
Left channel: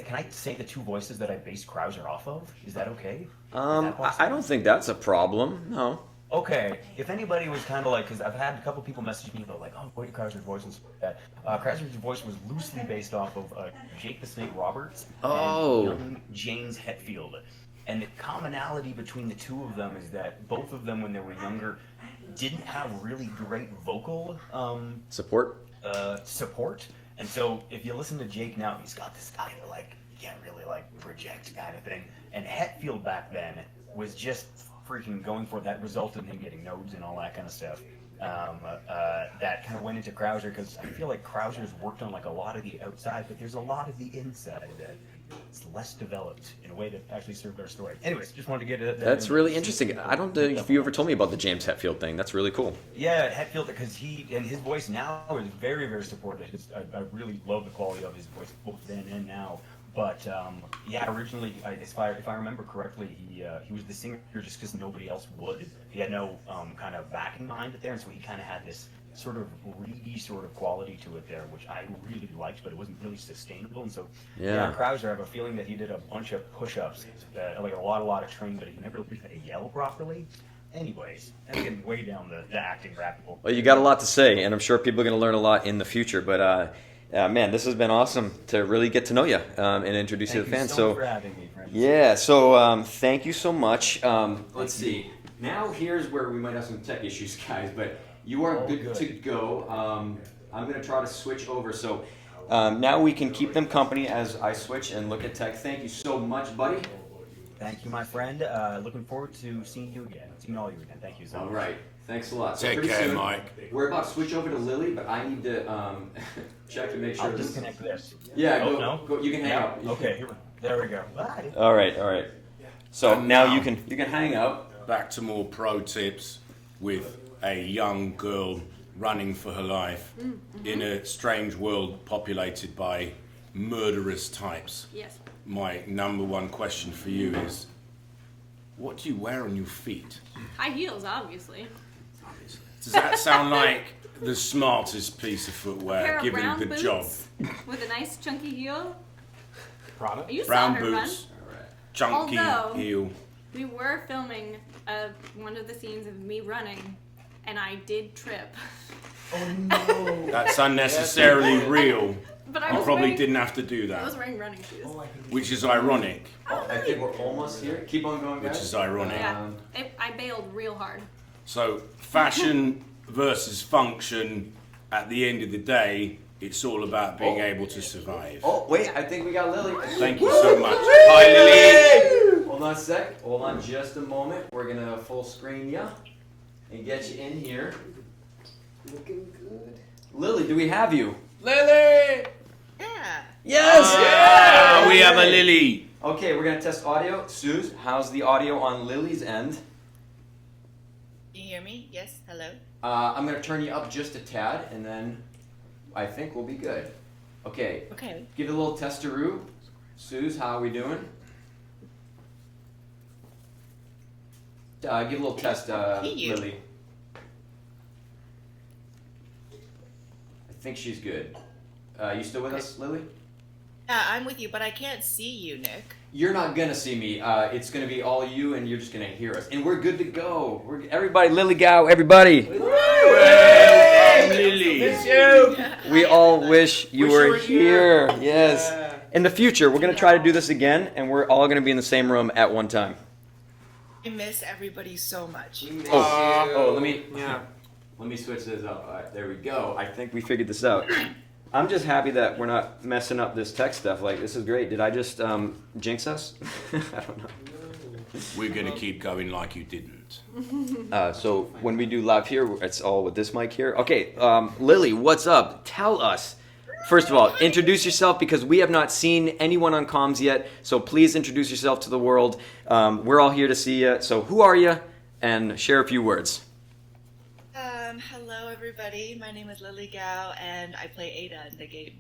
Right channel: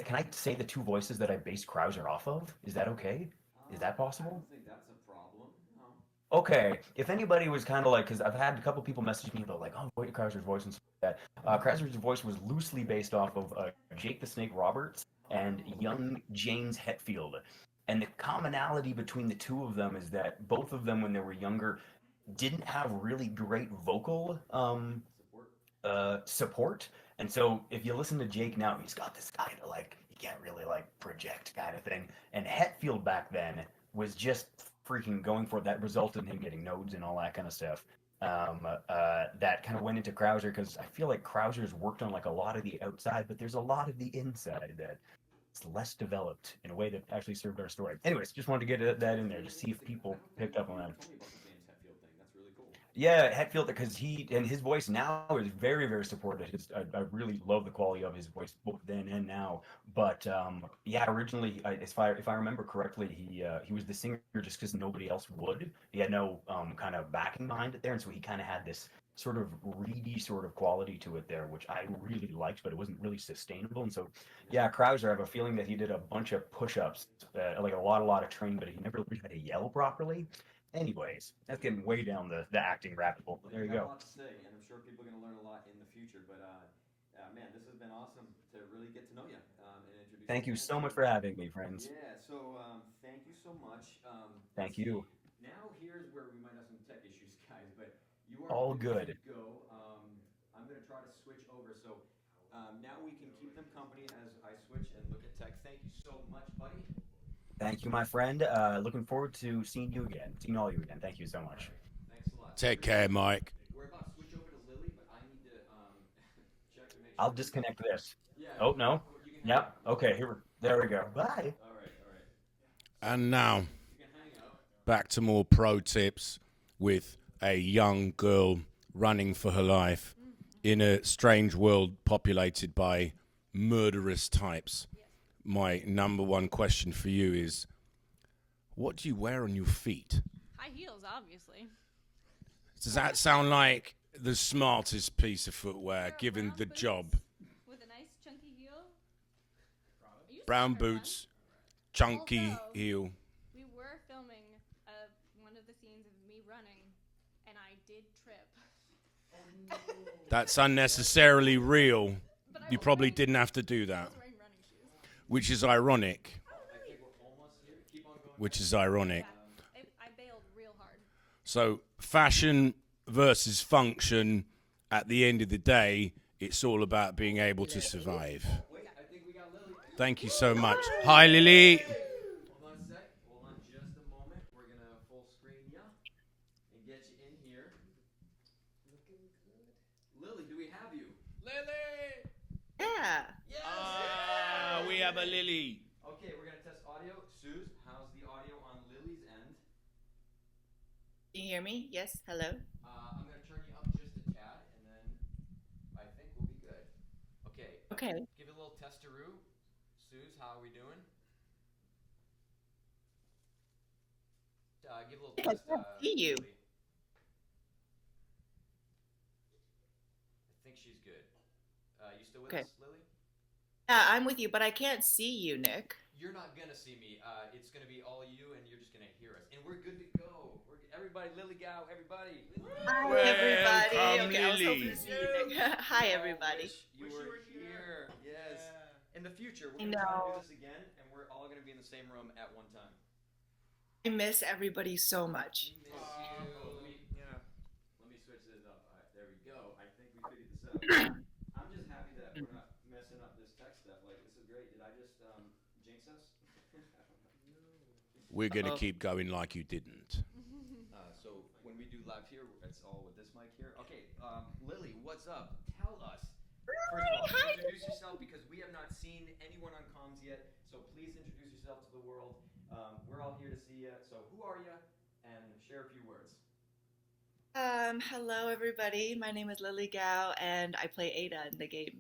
the two voices that I based Krauser off of? Is that okay? Is that possible? I don't think that's a problem. No. Okay, if anybody was kind of like, because I've had a couple people message me about like, oh, what Krauser's voice and stuff like that. Krauser's voice was loosely based off of Jake the Snake Roberts and young James Hetfield. And the commonality between the two of them is that both of them, when they were younger, didn't have really great vocal support. And so if you listen to Jake now, he's got this kind of like, you can't really like project kind of thing. And Hetfield back then was just freaking going for it. That resulted in him getting nodes and all that kind of stuff. That kind of went into Krauser because I feel like Krauser's worked on like a lot of the outside, but there's a lot of the inside that it's less developed in a way that actually served our story. Anyways, just wanted to get that. That's in really there. interesting. I don't know if you ever told me about the James Hetfield thing. That's really cool. Yeah, Hetfield, because his voice now is very, very supportive. I really love the quality of his voice both then and now. But yeah, originally, if I remember correctly, he was the singer just because nobody else would. He had no kind of backing behind it there, and so he kind of had this sort of reedy sort of quality to it there, which I really liked, but it wasn't really sustainable. And so, yeah, Krauser, I have a feeling that he did a bunch of push-ups, like a lot of training, but he never really had to yell properly. Anyways, that's getting way down the acting rabbit hole. Well, you got a lot to say, and I'm sure people are going to learn a lot in the future. But man, this has been awesome to really get to know you and introduce you to the fans. Thank you so much for having me, friends. Yeah, so thank you so much. Let's see. Now here's where we might have some tech issues, guys, but you are good to go. I'm going to try to switch over. So now we can keep them company as I switch and look at tech. Thank you so much, buddy. Thank you, my friend. Looking forward to seeing you again. Seeing all you again. Thank you so much. All right. Thanks a lot. Take care, Mike. We're about to switch over to Lily, but I need to check to make sure. I'll disconnect this. Yeah. Oh, no? You can hang no. out. Okay, there we go. Bye. All right. So And now you can hang out. Back to more pro tips with a young girl running for her life in a strange world populated by murderous types. Yes. My number one question for you is, what do you wear on your feet? High heels, obviously. Does that sound like the smartest piece of A footwear, pair of given brown the boots job? with a nice chunky heel. Prada? You saw Brown her boots, run. chunky Although, heel. We were filming one of the scenes of me running, and I did trip. Oh no! That's unnecessarily real. But I You was probably wearing- didn't have to do I was that, wearing running shoes. which is ironic. I think we're almost here. Keep on going, guys. Which is ironic. Yeah, I bailed real hard. So, fashion versus function, at the end of the day, it's all about being able to survive. Oh, wait, I think we got Lily. Thank you so much. Hi, Lily. Hold on a sec. Hold on just a moment. We're going to full screen you and get you in here. Looking good. Lily, do we have you? Lily! Yeah. Yes! Yeah, we have a Lily. Okay, we're going to test audio. Suze, how's the audio on Lily's end? Can you hear me? Yes. Hello. I'm going to turn you up just a tad, and then I think we'll be good. Okay. Okay. Give it a little testaroo. Suze, how are we doing? Give a little test, you. Lily. I think she's good. You still with us, Lily? Yeah, I'm with you, but I can't see you, Nick. You're not gonna see me. It's gonna be all you, and you're just gonna hear us. And we're good to go. Everybody, Lily Gow, everybody. Lily. We all wish you were here. Yes. In the future, we're gonna try to do this again, and we're all gonna be in the same room at one time. I miss everybody so much. Let me switch this up. All right, there we go. I think we figured this out. I'm just happy that we're not messing up this tech stuff. Like, this is great. Did I just jinx us? I don't know. We're going to keep going like you didn't. So when we do live here, it's all with this mic here. Okay, Lily, what's up? Tell us. First of all, introduce yourself because we have not seen anyone on comms yet. So please introduce yourself to the world. We're all here to see you. So who are you? And share a few words. Hello everybody. My name is Lily Gow, and I play Ada in the game.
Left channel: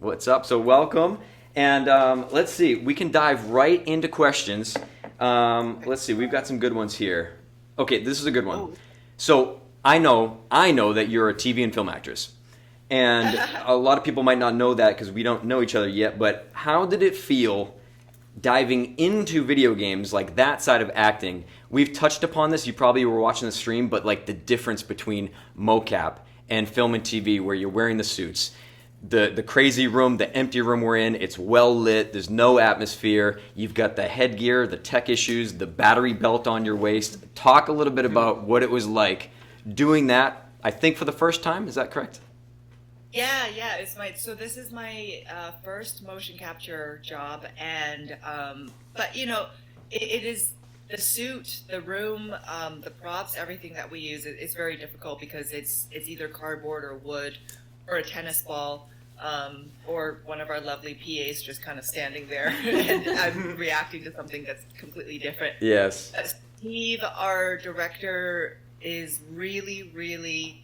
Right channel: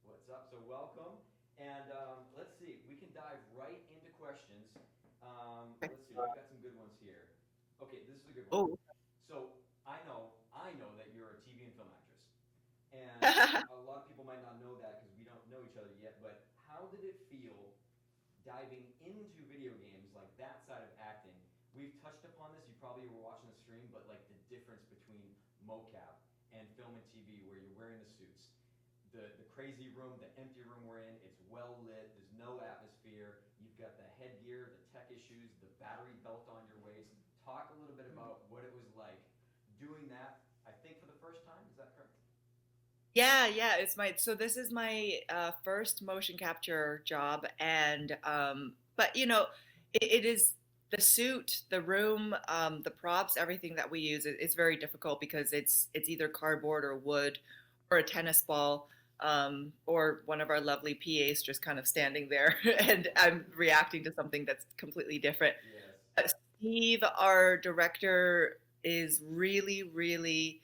What's up? So welcome. And let's see. We can dive right into questions. Let's see. We've got some good ones here. Okay, this is a good one. Oh. So I know that you're a TV and film actress. And a lot of people might not know that because we don't know each other yet. But how did it feel diving into video games, like that side of acting? We've touched upon this. You probably were watching the stream, but like the difference between mocap and film and TV, where you're wearing the suits, the crazy room, the empty room we're in, it's well lit. There's no atmosphere. You've got the headgear, the tech issues, the battery belt on your waist. Talk a little bit about what it was like doing that. I think for the first time. Is that correct? Yeah, so this is my first motion capture job, and but you know, it is the suit, the room, the props, everything that we use. It's very difficult because it's either cardboard or wood or a tennis ball. or one of our lovely PAs just kind of standing there, and I'm reacting to something that's completely different. Yes. Steve, our director, is really, really,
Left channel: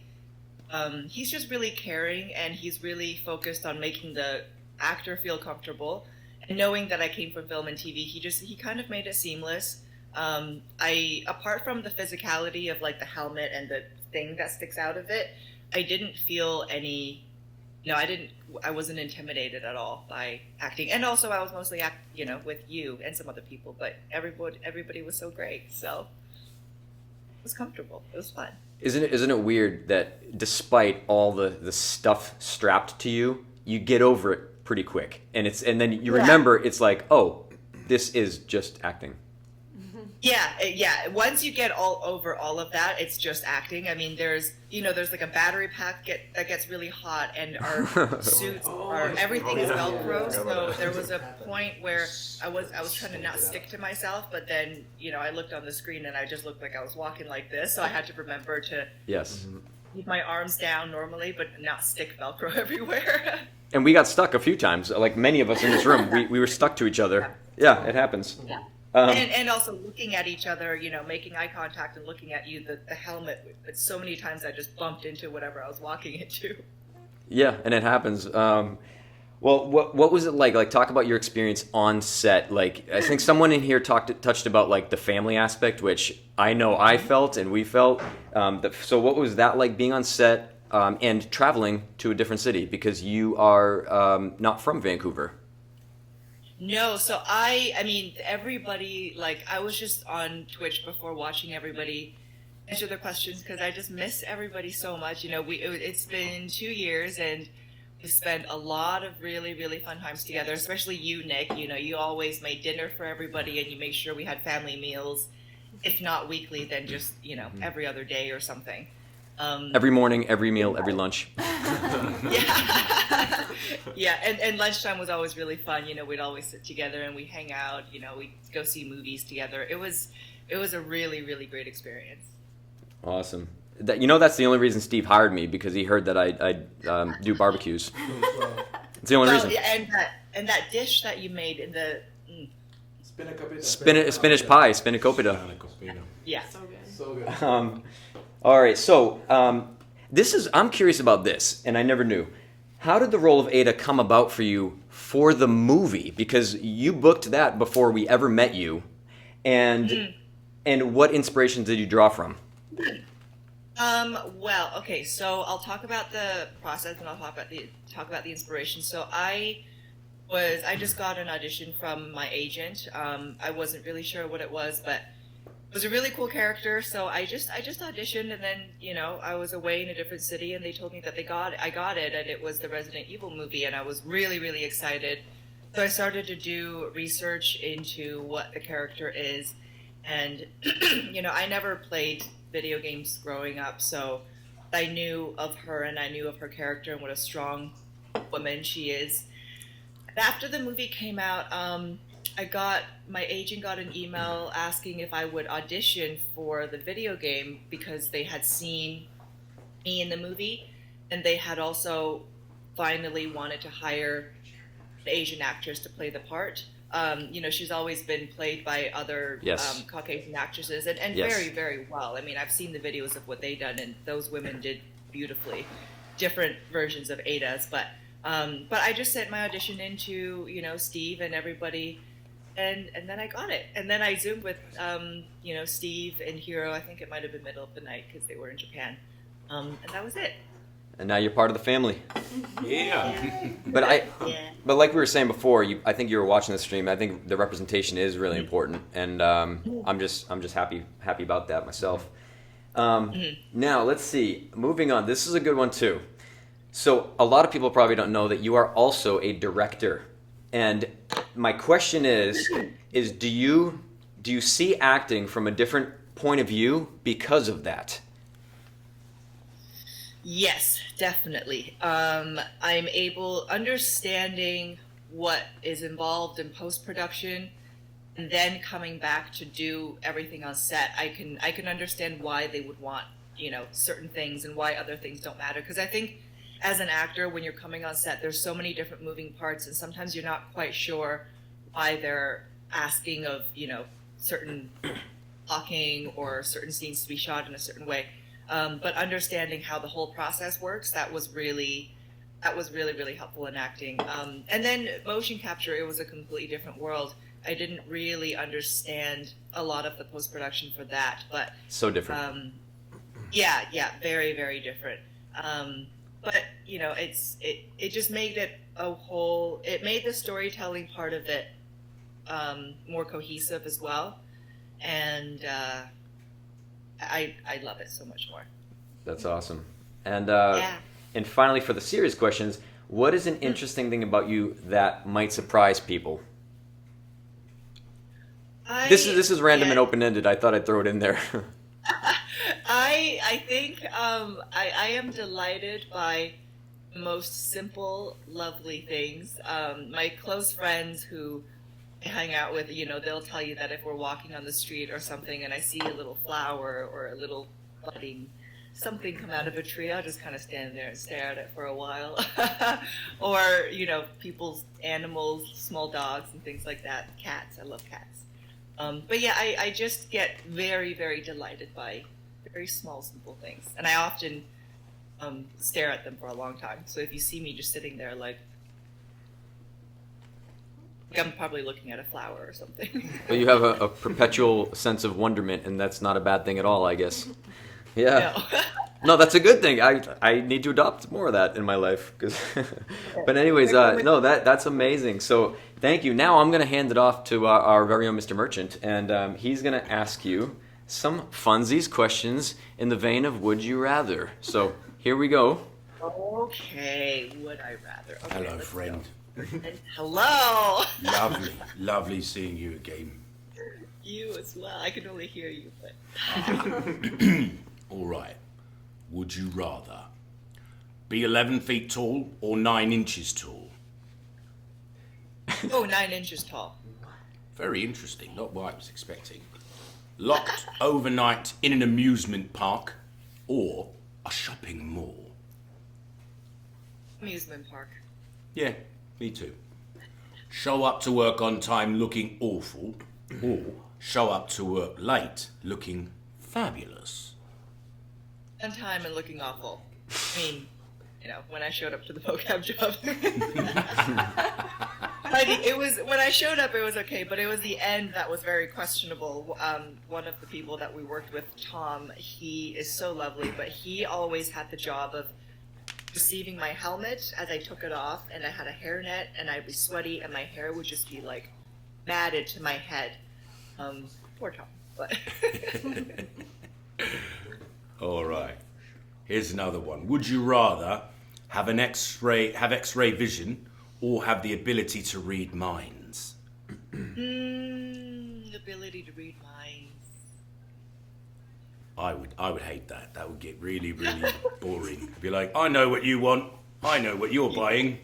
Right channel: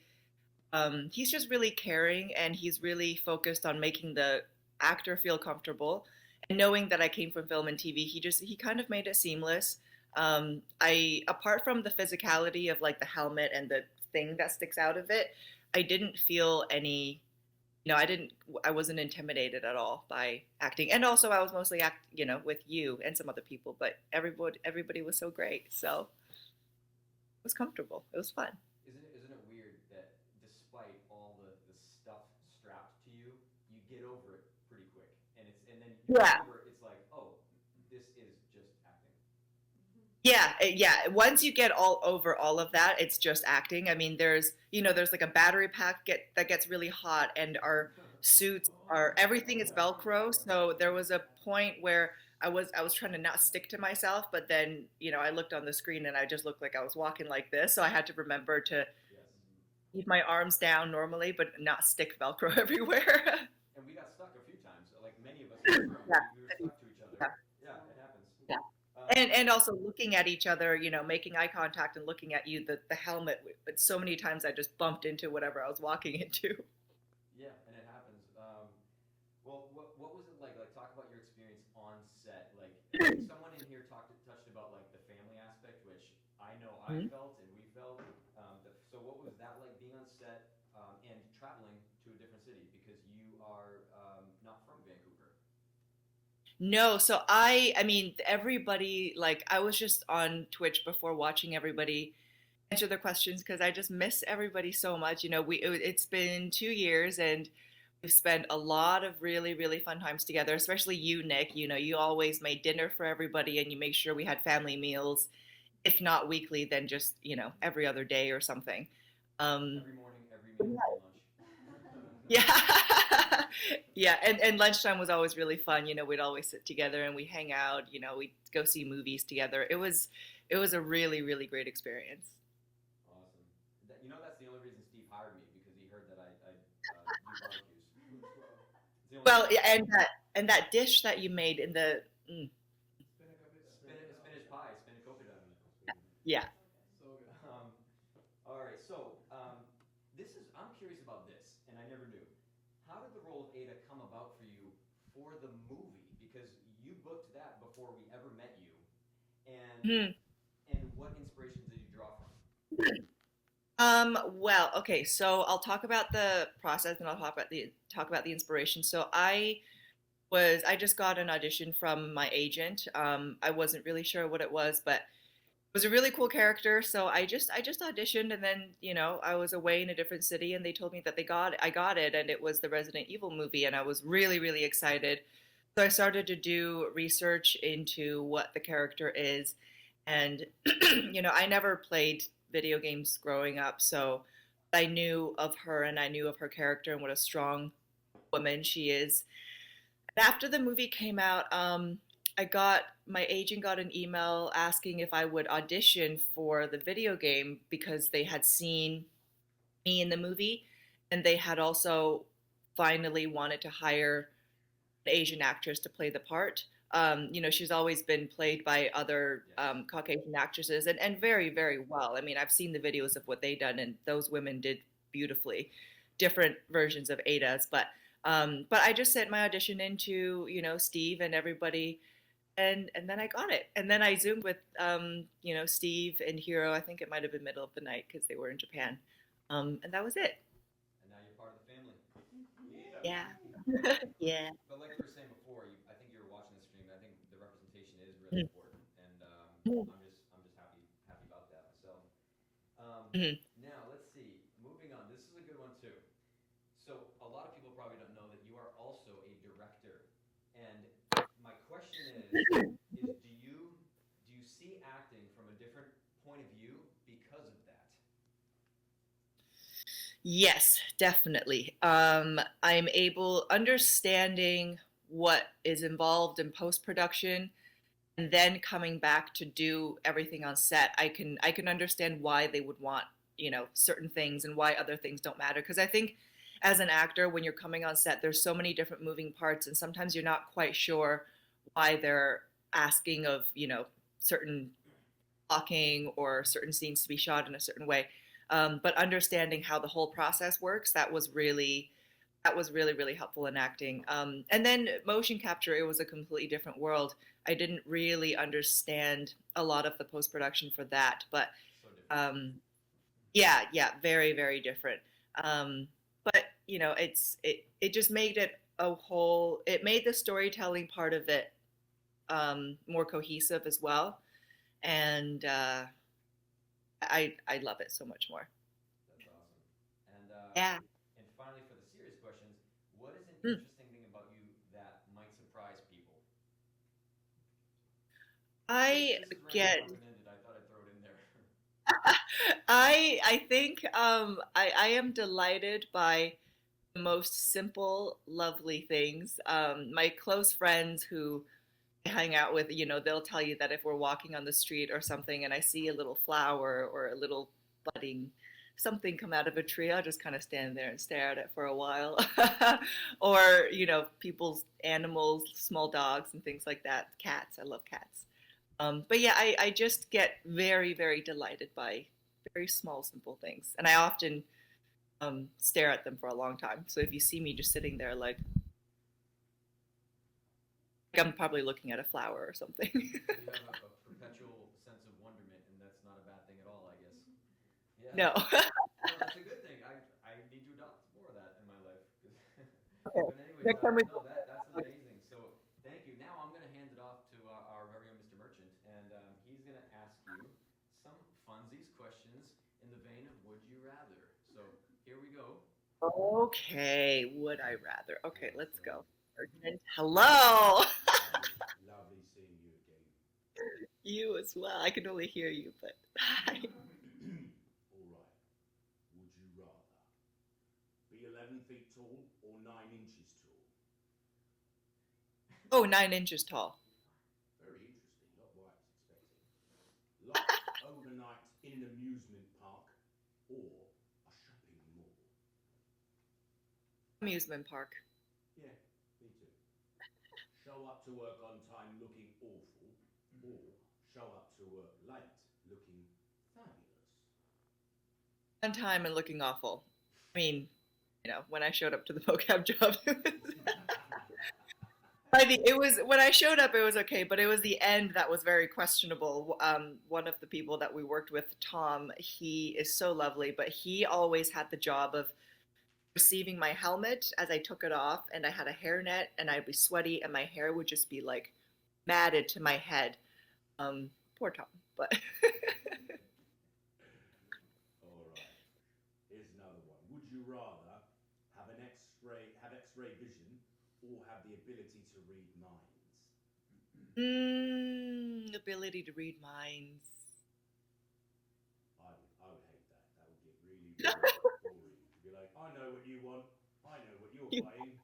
he's just really caring, and he's really focused on making the actor feel comfortable. And knowing that I came from film and TV, he kind of made it seamless. Apart from the physicality of like the helmet and the thing that sticks out of it, I didn't feel any, I wasn't intimidated at all by acting. And also I was mostly with you and some other people, but everybody was so great. So it was comfortable. It was fun. Isn't it weird that despite all the stuff strapped to you, you get over it pretty quick, and then you remember it's like, oh, this is just acting. Yeah. Once you get all over all of that, it's just acting. I mean, there's like a battery pack that gets really hot, and our suits everything is Velcro. So there was a point where I was trying to not stick to myself, but then I looked on the screen and I just looked like I was walking like this. So I had to remember to keep my arms down normally, but not stick Velcro everywhere. And we got stuck a few times. Like many of us in this room, we were stuck to each other. Yeah, it happens. Yeah. And also looking at each other, making eye contact and looking at you, the helmet. But so many times I just bumped into whatever I was walking into. Yeah, and it happens. Well, what was it like? Like, talk about your experience on set. Like, I think someone in here touched about like the family aspect, which I know I felt and we felt. So what was that like being on set and traveling to a different city because you are not from Vancouver? No, so I mean, everybody, like, I was just on Twitch before watching everybody answer their questions because I just miss everybody so much. It's been 2 years and we've spent a lot of really, really fun times together, especially you, Nick. You always made dinner for everybody and you made sure we had family meals, if not weekly, then just, every other day or something. Every morning, every meal, every lunch. Yeah, and lunchtime was always really fun. We'd always sit together and we hang out. We'd go see movies together. It was a really, really great experience. Awesome. That's the only reason Steve hired me, because he heard that I do barbecues. It's the only reason. Yeah, and that dish that you made in the spinach pie, spanakopita. Yeah, so good. All right, so I'm curious about this, and I never knew. How did the role of Ada come about for you for the movie? Because you booked that before we ever met you, and what inspirations did you draw from? Well, okay, so I'll talk about the process and I'll talk about the inspiration. So I just got an audition from my agent. I wasn't really sure what it was, but it was a really cool character, so I just auditioned, and then I was away in a different city, and they told me that I got it, and it was the Resident Evil movie, and I was really, really excited. So I started to do research into what the character is, and I never played video games growing up, so I knew of her and I knew of her character and what a strong woman she is. And after the movie came out, my agent got an email asking if I would audition for the video game because they had seen me in the movie, and they had also finally wanted to hire an Asian actress to play the part. She's always been played by other Caucasian actresses, and very, very well. I mean, I've seen the videos of what they done, and those women did beautifully, different versions of Ada's. But I just sent my audition in to Steve and everybody. And then I got it. And then I Zoomed with, Steve and Hiro. I think it might have been middle of the night because they were in Japan. And that was it. And now you're part of the family. Yeah. But like we were saying before, I think you were watching the stream. I think the representation is really important, and I'm just happy about that myself. Now let's see. Moving on. This is a good one too. So a lot of people probably don't know that you are also a director. And my question is do you see acting from a different point of view because of that? Yes, definitely. I'm understanding what is involved in post-production, and then coming back to do everything on set. I can understand why they would want, certain things and why other things don't matter. Because I think as an actor, when you're coming on set, there's so many different moving parts, and sometimes you're not quite sure why they're asking of, certain talking or certain scenes to be shot in a certain way. But understanding how the whole process works, that was really, really helpful in acting. And then motion capture, it was a completely different world. I didn't really understand a lot of the post-production for that, but So different. yeah, very, very different. But it just made it it made the storytelling part of it more cohesive as well, and I love it so much more. That's awesome. And Yeah. and finally, for the serious questions, what is an interesting thing about you that might surprise people? This is random and open-ended. I thought I'd throw it in there. I think I am delighted by the most simple, lovely things. My close friends who I hang out with, they'll tell you that if we're walking on the street or something and I see a little flower or a little budding something come out of a tree, I'll just kind of stand there and stare at it for a while. Or, people's animals, small dogs and things like that. Cats, I love cats. But yeah, I just get very, very delighted by very small, simple things. And I often stare at them for a long time. So if you see me just sitting there like I'm probably looking at a flower or something. Well, you have a perpetual sense of wonderment, and that's not a bad thing at all, I guess. Yeah. No. No, that's a good thing. I need to adopt more of that in my life. But anyways, no, that's amazing. So thank you. Now I'm going to hand it off to our very own Mr. Merchant, and he's going to ask you some funsies questions in the vein of Would You Rather. So here we go. Okay, would I rather? Okay, Hello, let's friend. go. Hello. Lovely seeing you again. You as well. I can only hear you, but. All right. Would you rather be 11 feet tall or 9 inches tall? Oh, 9 inches tall. Very interesting. Not what I was expecting. Locked overnight in an amusement park or a shopping mall? Amusement park. Yeah, me too. Show up to work on time looking awful or show up to work late looking fabulous? On time and looking awful. I mean, when I showed up to the mocap job. It was when I showed up, it was okay, but it was the end that was very questionable. One of the people that we worked with, Tom, he is so lovely, but he always had the job of receiving my helmet as I took it off, and I had a hairnet, and I'd be sweaty, and my hair would just be like matted to my head. Poor Tom, but. All right. Here's another one. Would you rather have X-ray vision or have the ability to read minds? Ability to read minds. I would hate that. That would get really, really boring. Be like, I know what you want. I know what you're buying.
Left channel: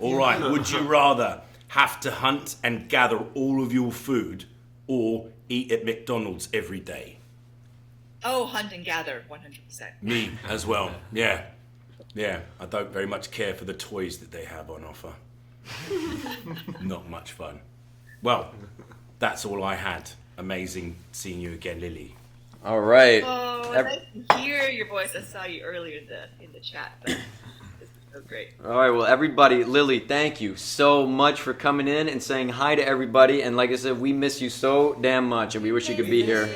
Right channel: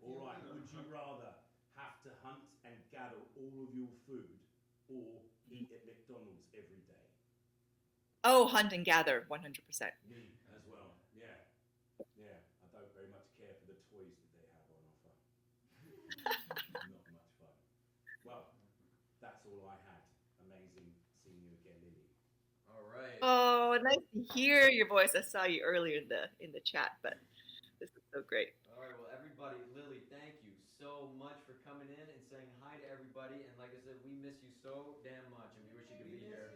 All right. Would you rather have to hunt and gather all of your food or eat at McDonald's every day? Oh, hunt and gather, 100%. Me as well. Yeah. Yeah. I don't very much care for the toys that they have on offer. Not much fun. Well, that's all I had. Amazing seeing you again, Lily. All right. Oh, nice to hear your voice. I saw you earlier in the chat, but this is so great. All right, well, everybody, Lily, thank you so much for coming in and saying hi to everybody. And like I said, we miss you so damn much, and we wish you could be here.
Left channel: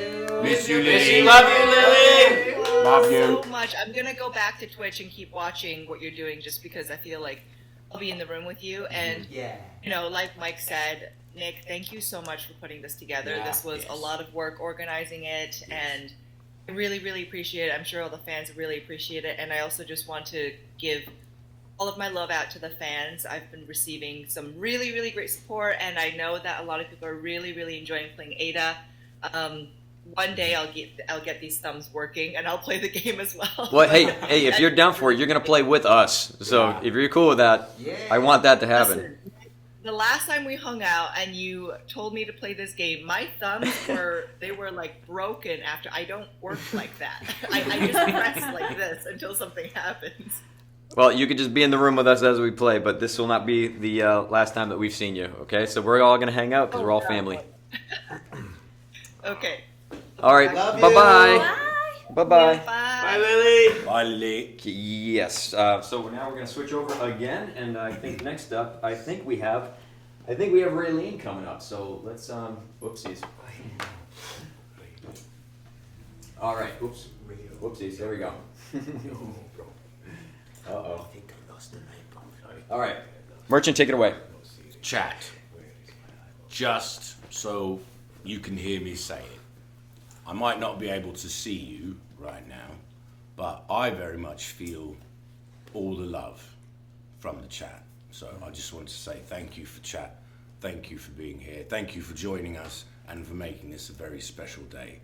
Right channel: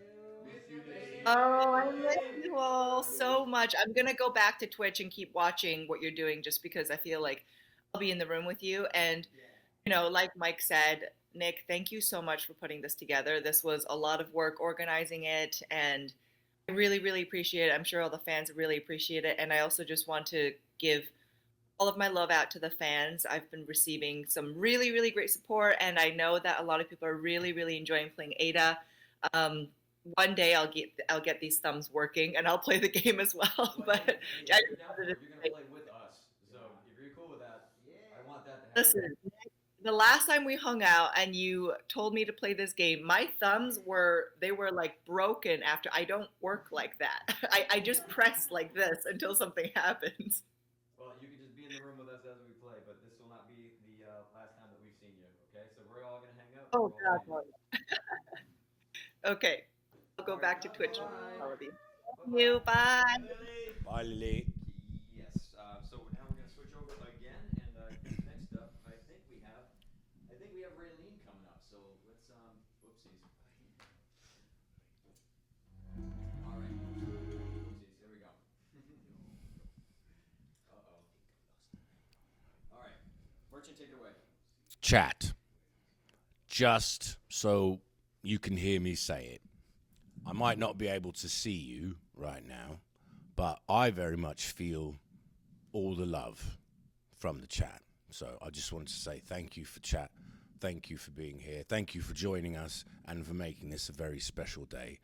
Miss you, Lily. Love you, Lily. Love you. So much. I'm gonna go back to Twitch and keep watching what you're doing, just because I feel like I'll be in the room with you. And like Mike said, Nick, thank you so much for putting this together. This was a lot of work organizing it, and I really, really appreciate it. I'm sure all the fans really appreciate it. And I also just want to give all of my love out to the fans. I've been receiving some really, really great support, and I know that a lot of people are really, really enjoying playing Ada. One day I'll get these thumbs working, and I'll play the game as well. Well, hey, if you're down for it, you're gonna play with us. So if you're cool with that, I want that to happen. Listen, the last time we hung out and you told me to play this game, my thumbs were like broken after. I don't work like that. I just press like this until something happens. Well, you could just be in the room with us as we play, but this will not be the last time that we've seen you, okay? So we're all going to hang out because we're all family. Okay. All right, Love you. bye-bye. Bye-bye. Yeah, bye. Bye, Lily. Bye, Lily. Yes. So now we're going to switch over again, and I think next up, I think we have Raylene coming up. So let's whoopsies. All right. Oops. Whoopsies. There we go. Uh-oh. All right. Merchant, take it away. Chat. Just so you can hear me say it. I might not be able to see you right now, but I very much feel all the love from the chat. So I just want to say thank you for chat. Thank you for being here. Thank you for joining us and for making this a very special day.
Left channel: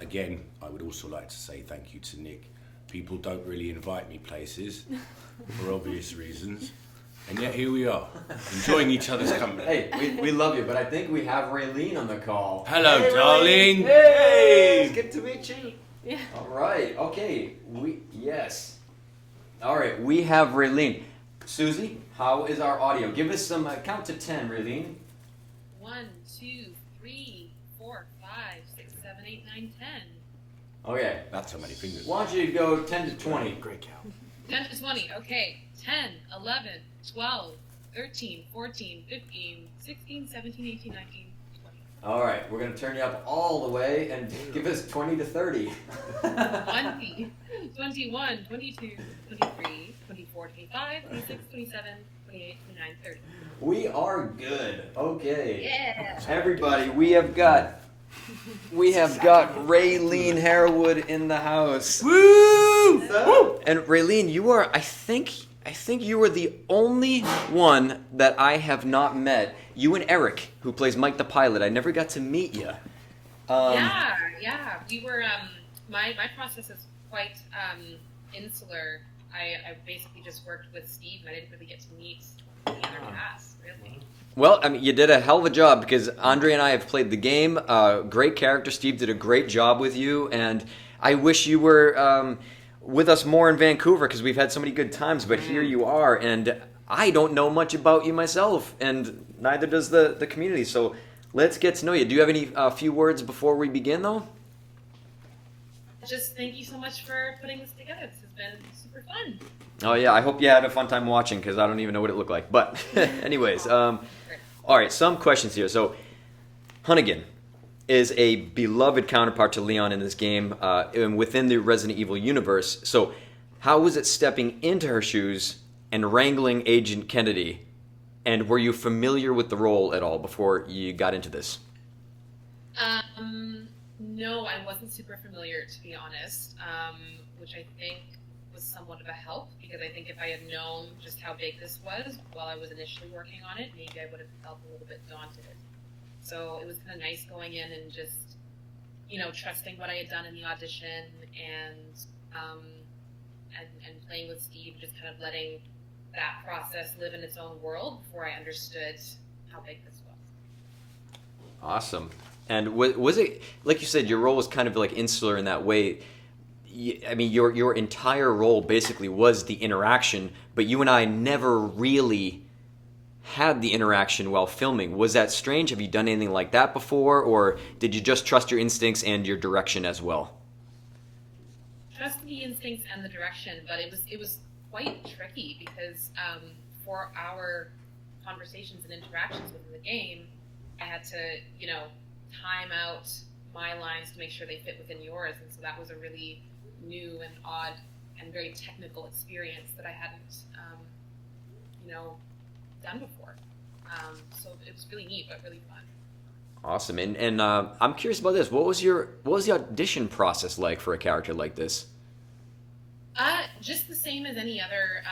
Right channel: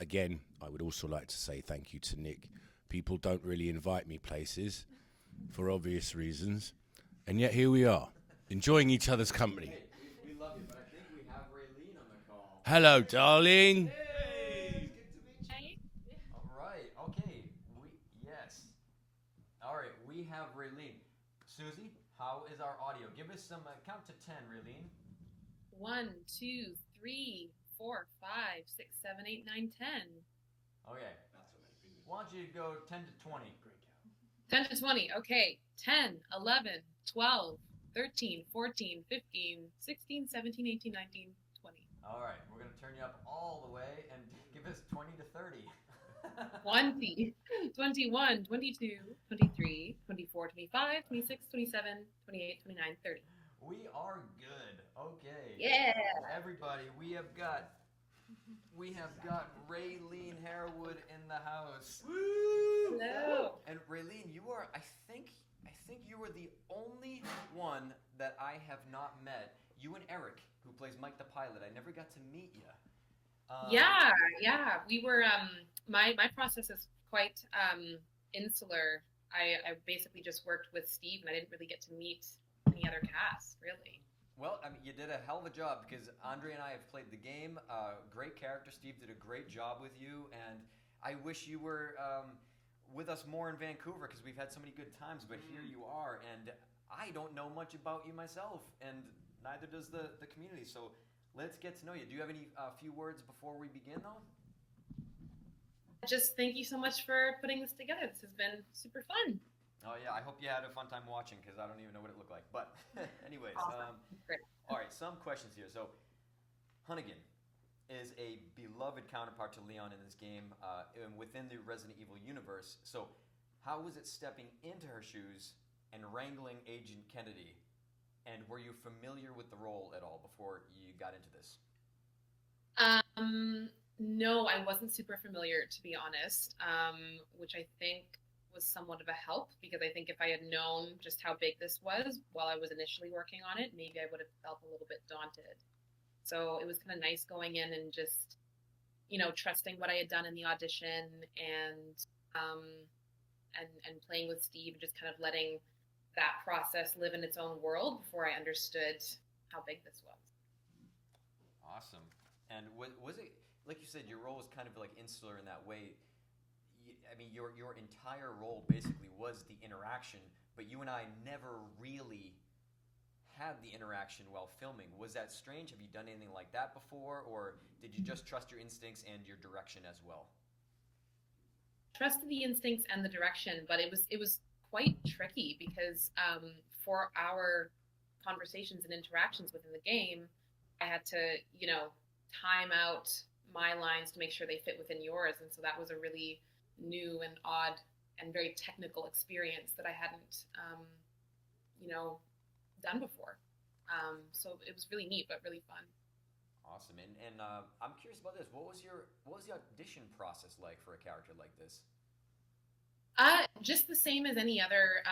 Again, I would also like to say thank you to Nick. People don't really invite me places for obvious reasons. And yet here we are, enjoying each other's company. Hey, we love you, but I think we have Raylene on the call. Hello, hey, darling. Hey! It's good to meet you. Yeah. All right, okay. Yes. All right, we have Raylene. Susie, how is our audio? Give us some count to 10, Raylene. 1, 2, 3, 4, 5, 6, 7, 8, 9, 10. Okay. That's how many fingers. Why don't you go 10 to 20? Great count. 10 to 20. Okay. 10, 11, 12, 13, 14, 15, 16, 17, 18, 19, 20. All right, we're going to turn you up all the way and give us 20 to 30. 20, 21, 22, 23, 24, 25, 26, 27, 28, 29, 30. We are good. Okay. Yeah. Everybody, we have got Raylene Harewood in the house. Woo! And Raylene, you are, I think you are the only one that I have not met. You and Eric, who plays Mike the pilot. I never got to meet you. Yeah. We were, my process is quite insular. I basically just worked with Steve, and I didn't really get to meet the other cast, really. Well, I mean, you did a hell of a job because Andre and I have played the game. Great character. Steve did a great job with you, and I wish you were with us more in Vancouver because we've had so many good times, but here you are, and I don't know much about you myself, and neither does the community, so let's get to know you. Do you have any few words before we begin, though? Just thank you so much for putting this together. This has been super fun. Oh, yeah, I hope you had a fun time watching because I don't even know what it looked like, but anyways, all right, some questions here. So, Hunnigan is a beloved counterpart to Leon in this game and within the Resident Evil universe. So how was it stepping into her shoes and wrangling Agent Kennedy? And were you familiar with the role at all before you got into this? No, I wasn't super familiar, to be honest, which I think was somewhat of a help, because I think if I had known just how big this was while I was initially working on it, maybe I would have felt a little bit daunted. So it was kind of nice going in and just, trusting what I had done in the audition and playing with Steve, just kind of letting that process live in its own world before I understood how big this was. Awesome. And was it, like you said, your role was kind of like insular in that way. I mean, your entire role basically was the interaction, but you and I never really had the interaction while filming. Was that strange? Have you done anything like that before, or did you just trust your instincts and your direction as well? Trust the instincts and the direction, but it was quite tricky because for our conversations and interactions within the game, I had to, time out my lines to make sure they fit within yours, and so that was a really new and odd and very technical experience that I hadn't, done before. So it was really neat, but really fun. Awesome. And I'm curious about this. What was the audition process like for a character like this? Just the same as any other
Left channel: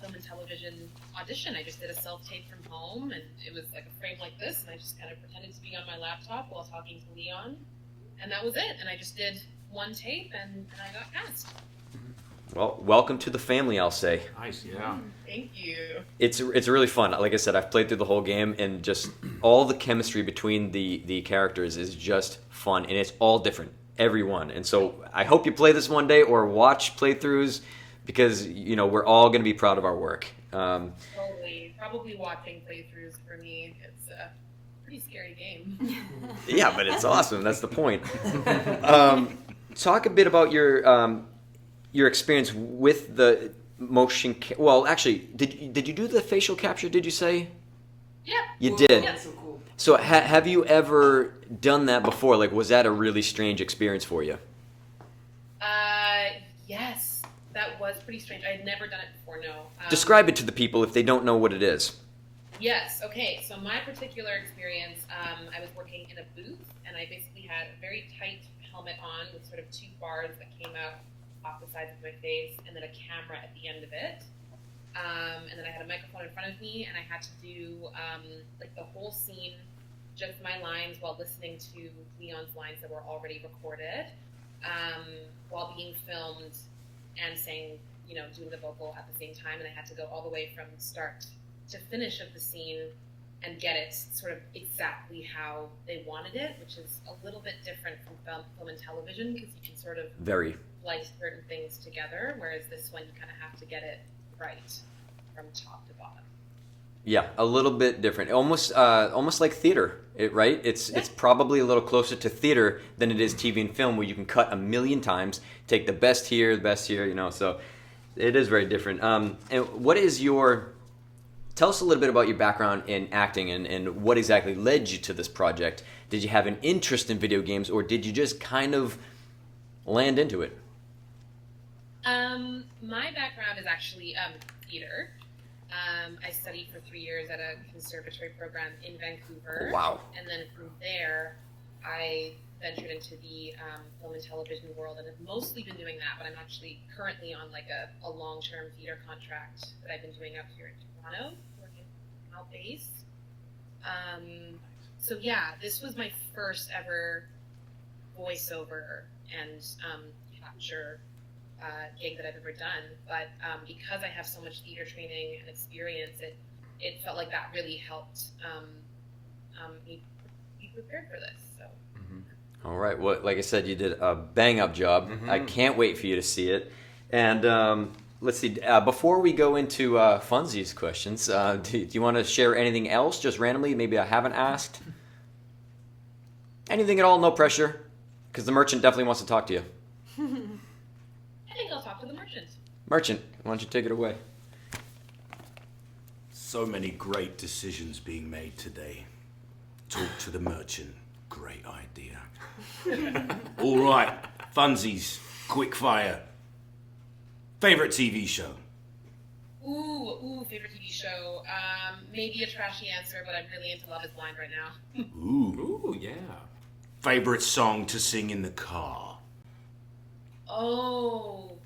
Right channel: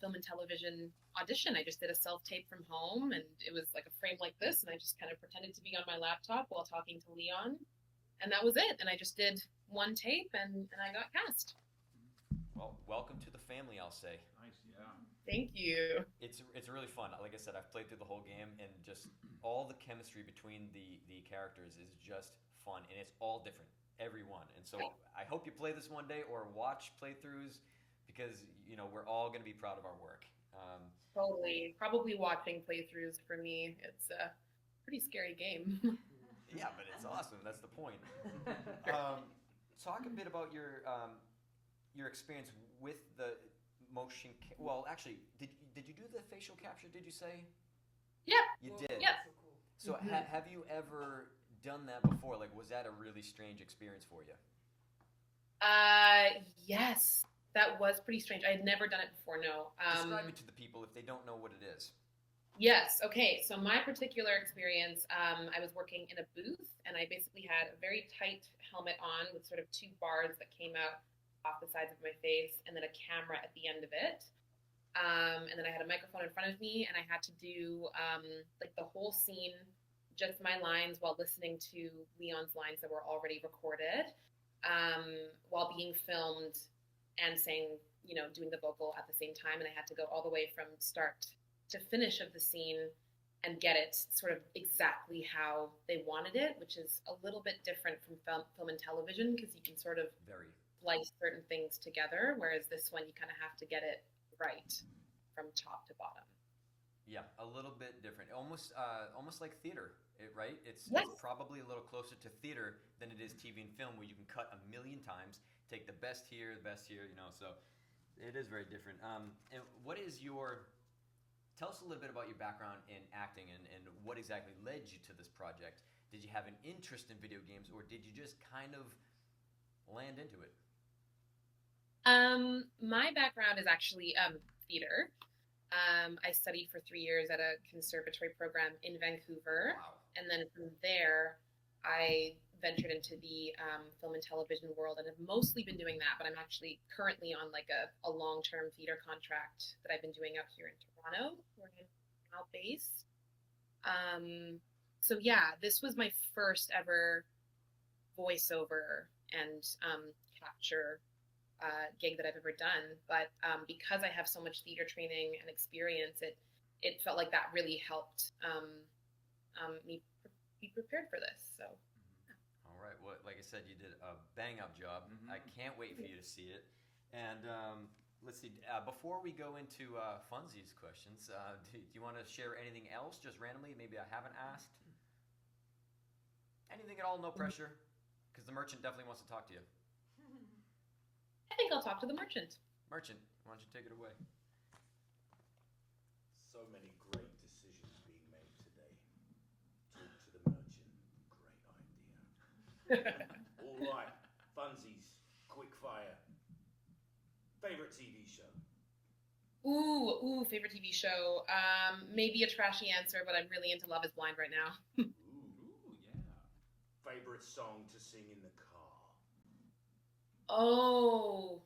film and television audition. I just did a self-tape from home, and it was like a frame like this, and I just kind of pretended to be on my laptop while talking to Leon, and that was it. And I just did one tape, and I got cast. Well, welcome to the family, I'll say. Nice, yeah. Thank you. It's really fun. Like I said, I've played through the whole game, and just all the chemistry between the characters is just fun, and it's all different, every one. And so I hope you play this one day or watch playthroughs, because we're all going to be proud of our work. Totally. Probably watching playthroughs for me. It's a pretty scary game. Yeah, but it's awesome. That's the point. Talk a bit about your experience with the motion. Well, actually, did you do the facial capture? Did you say? Yeah. You did. Yeah. So have you ever done that before? Like, was that a really strange experience for you? Yes. That was pretty strange. I had never done it before, no. Describe it to the people if they don't know what it is. Yes. Okay. So my particular experience, I was working in a booth, and I basically had a very tight helmet on with sort of two bars that came out off the sides of my face, and then a camera at the end of it. And then I had a microphone in front of me, and I had to do like the whole scene, just my lines, while listening to Leon's lines that were already recorded, while being filmed and saying, doing the vocal at the same time. And I had to go all the way from start to finish of the scene and get it sort of exactly how they wanted it, which is a little bit different from film and television, because you can sort of splice certain things together, whereas this one you kind of have to get it right from top to bottom. Yeah, a little bit different. Almost like theater, right? It's probably a little closer to theater than it is TV and film, where you can cut a million times, take the best here, so it is very different. And what is tell us a little bit about your background in acting and what exactly led you to this project. Did you have an interest in video games, or did you just kind of land into it? My background is actually theater. I studied for 3 years at a conservatory program in Vancouver. Wow. And then from there, I ventured into the film and television world, and have mostly been doing that, but I'm actually currently on like a long-term theater contract that I've been doing out here in Toronto, where I'm now based. So yeah, this was my first ever voiceover and capture gig that I've ever done, but because I have so much theater training and experience, it felt like that really helped me be prepared for this. So. All right. Well, like I said, you did a bang-up job. I can't wait for you to see it. And let's see. Before we go into Funzy's questions, do you want to share anything else, just randomly? Maybe I haven't asked. Anything at all? No pressure, because the merchant definitely wants to talk to you. I think I'll talk to the merchant. Merchant, why don't you take it away? So many great decisions being made today. Talk to the merchant. Great idea. All right, Funsies, quick fire. Favorite TV show? Ooh, favorite TV show. Maybe a trashy answer, but I'm really into Love is Blind right now. Ooh, yeah. Favorite song to sing in the car? Oh,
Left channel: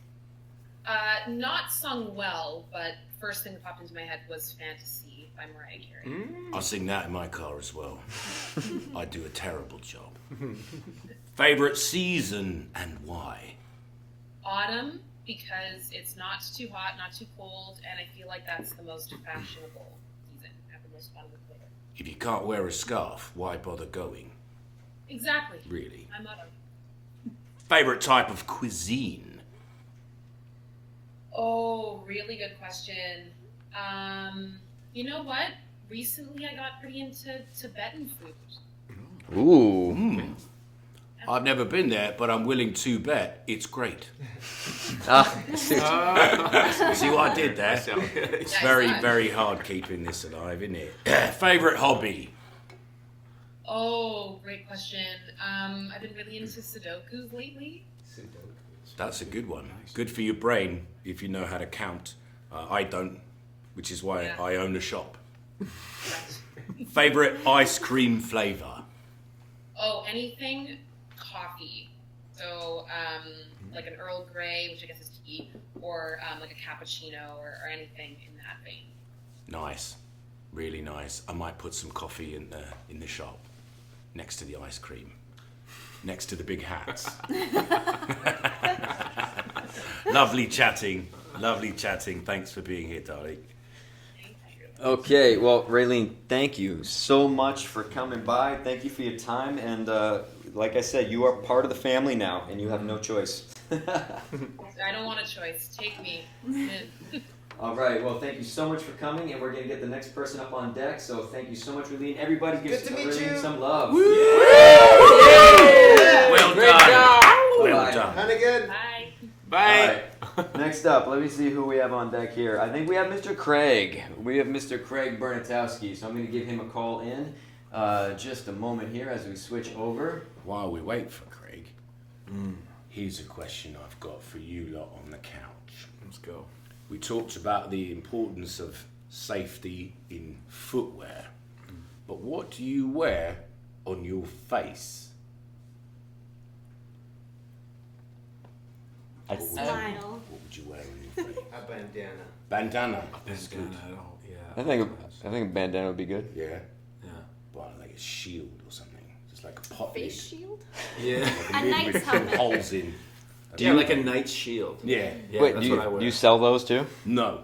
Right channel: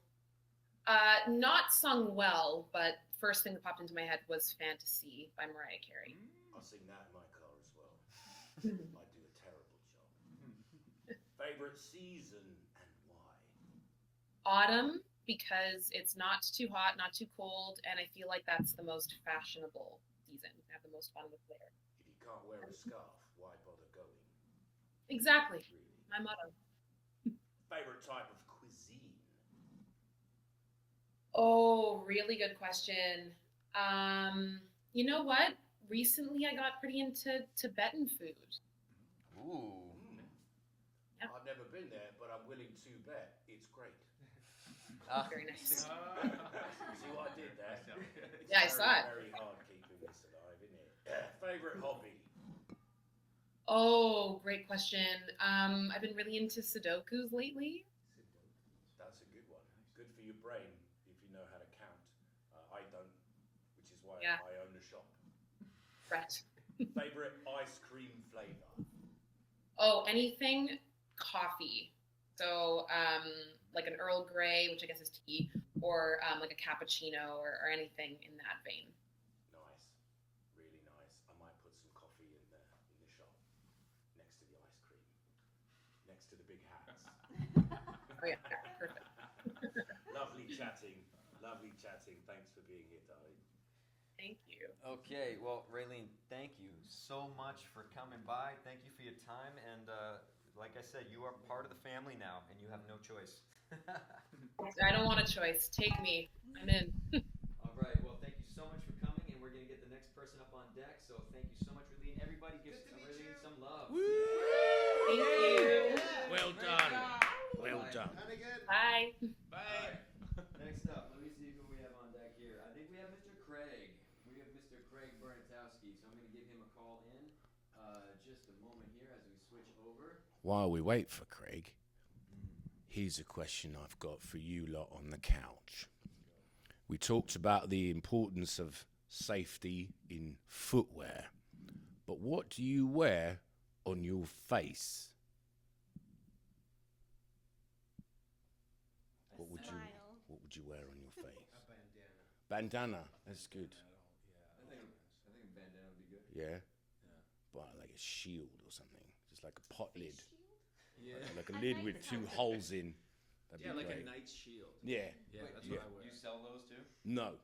not sung well, but first thing that popped into my head was Fantasy by Mariah Carey. I'll sing that in my car as well. I do a terrible job. Favorite season and why? Autumn, because it's not too hot, not too cold, and I feel like that's the most fashionable season. I have the most fun with winter. If you can't wear a scarf, why bother going? Exactly. Really? My motto. Favorite type of cuisine? Oh, really good question. You know what? Recently I got pretty into Tibetan food. Ooh. I've never been there, but I'm willing to bet it's great. See what I did there? It's Yeah, very, I saw it. very hard keeping this alive, isn't it? Favorite hobby? Oh, great question. I've been really into Sudokus lately. That's a good one. Good for your brain if you know how to count. I don't, which is why Yeah. I own a shop. Right. Favorite ice cream flavor? Oh, anything coffee. So, like an Earl Grey, which I guess is tea, or like a cappuccino or anything in that vein. Nice, really nice. I might put some coffee in the shop, next to the ice cream, next to the big hats. Lovely chatting. Lovely chatting. Thanks for being here, darling. Okay, well, Raylene, thank you so much for coming by. Thank you for your time, and like I said, you are part of the family now, and you have no choice. I don't want a choice. Take me. I'm in. All right, well, thank you so much for coming, and we're going to get the next person up on deck, so thank you so much, Raylene. Everybody give Raylene some love. Woo! Yeah! Well Great done. job. Well done. Hunnigan. Bye. Bye. Next up, let me see who we have on deck here. I think we have Mr. Craig. We have Mr. Craig Bernatowski, so I'm going to give him a call in just a moment here as we switch over. While we wait for Craig, here's a question I've got for you lot on the couch. Let's go. We talked about the importance of safety in footwear, but what do you wear on your face? Smile. What would you wear on your face? A bandana. Bandana. That's good. I think a bandana would be good. Yeah. Well, like a shield or something, just like a pot lid. Face shield? Yeah. A knight's helmet. Holes in. Yeah, like a knight's shield. Yeah. Wait, that's do what I wear. you sell those too? No.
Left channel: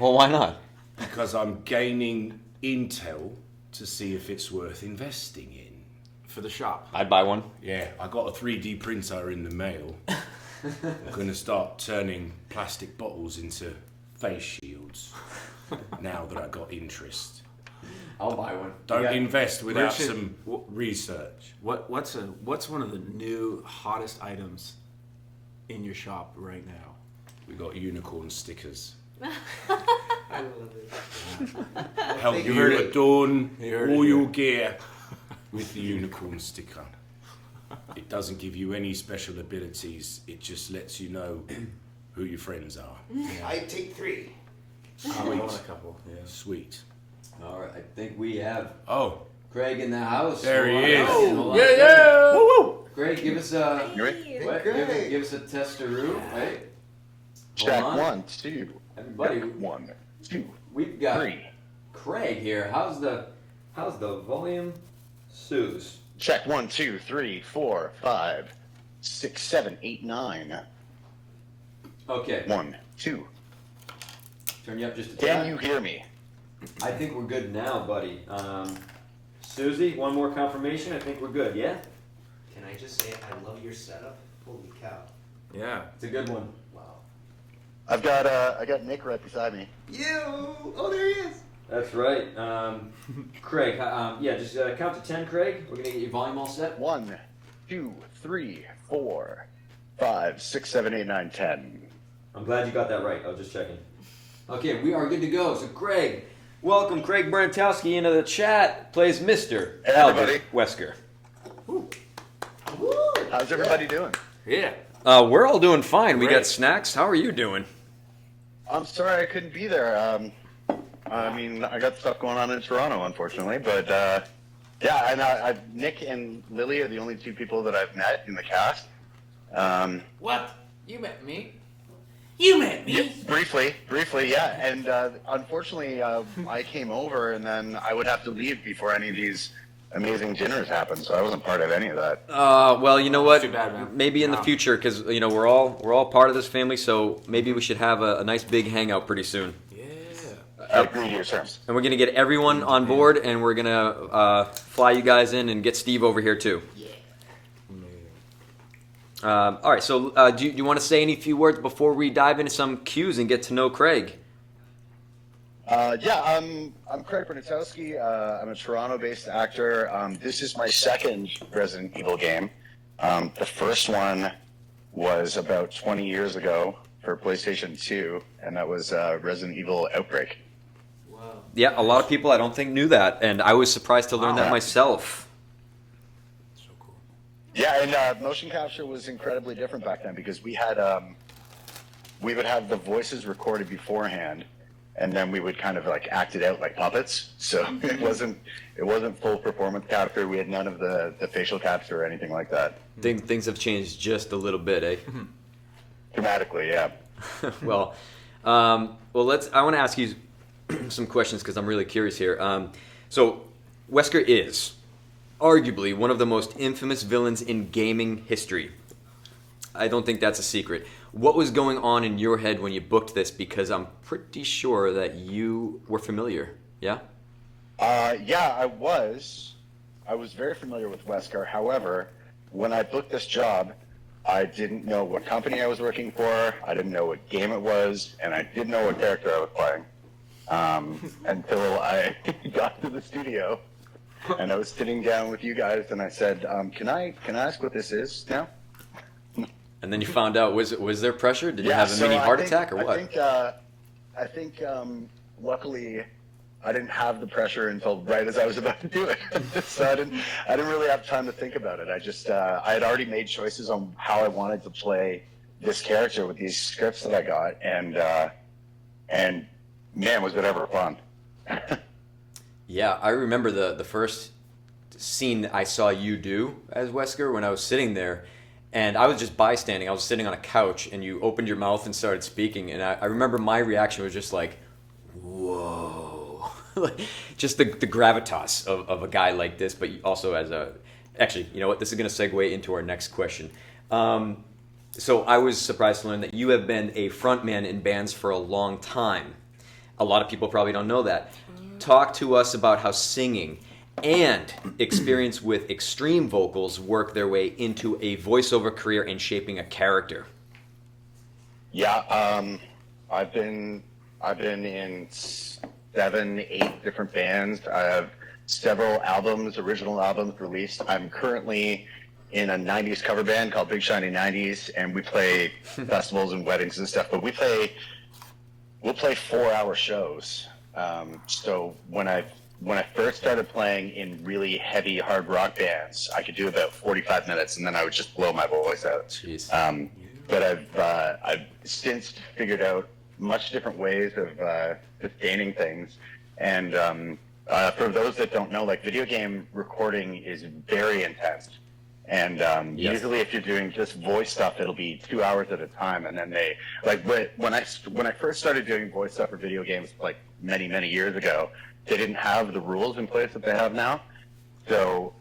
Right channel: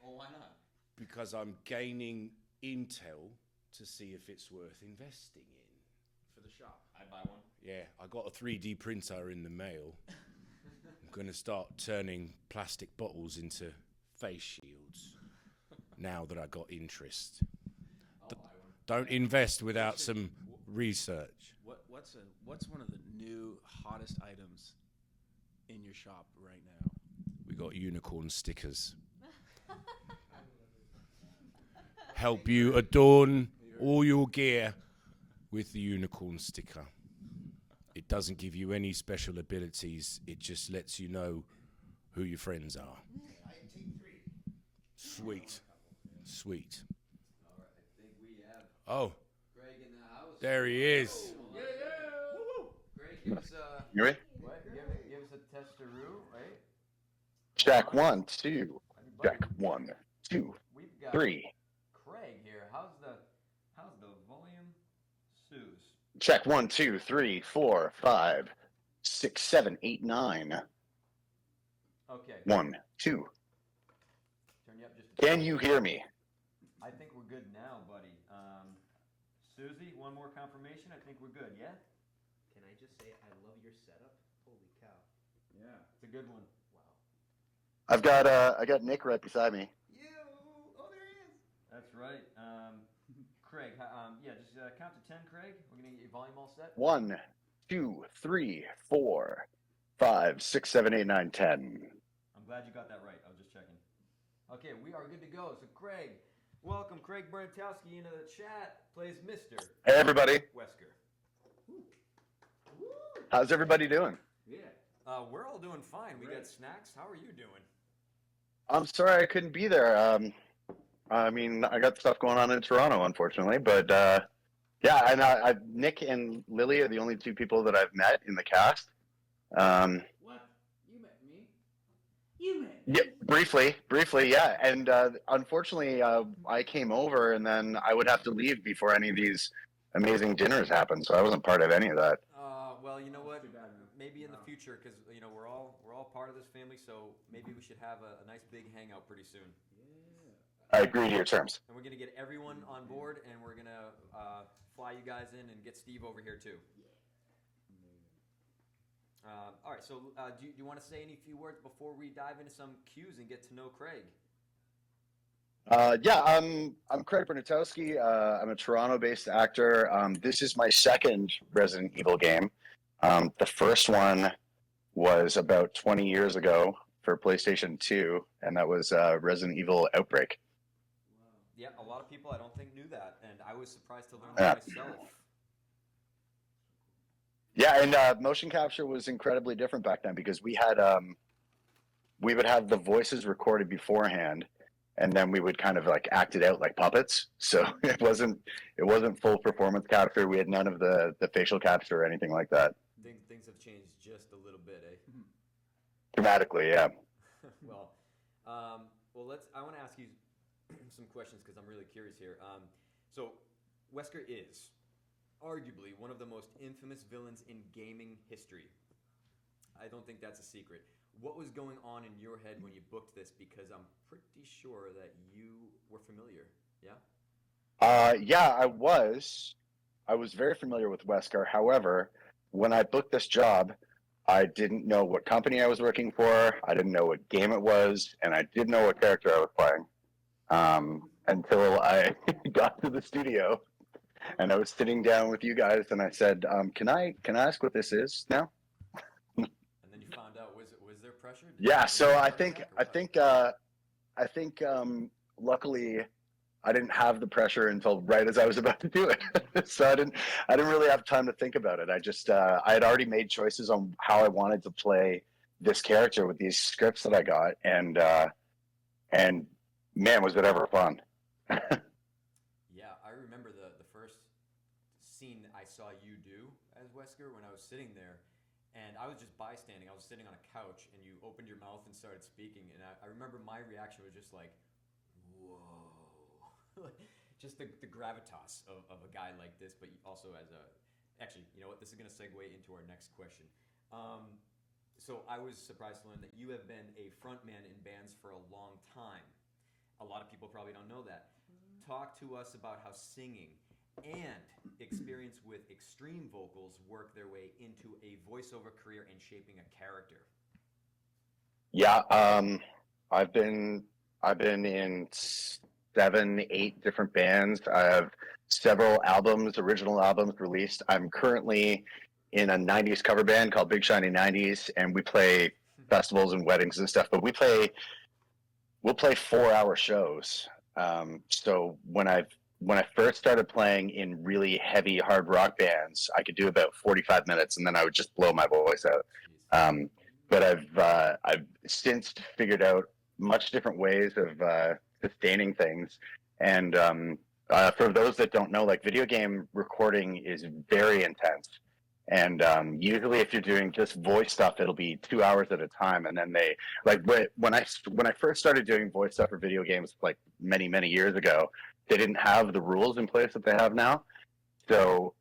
Well, why not? Because I'm gaining intel to see if it's worth investing in. For the shop. I'd buy one. Yeah, I got a 3D printer in the mail. I'm going to start turning plastic bottles into face shields now that I got interest. I'll buy one. Don't Yeah. invest without Richard, some research. What's one of the new hottest items in your shop right now? We got unicorn stickers. I love it. Help You you heard it. adorn You heard all it. your gear with the unicorn sticker. It doesn't give you any special abilities. It just lets you know who your friends are. I take 3. I want a couple. Yeah. Sweet. All right, I think we have Oh, Craig in the house. there he Hold on. is. Hold on. Yeah. Woo woo. Craig, give us a You ready? what? Craig. Give us a testaroo, right? Check Hold on. 1, 2. Everybody, Check 1, 2, we've got 3. Craig here. How's the volume? Suze. Check 1, 2, 3, 4, 5, 6, 7, 8, 9. Okay. 1, 2. Turn you up just a Can tad. you hear me? I think we're good now, buddy. Susie, one more confirmation. I think we're good. Yeah. Can I just say I love your setup? Holy cow. Yeah. It's a good one. Wow. I got Nick right beside me. You! Oh, there he is. That's right. Craig, yeah, just count to 10, Craig. We're going to get your volume all set. 1, 2, 3, 4, 5, 6, 7, 8, 9, 10. I'm glad you got that right. I was just checking. Okay, we are good to go. So, Craig, welcome Craig Bernatowski into the chat. Plays Mr. Hey, everybody. Wesker. How's everybody doing? Yeah. We're all doing fine. We Great. got snacks. How are you doing? I'm sorry I couldn't be there. I mean, I got stuff going on in Toronto, unfortunately, but yeah, and Nick and Lily are the only 2 people that I've met in the cast. What? You met me? You met me? Yeah, briefly, yeah. And unfortunately, I came over, and then I would have to leave before any of these amazing dinners happened, so I wasn't part of any of that. Well, you know what? Too bad, man. Maybe in the No. future, because you know we're all part of this family. So maybe we should have a nice big hangout pretty soon. Yeah. I agree to your terms. And we're gonna get everyone on board, and we're gonna fly you guys in and get Steve over here too. All right. So, do you want to say any few words before we dive into some cues and get to know Craig? Yeah, I'm Craig Bernatowski. I'm a Toronto-based actor. This is my second Resident Evil game. The first one was about 20 years ago for PlayStation 2, and that was Resident Evil Outbreak. Yeah, a lot of people I don't think knew that, and I was surprised to learn that Yeah. myself. Yeah, and motion capture was incredibly different back then because we had we would have the voices recorded beforehand, and then we would kind of like act it out like puppets. So it wasn't full performance capture. We had none of the facial capture or anything like that. Things have changed just a little bit, eh? Dramatically, yeah. well, I want to ask you some questions because I'm really curious here. So, Wesker is arguably one of the most infamous villains in gaming history. I don't think that's a secret. What was going on in your head when you booked this? Because I'm pretty sure that you were familiar. Yeah? Yeah, I was. I was very familiar with Wesker. However, when I booked this job, I didn't know what company I was working for. I didn't know what game it was, and I didn't know what character I was playing until I got to the studio, and I was sitting down with you guys, and I said, "Can I ask what this is now?" And then you found out. Was there pressure? Did you Yeah, have a so mini heart attack or what? I think luckily I didn't have the pressure until right as I was about to do it. So I didn't really have time to think about it. I just I had already made choices on how I wanted to play this character with these scripts that I got, and man, was it ever fun. Yeah, I remember the first scene I saw you do as Wesker when I was sitting there, and I was just bystanding. I was sitting on a couch, and you opened your mouth and started speaking, and I remember my reaction was just like, whoa. Just the gravitas of a guy like this, but also as a... Actually, you know what? This is going to segue into our next question. So I was surprised to learn that you have been a frontman in bands for a long time. A lot of people probably don't know that. Talk to us about how singing and experience with extreme vocals work their way into a voiceover career and shaping a character. Yeah, I've been in 7, 8 different bands. I have several albums, original albums released. I'm currently in a 90s cover band called Big Shiny 90s, and we play festivals and weddings and stuff, but we'll play 4-hour shows. So when I first started playing in really heavy hard rock bands, I could do about 45 minutes, and then I would just blow my voice out. But I've since figured out much different ways of sustaining things. And for those that don't know, like, video game recording is very intense. And usually if you're doing just voice stuff, it'll be 2 hours at a time. And then they, like, when I first started doing voice stuff for video games, like many, many years ago, they didn't have the rules in place that they have now. So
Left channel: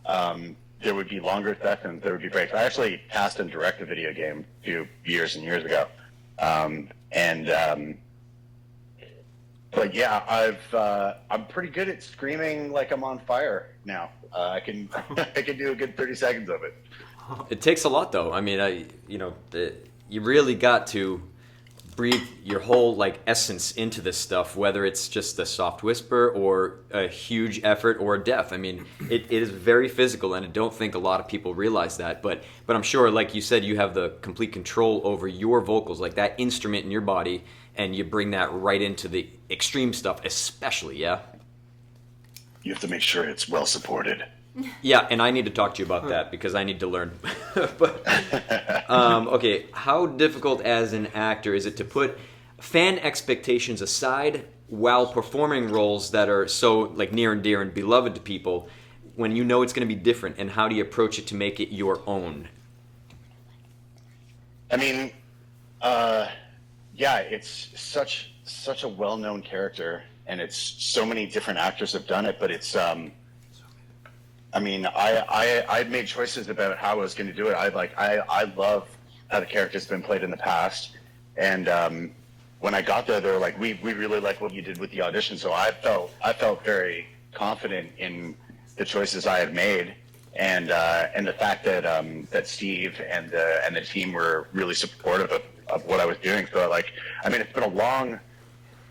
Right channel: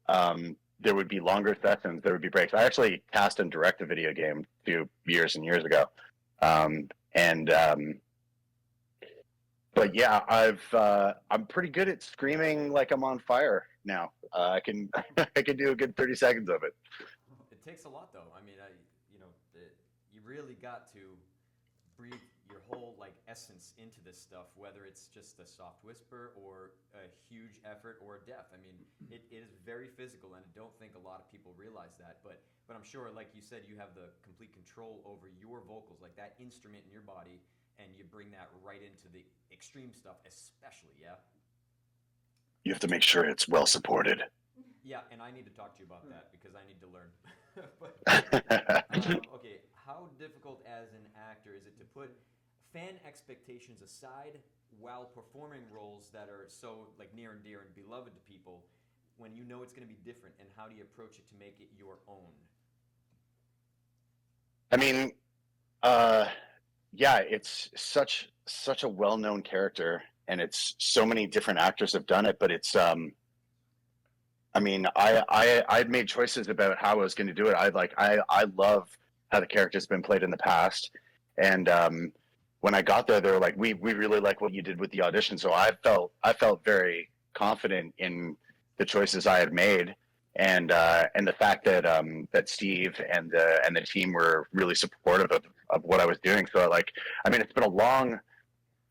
there would be longer sessions, there would be breaks. I actually cast and direct a video game a few years and years ago. But yeah, I'm pretty good at screaming like I'm on fire now. I can do a good 30 seconds of it. It takes a lot, though. I mean, you really got to breathe your whole essence into this stuff, whether it's just a soft whisper or a huge effort or a death. I mean, it is very physical, and I don't think a lot of people realize that. But I'm sure, like you said, you have the complete control over your vocals, like that instrument in your body, and you bring that right into the extreme stuff, especially, yeah? You have to make sure it's well supported. Yeah, and I need to talk to you about that because I need to learn. Okay, how difficult as an actor is it to put fan expectations aside while performing roles that are so near and dear and beloved to people when you know it's going to be different, and how do you approach it to make it your own? I mean, yeah, it's such a well-known character, and it's so many different actors have done it, but it's I mean, I made choices about how I was going to do it. I love how the character's been played in the past, and when I got there, they were like, "We really like what you did with the audition." So I felt very confident in the choices I had made, and the fact that that Steve and the team were really supportive of what I was doing. So I mean, it's been a long,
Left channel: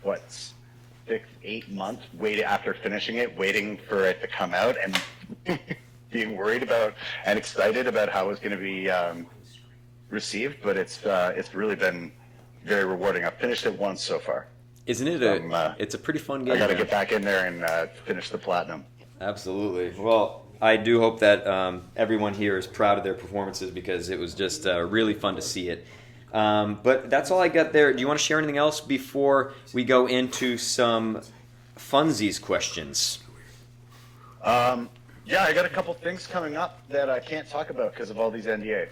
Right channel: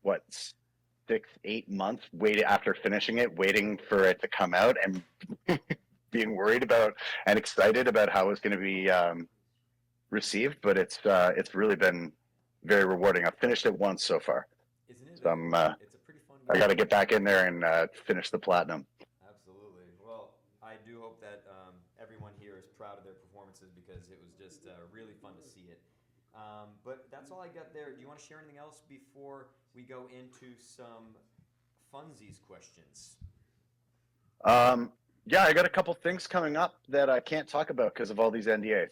6-8 months after finishing it, waiting for it to come out, and being worried about and excited about how it's going to be received. But it's really been very rewarding. I've finished it once so far. Isn't it? It's a pretty fun game. I got to get back in there and finish the platinum. Absolutely. Well, I do hope that everyone here is proud of their performances, because it was just really fun to see it. But that's all I got there. Do you want to share anything else before we go into some funsies questions? Yeah, I got a couple things coming up that I can't talk about because of all these NDAs.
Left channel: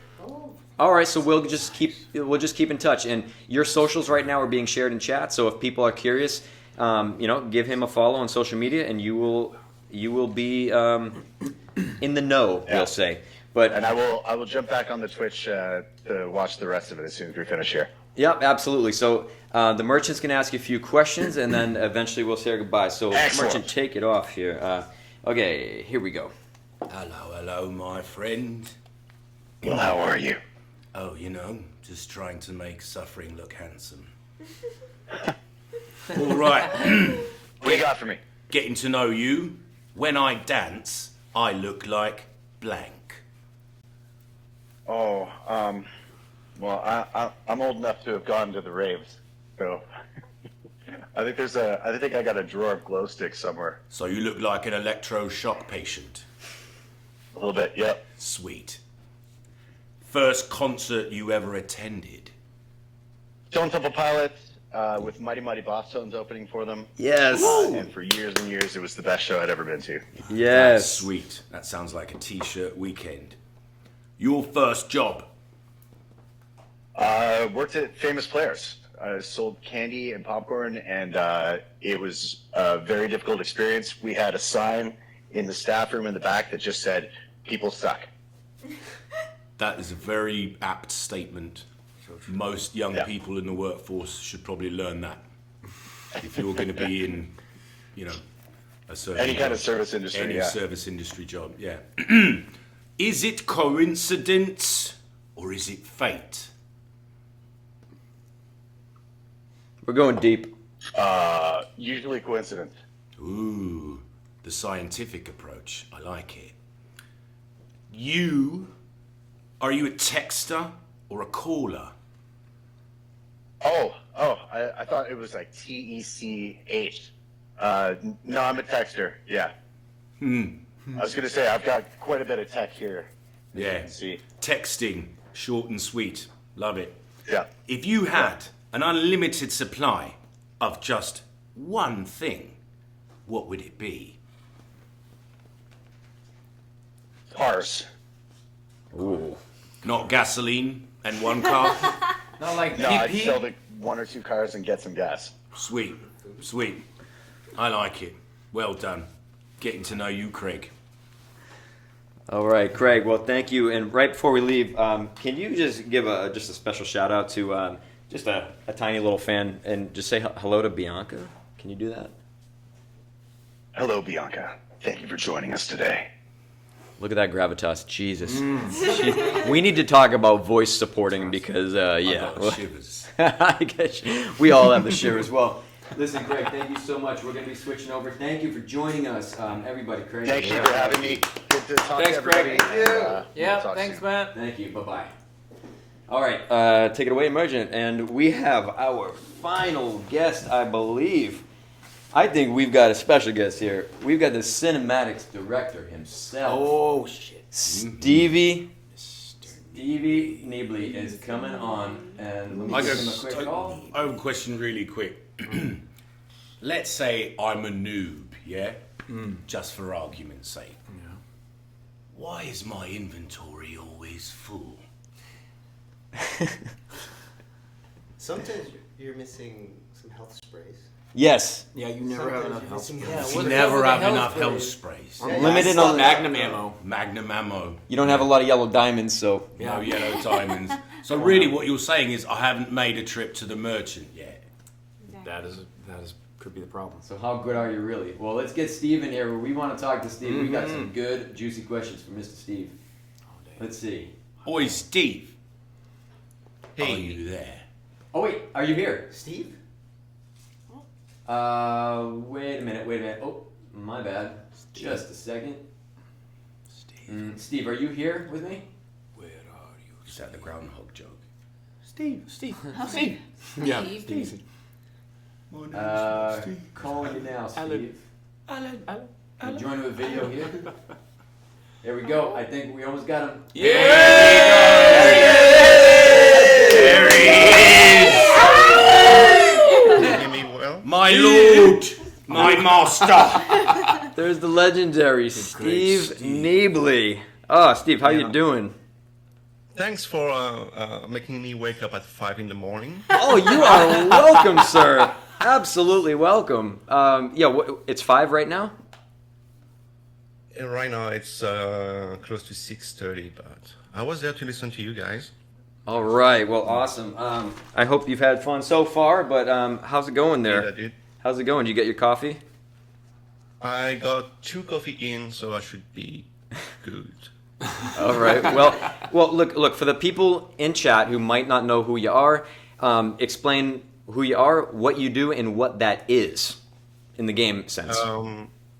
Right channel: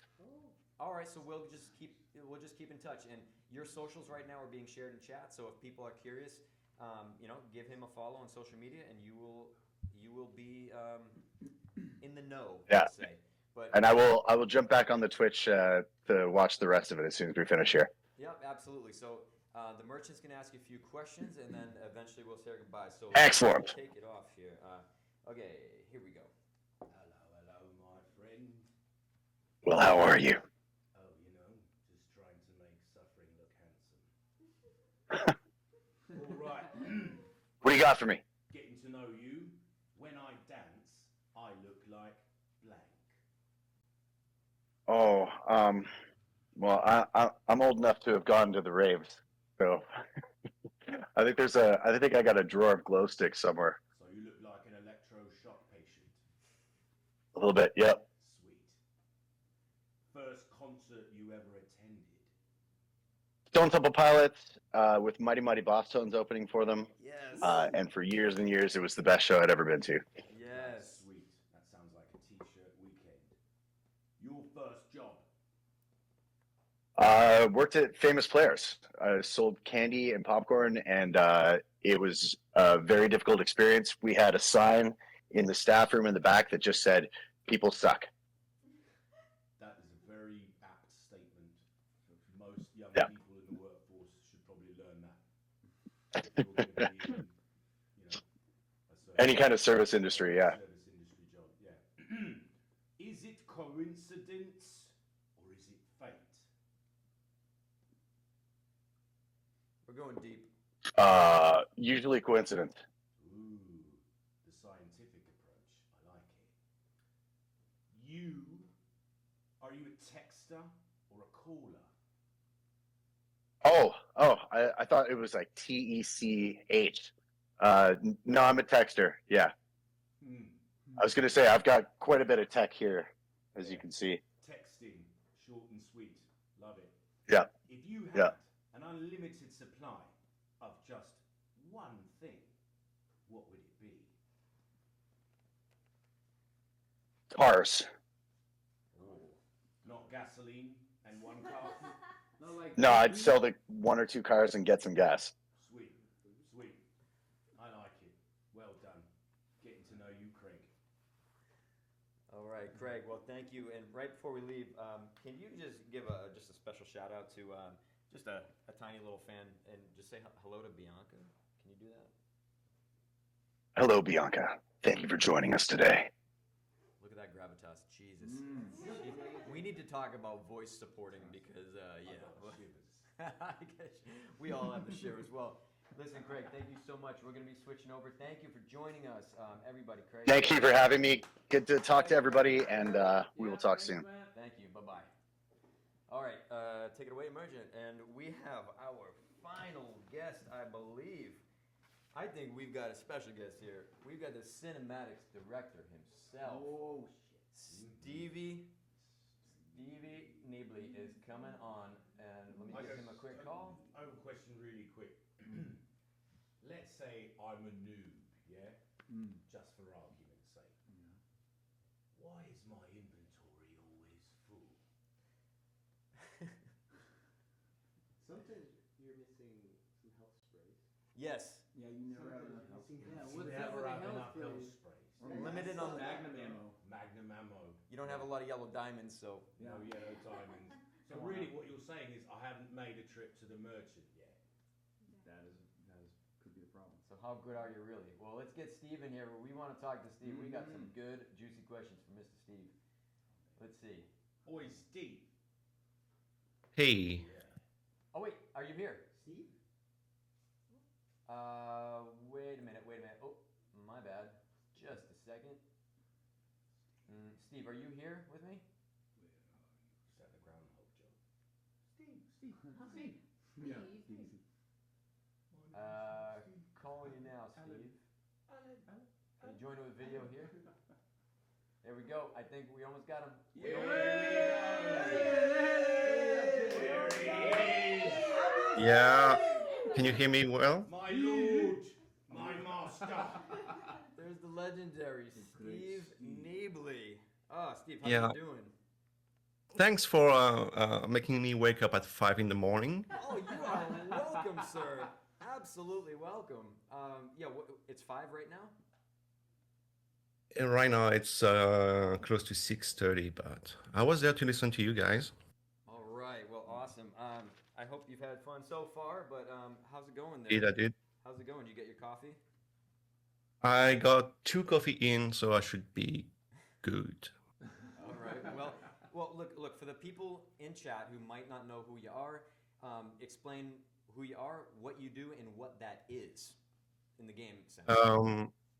All right, so we'll just keep in touch, and your socials right now are being shared in chat. So if people are curious, give him a follow on social media, and you will be in the know. Yeah. We'll say. And I will jump back on the Twitch to watch the rest of it as soon as we finish here. Yep, absolutely. So the merchant's going to ask you a few questions, and then eventually we'll say our goodbye. So Excellent. merchant, take it off here. Okay, here we go. Hello, my friend. Well, how are you? Oh, just trying to make suffering look handsome. All right. What do you got for me? Getting to know you. When I dance, I look like blank. Oh, well, I'm old enough to have gone to the raves, so I think I got a drawer of glow sticks somewhere. So you look like an electroshock patient. A little bit, yep. Sweet. First concert you ever attended? Stone Temple Pilots with Mighty Mighty Boss Tones opening for them. Yes. And for years and years, it was the best show I'd ever been to. Yes. That's sweet. That sounds like a t-shirt weekend. Your first job? Worked at Famous Players. I sold candy and popcorn, and it was a very difficult experience. We had a sign in the staff room in the back that just said, "People suck." That is a very apt statement. Most young people in the workforce should probably learn that. If you're going to be in, a certain Any kind of service industry, any service industry job, yeah. Is it coincidence or is it fate? We're going deep. Usually coincidence. Ooh, the scientific approach. I like it. Are you a texter or a caller? I thought it was like TECH. No, I'm a texter. Yeah. I was gonna say I've got quite a bit of tech here. As you can see. Texting, short and sweet. Love it. Yeah. If you had an unlimited supply of just one thing, what would it be? Cars. Ooh. Not gasoline and one car? Not like No, I'd sell the one or two cars and get some gas. Sweet. I like it. Well done. Getting to know you, Craig. All right, Craig. Well, thank you. And right before we leave, can you just give just a special shout out to just a tiny little fan and just say hello to Bianca? Can you do that? Hello, Bianca. Thank you for joining us today. Look at that gravitas, Jesus. We need to talk about voice supporting because, yeah. I got shivers. I guess we all have the shivers. Well, listen, Craig, thank you so much. We're going to be switching over. Thank you for joining us, everybody. Craig. Thank you for having me. Good to talk to everybody. Craig. And we'll talk thanks, soon. man. Thank you. Bye-bye. All right, take it away, Emergent. And we have our final guest, I believe. I think we've got a special guest here. We've got the cinematics director himself. Oh, shit. Stevie Kniebihly is coming on. And let me give him a quick call. I have a question really quick. Let's say I'm a noob, yeah? Just for argument's sake. Yeah. Why is my inventory always full? Sometimes you're missing some health sprays. Yes. Yeah, you never have enough health sprays. You never have enough health sprays. Limited on Magnum ammo. Magnum ammo. You don't have a lot of yellow diamonds, so. No yellow diamonds. So really what you're saying is I haven't made a trip to the merchant yet. That is could be the problem. So how good are you really? Well, let's get Steve in here. We want to talk to Steve. We got some good, juicy questions for Mr. Steve. Let's see. Oi, Steve. Hey. Are you there? Oh, wait. Are you here? Steve? Wait a minute. Oh, my bad. Just a second. Steve, are you here with me? Where are you? Is that the groundhog joke? Steve. Steve. Yeah, Steve. Calling you now, Steve. Alan. You join with a video here. There we go. I think we almost got him. Yeah! There he is! Can you hear me well? My lord! My master! There's the legendary Steve Kniebihly. Oh, Steve, how you doing? Thanks for making me wake up at 5 in the morning. Oh, you are welcome, sir. Absolutely welcome. It's 5 right now? Right now it's close to 6:30, but I was there to listen to you guys. All right. Well, awesome. I hope you've had fun so far. But how's it going there? Yeah, dude. How's it going? Did you get your coffee? I got 2 coffee in, so I should be good. All right. Well, look for the people in chat who might not know who you are. Explain who you are, what you do, and what that is in the game sense.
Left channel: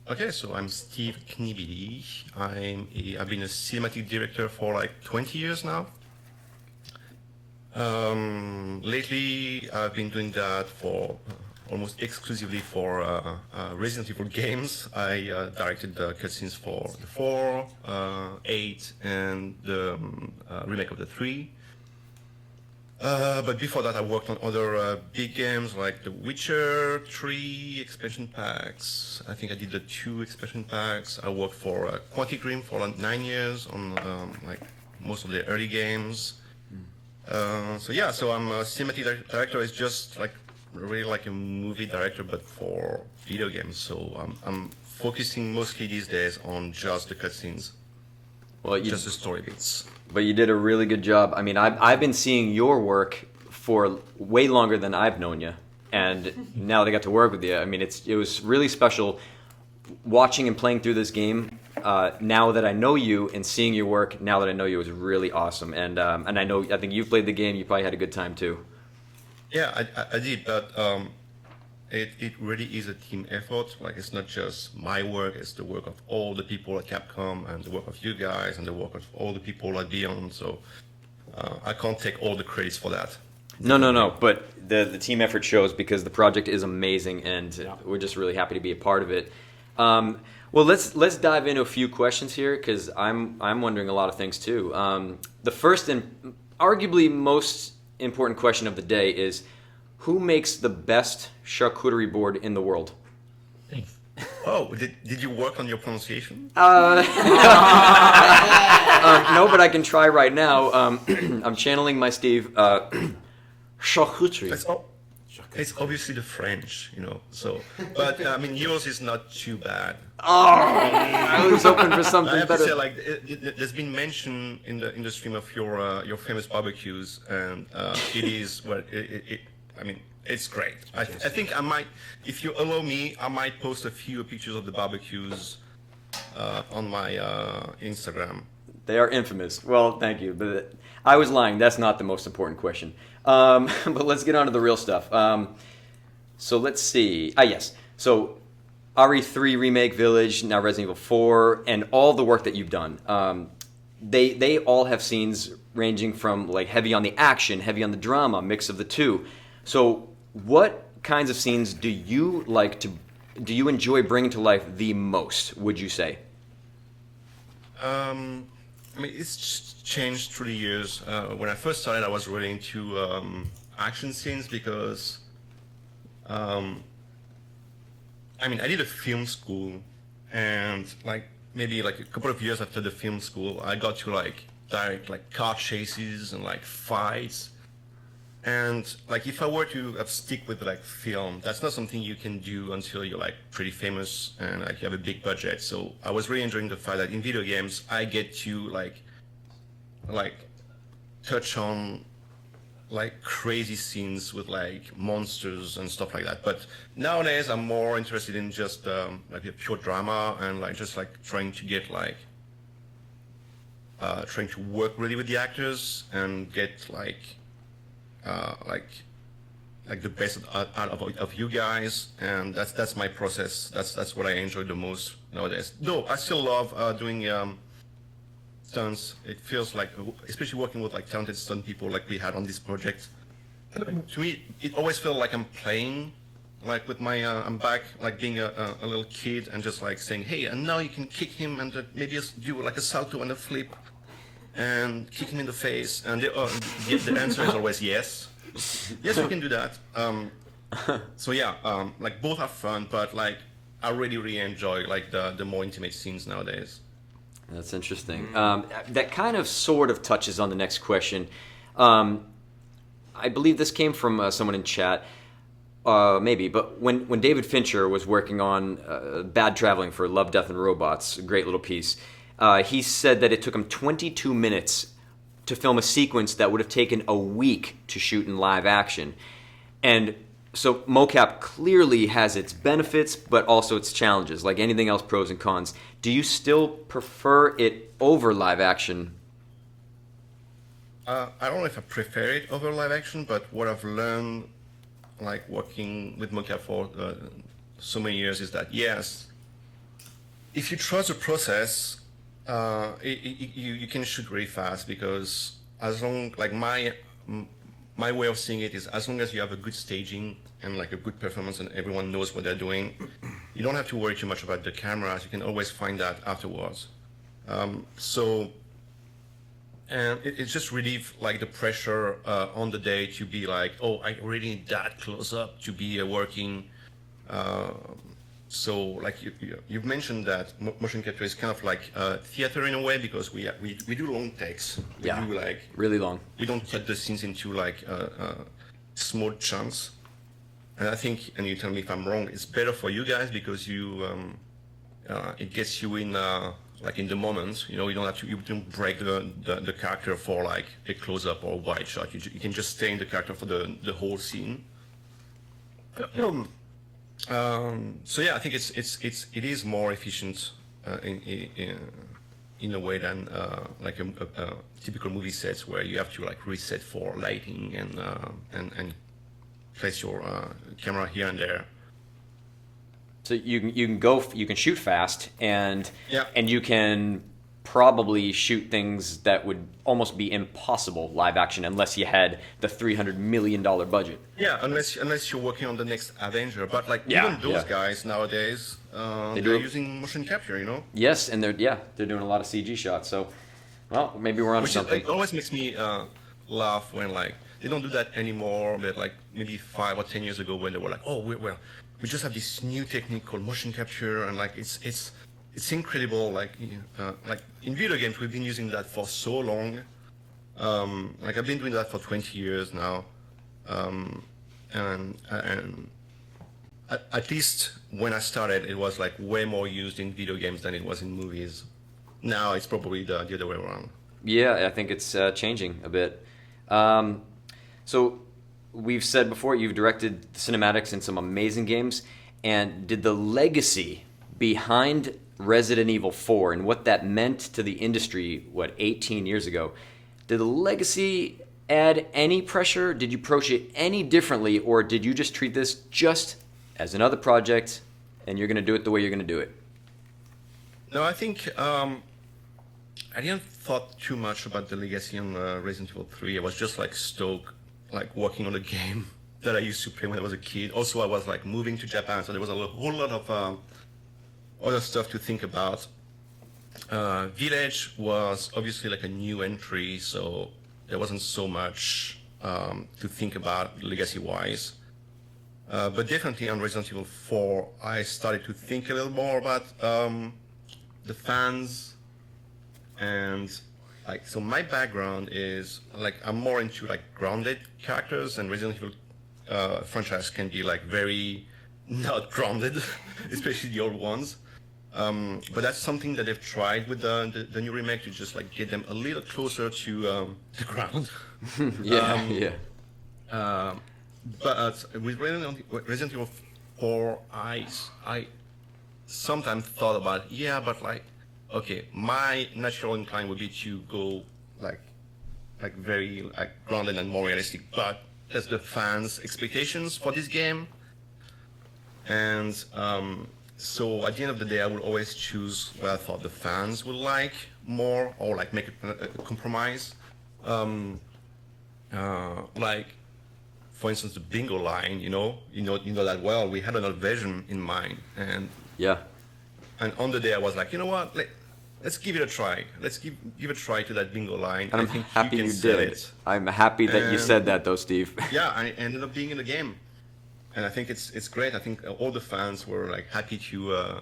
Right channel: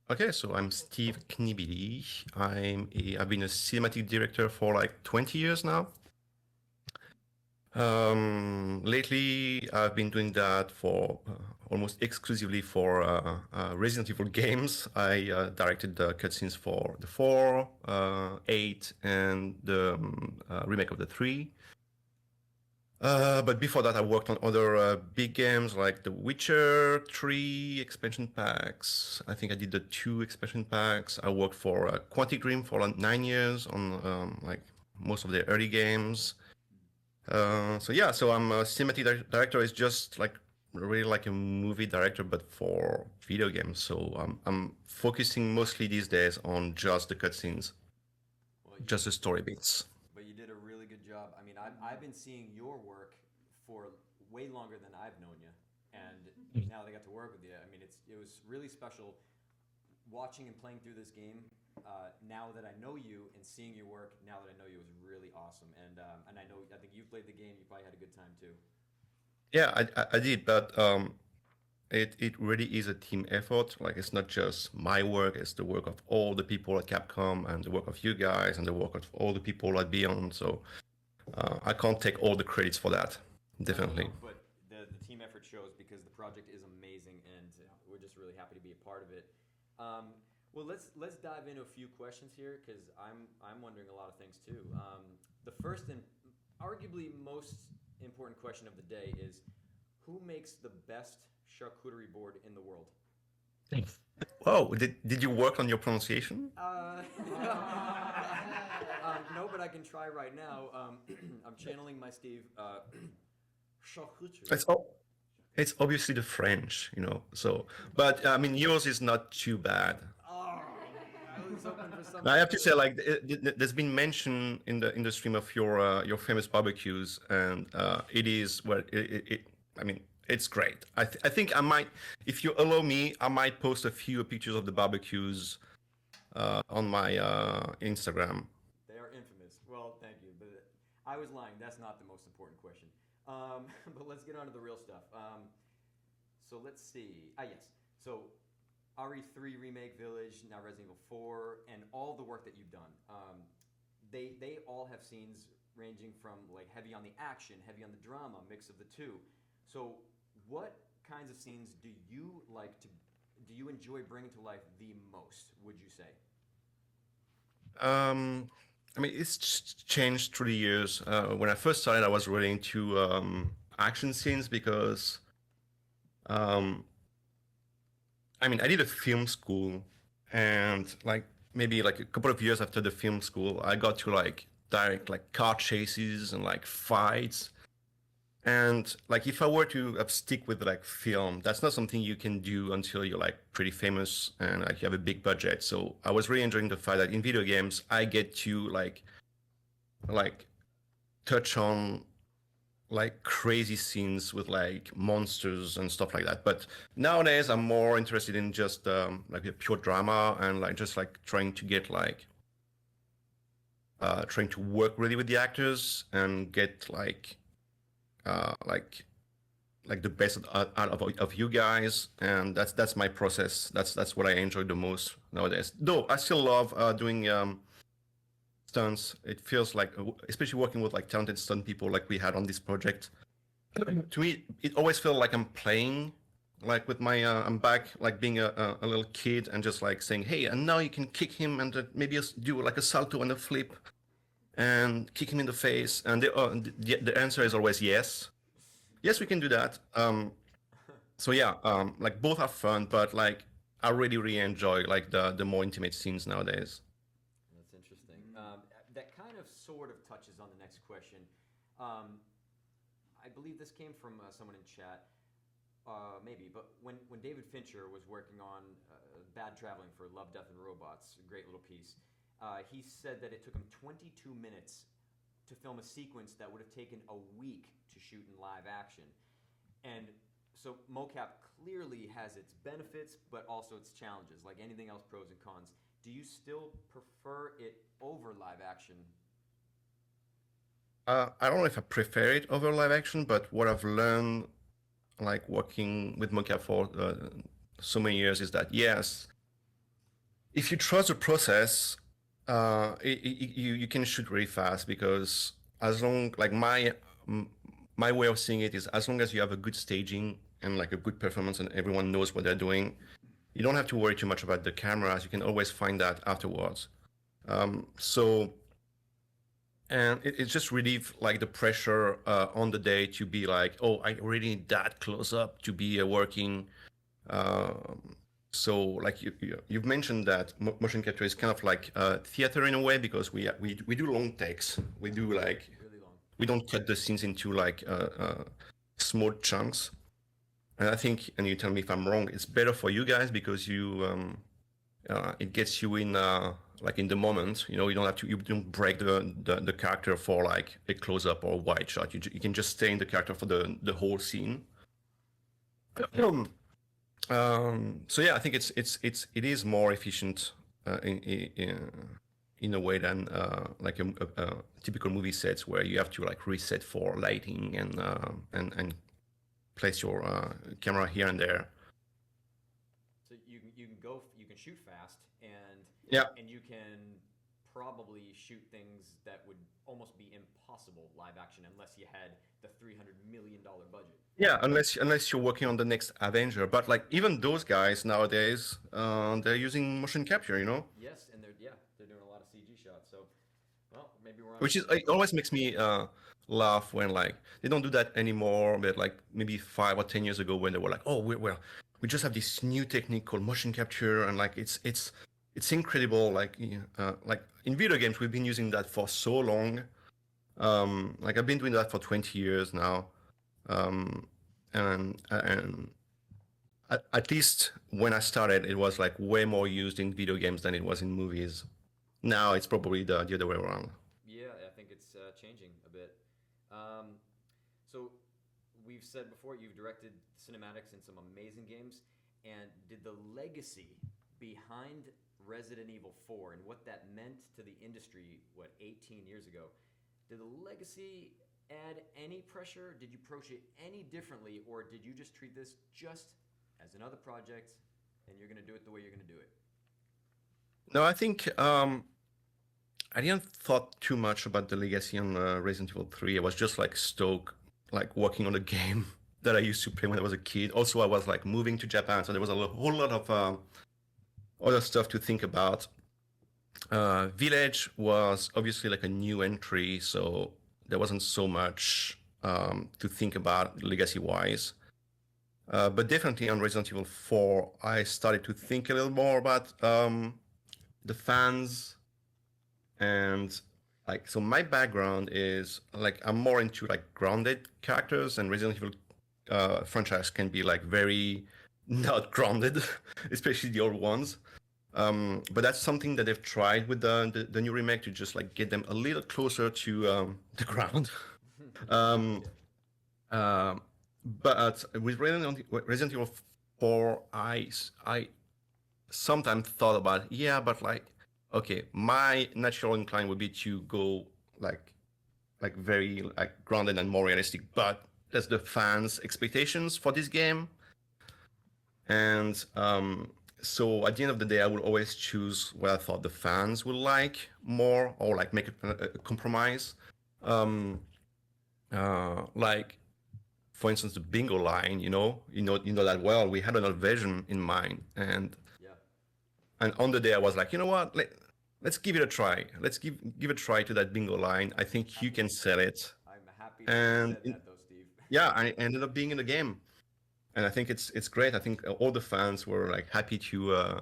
Okay, so I'm Steve Kniebihly. I've been a cinematic director for like 20 years now. Lately, I've been doing that for almost exclusively for Resident Evil games. I directed the cutscenes for the 4, 8, and the remake of the 3. But before that, I worked on other big games like The Witcher 3 expansion packs. I think I did the 2 expansion packs. I worked for Quantic Dream for like 9 years on like most of their early games. So I'm a cinematic director. Is just like really like a movie director, but for video games. So I'm focusing mostly these days on just the cutscenes, just the story beats. But you did a really good job. I mean, I've been seeing your work for way longer than I've known you, and now that I got to work with you, I mean, it was really special watching and playing through this game. Now that I know you and seeing your work, now that I know you, was really awesome. And I think you've played the game. You probably had a good time too. Yeah, I did, but it really is a team effort. Like, it's not just my work; it's the work of all the people at Capcom, and the work of you guys, and the work of all the people at Beyond. So I can't take all the credits for that. No. But the team effort shows, because the project is amazing, and we're just really happy to be a part of it. Well, let's dive into a few questions here, because I'm wondering a lot of things too. The first and arguably most important question of the day is, who makes the best charcuterie board in the world? Oh, did you work on your pronunciation? No, but I can try right now. I'm channeling my Steve. Charcuterie. It's obviously the French, So, but I mean, yours is not too bad. I was hoping for something I have better. to say, like, there's been mention in the stream of your famous barbecues, and it is I mean, it's great. I think I might, if you allow me, I might post a few pictures of the barbecues on my Instagram. They are infamous. Well, thank you, but I was lying. That's not the most important question. But let's get on to the real stuff. So let's see. Yes. So RE3 Remake, Village, now Resident Evil 4, and all the work that you've done. They all have scenes ranging from like heavy on the action, heavy on the drama, mix of the two. So what kinds of scenes do you enjoy bringing to life the most, would you say? I mean, it's changed through the years. When I first started, I was really into action scenes because, I mean, I did a film school, and like maybe like a couple of years after the film school, I got to like direct like car chases and like fights. And like, if I were to stick with like film, that's not something you can do until you're like pretty famous and like you have a big budget. So I was really enjoying the fact that in video games I get to like touch on like crazy scenes with like monsters and stuff like that. But nowadays I'm more interested in just like a pure drama and like just like trying to get trying to work really with the actors and get like the best out of you guys, and that's my process. That's what I enjoy the most nowadays. Though I still love doing stunts. It feels like, especially working with like talented stunt people like we had on this project. To me, it always feels like I'm playing, like with my I'm back, like being a little kid and just like saying, hey, and now you can kick him and maybe do like a salto and a flip and kick him in the face, and the answer is always yes. Yes, we can do that. So yeah, like both are fun, but like I really enjoy like the more intimate scenes nowadays. That's interesting. That kind of sort of touches on the next question. I believe this came from someone in chat. maybe, but when David Fincher was working on Bad Traveling for Love, Death, and Robots, a great little piece, he said that it took him 22 minutes to film a sequence that would have taken a week to shoot in live action. And so mocap clearly has its benefits, but also its challenges. Like anything else, pros and cons. Do you still prefer it over live action? I don't know if I prefer it over live action, but what I've learned, like working with mocap for so many years, is that yes, if you trust the process, you can shoot really fast, because as long, like my way of seeing it is, as long as you have a good staging and like a good performance and everyone knows what they're doing, you don't have to worry too much about the cameras. You can always find that afterwards. And it just relieve like the pressure on the day to be like, oh, I really need that close up to be working. So like you've mentioned that motion capture is kind of like theater in a way, because we do long takes. We do like really long. We don't cut the scenes into like small chunks. And I think, and you tell me if I'm wrong, it's better for you guys because it gets you in like in the moment. You know, you don't break the character for like a close up or a wide shot. You can just stay in the character for the whole scene. So yeah, I think it is more efficient in a way than like a typical movie sets where you have to like reset for lighting and place your camera here and there. So you can shoot fast and yeah, and you can probably shoot things that would almost be impossible live action unless you had the $300 million budget. Yeah, unless you're working on the next Avenger. But like even those guys nowadays, they're using motion capture, you know? Yes, and they're doing a lot of CG shots. So, well, maybe we're on something. It always makes me laugh when like they don't do that anymore. But like maybe 5 or 10 years ago when they were like, oh, we just have this new technique called motion capture, and like it's incredible. Like in video games, we've been using that for so long. Like I've been doing that for 20 years now. And at least when I started, it was like way more used in video games than it was in movies. Now it's probably the other way around. Yeah, I think it's changing a bit. So we've said before, you've directed the cinematics in some amazing games. And did the legacy behind Resident Evil 4 and what that meant to the industry, 18 years ago, did the legacy add any pressure? Did you approach it any differently, or did you just treat this just as another project and you're going to do it the way you're going to do it? No, I think I didn't thought too much about the legacy on Resident Evil 3. I was just like stoked, like working on a game that I used to play when I was a kid. Also, I was like moving to Japan, so there was a whole lot of other stuff to think about. Village was obviously like a new entry, so there wasn't so much to think about legacy-wise. But definitely on Resident Evil 4, I started to think a little more about the fans. And like, so my background is like, I'm more into like grounded characters, and Resident Evil franchise can be like very not grounded, especially the old ones. But that's something that they've tried with the new remake, to just like get them a little closer to the ground. But with Resident Evil 4, I sometimes thought about, but like, okay, my natural incline would be to go like very like grounded and more realistic, but that's the fans' expectations for this game. And so at the end of the day, I would always choose what I thought the fans would like more, or like make a compromise. Like, for instance, the bingo line. You know that well. We had another version in mind, and on the day I was like, you know what? Let's give it a try. Let's give a try to that bingo line. And I think you can sell it. I'm happy that you said that, though, Steve. Yeah, I ended up being in the game. And I think it's great. I think all the fans were like happy to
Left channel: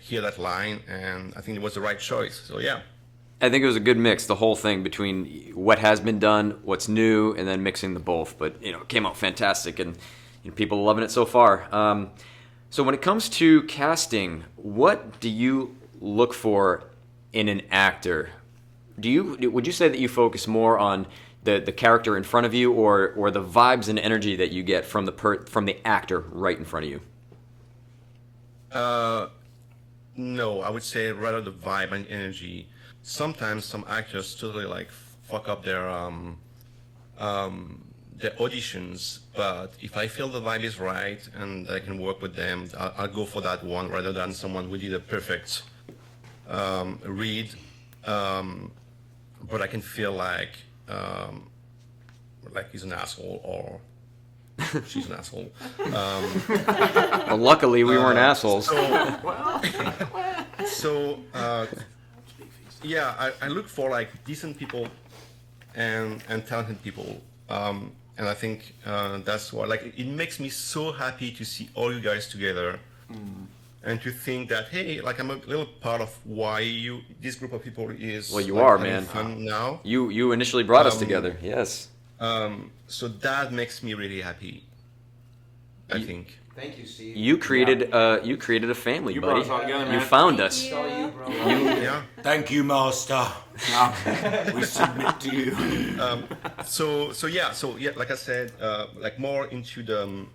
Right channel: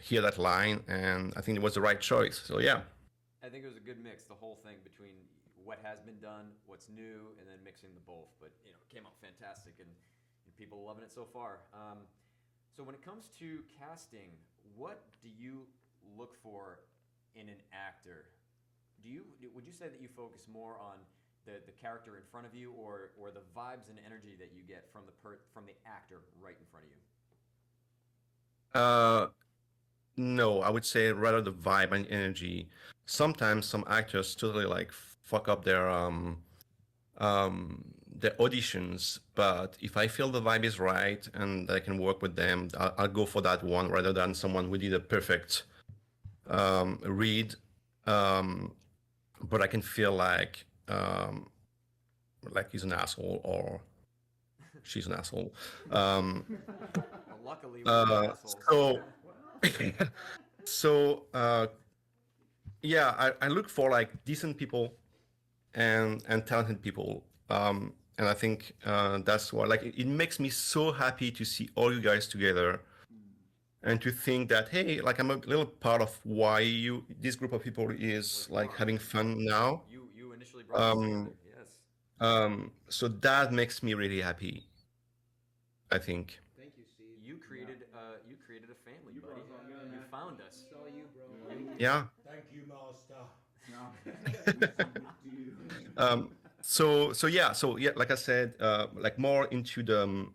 hear that line, and I think it was the right choice. So yeah. I think it was a good mix, the whole thing between what has been done, what's new, and then mixing the both. But it came out fantastic, and people are loving it so far. So when it comes to casting, what do you look for in an actor? Would you say that you focus more on the character in front of you, or the vibes and energy that you get from the actor right in front of you? No, I would say rather the vibe and energy. Sometimes some actors totally like fuck up their auditions, but if I feel the vibe is right and I can work with them, I'll go for that one rather than someone who did a perfect read, but I can feel like he's an asshole or she's an asshole. Well, luckily we weren't assholes. So yeah, I look for like decent people and talented people, and I think that's why it makes me so happy to see all you guys together, and to think that hey, like I'm a little part of why this group of people is having fun now. You initially brought us together, yes. So that makes me really happy, I think. Thank you, Steve. You created a family, buddy. brought us all together, man. You found us. Yeah. Thank you, master. We submit to you. So yeah, like I said, like more into the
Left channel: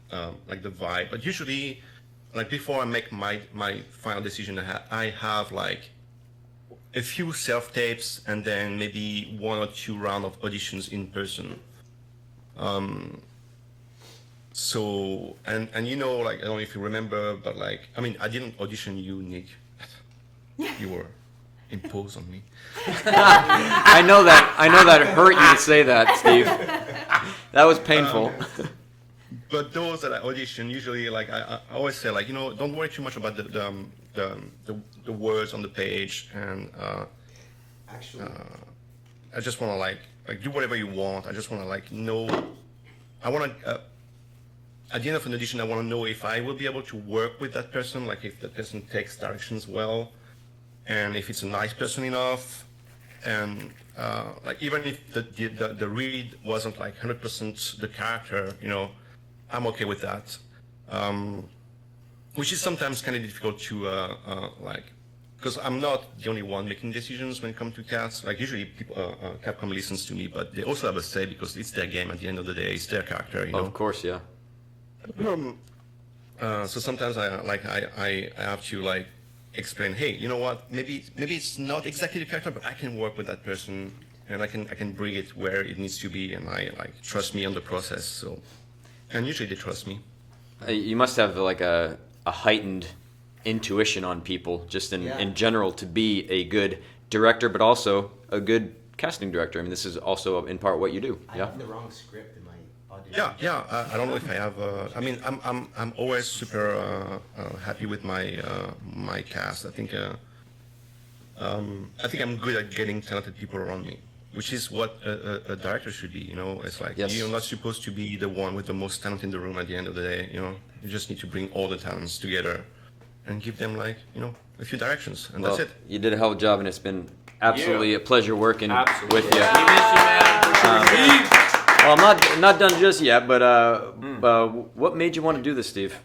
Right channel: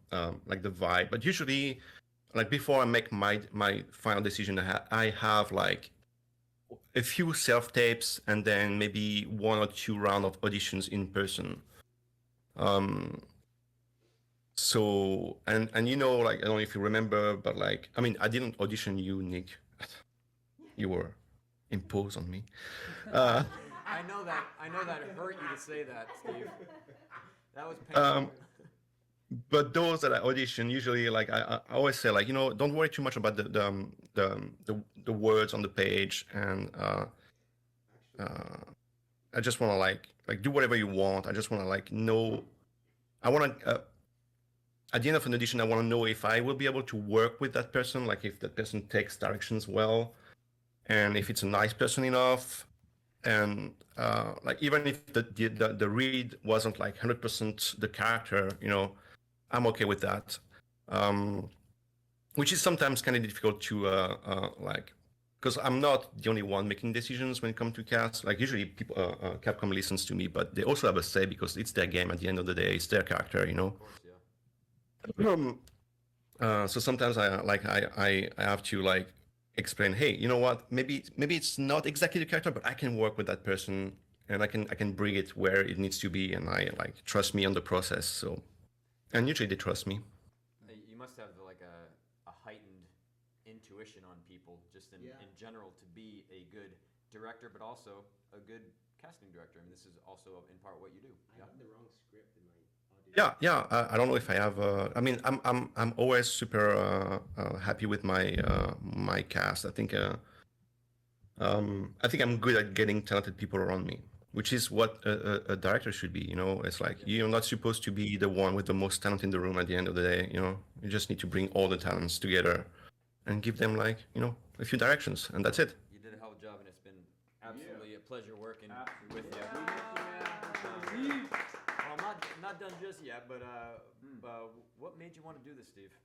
like the vibe. But usually, like before I make my final decision, I have like a few self tapes and then maybe 1 or 2 rounds of auditions in person. So and like I don't know if you remember, but like I mean I didn't audition you, Nick. You were imposed on me. I know that hurt you to say that, Steve. That was painful. But those that I audition, usually like I always say like don't worry too much about the words on the page, and I just want to like do whatever you want. I just want to like know. I want to. At the end of an audition, I want to know if I will be able to work with that person, like if that person takes directions well, and if it's a nice person enough, and like even if the read wasn't like 100% the character, I'm okay with that. Which is sometimes kind of difficult to like, because I'm not the only one making decisions when it comes to cast. Like usually people, Capcom listens to me, but they also have a say because it's their game at the end of the day. It's their character, Of course, yeah. So sometimes I have to like explain, hey, you know what? Maybe it's not exactly the character, but I can work with that person and I can bring it where it needs to be, and I like trust me on the process. So, and usually they trust me. You must have like a heightened intuition on people, just in general, to be a good director, but also a good casting director. I mean, this is also in part what you do. I have the wrong script in my audition. Yeah. I don't know if I have. I mean, I'm always super happy with my my cast. I think I'm good at getting talented people around me, which is what a director should be. It's like you're not supposed to be the one with the most talent in the room at the end of the day. You just need to bring all the talents together and give them like a few directions, and that's it. You did a hell of a job, and it's been absolutely a pleasure working with you. Well, I'm not done just yet, but what made you want to do this, Steve?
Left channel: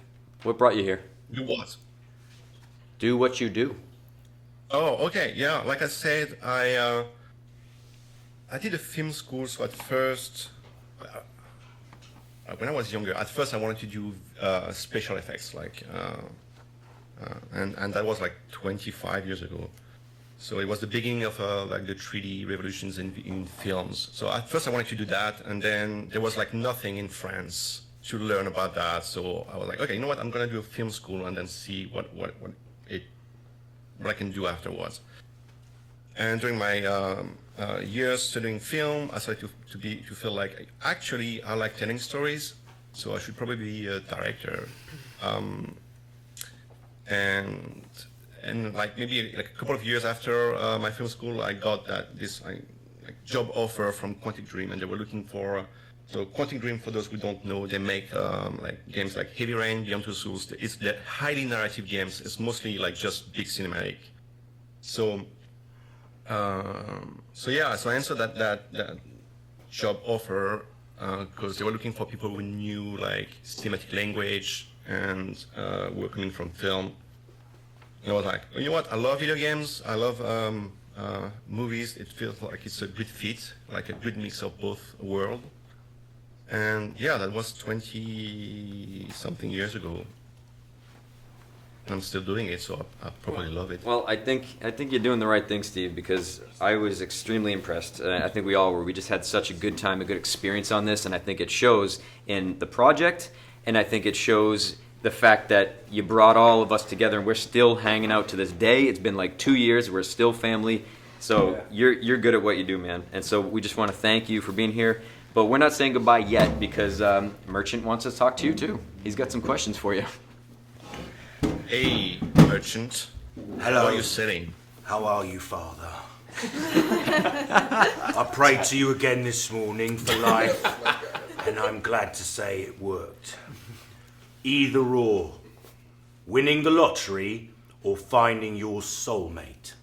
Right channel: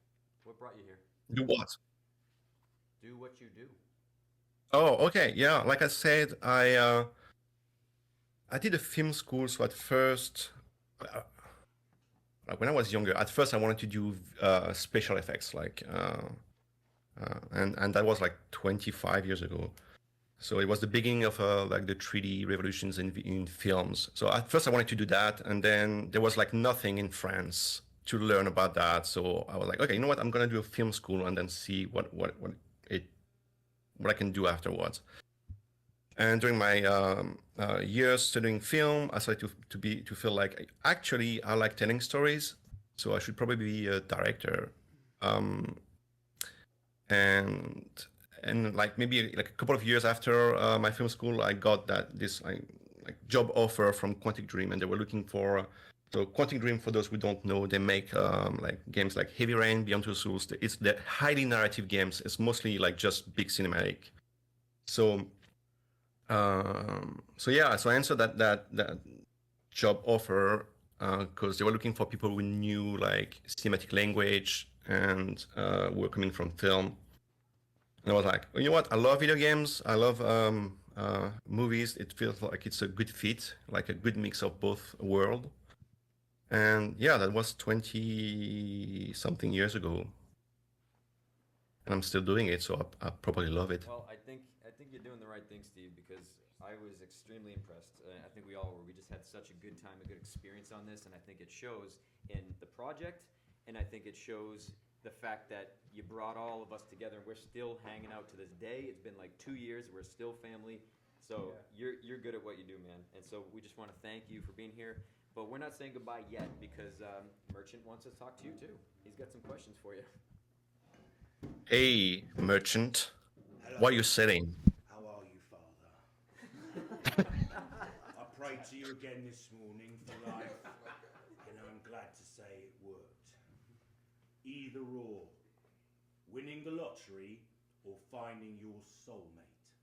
What brought you here? Do what? Do what you do. Oh, okay, yeah. Like I said, I did a film school, so at first, when I was younger, at first I wanted to do special effects, like, and that was like 25 years ago. So it was the beginning of like the 3D revolutions in films. So at first I wanted to do that, and then there was like nothing in France to learn about that. So I was like, okay, you know what? I'm gonna do a film school and then see what I can do afterwards. And during my years studying film, I started to feel like actually I like telling stories, so I should probably be a director. And like maybe like a couple of years after my film school, I got this job offer from Quantic Dream, and they were looking for. So Quantic Dream, for those who don't know, they make like games like Heavy Rain, Beyond Two Souls. They're highly narrative games. It's mostly like just big cinematic. So So yeah, so I answered that job offer because they were looking for people who knew like cinematic language and were coming from film. And I was like, you know what? I love video games. I love movies. It feels like it's a good fit, like a good mix of both worlds. And yeah, that was 20-something years ago. And I'm still doing it, so I probably love it. Well, I think you're doing the right thing, Steve, because I was extremely impressed. I think we all were. We just had such a good time, a good experience on this, and I think it shows in the project, and I think it shows the fact that you brought all of us together, and we're still hanging out to this day. It's been like 2 years. We're still family. So you're good at what you do, man. And so we just want to thank you for being here. But we're not saying goodbye yet because Merchant wants to talk to you too. He's got some questions for you. Hey, Merchant. Hello. What are you saying? How are you, Father? I prayed to you again this morning for life, and I'm glad to say it worked. Either or, winning the lottery or finding your soulmate.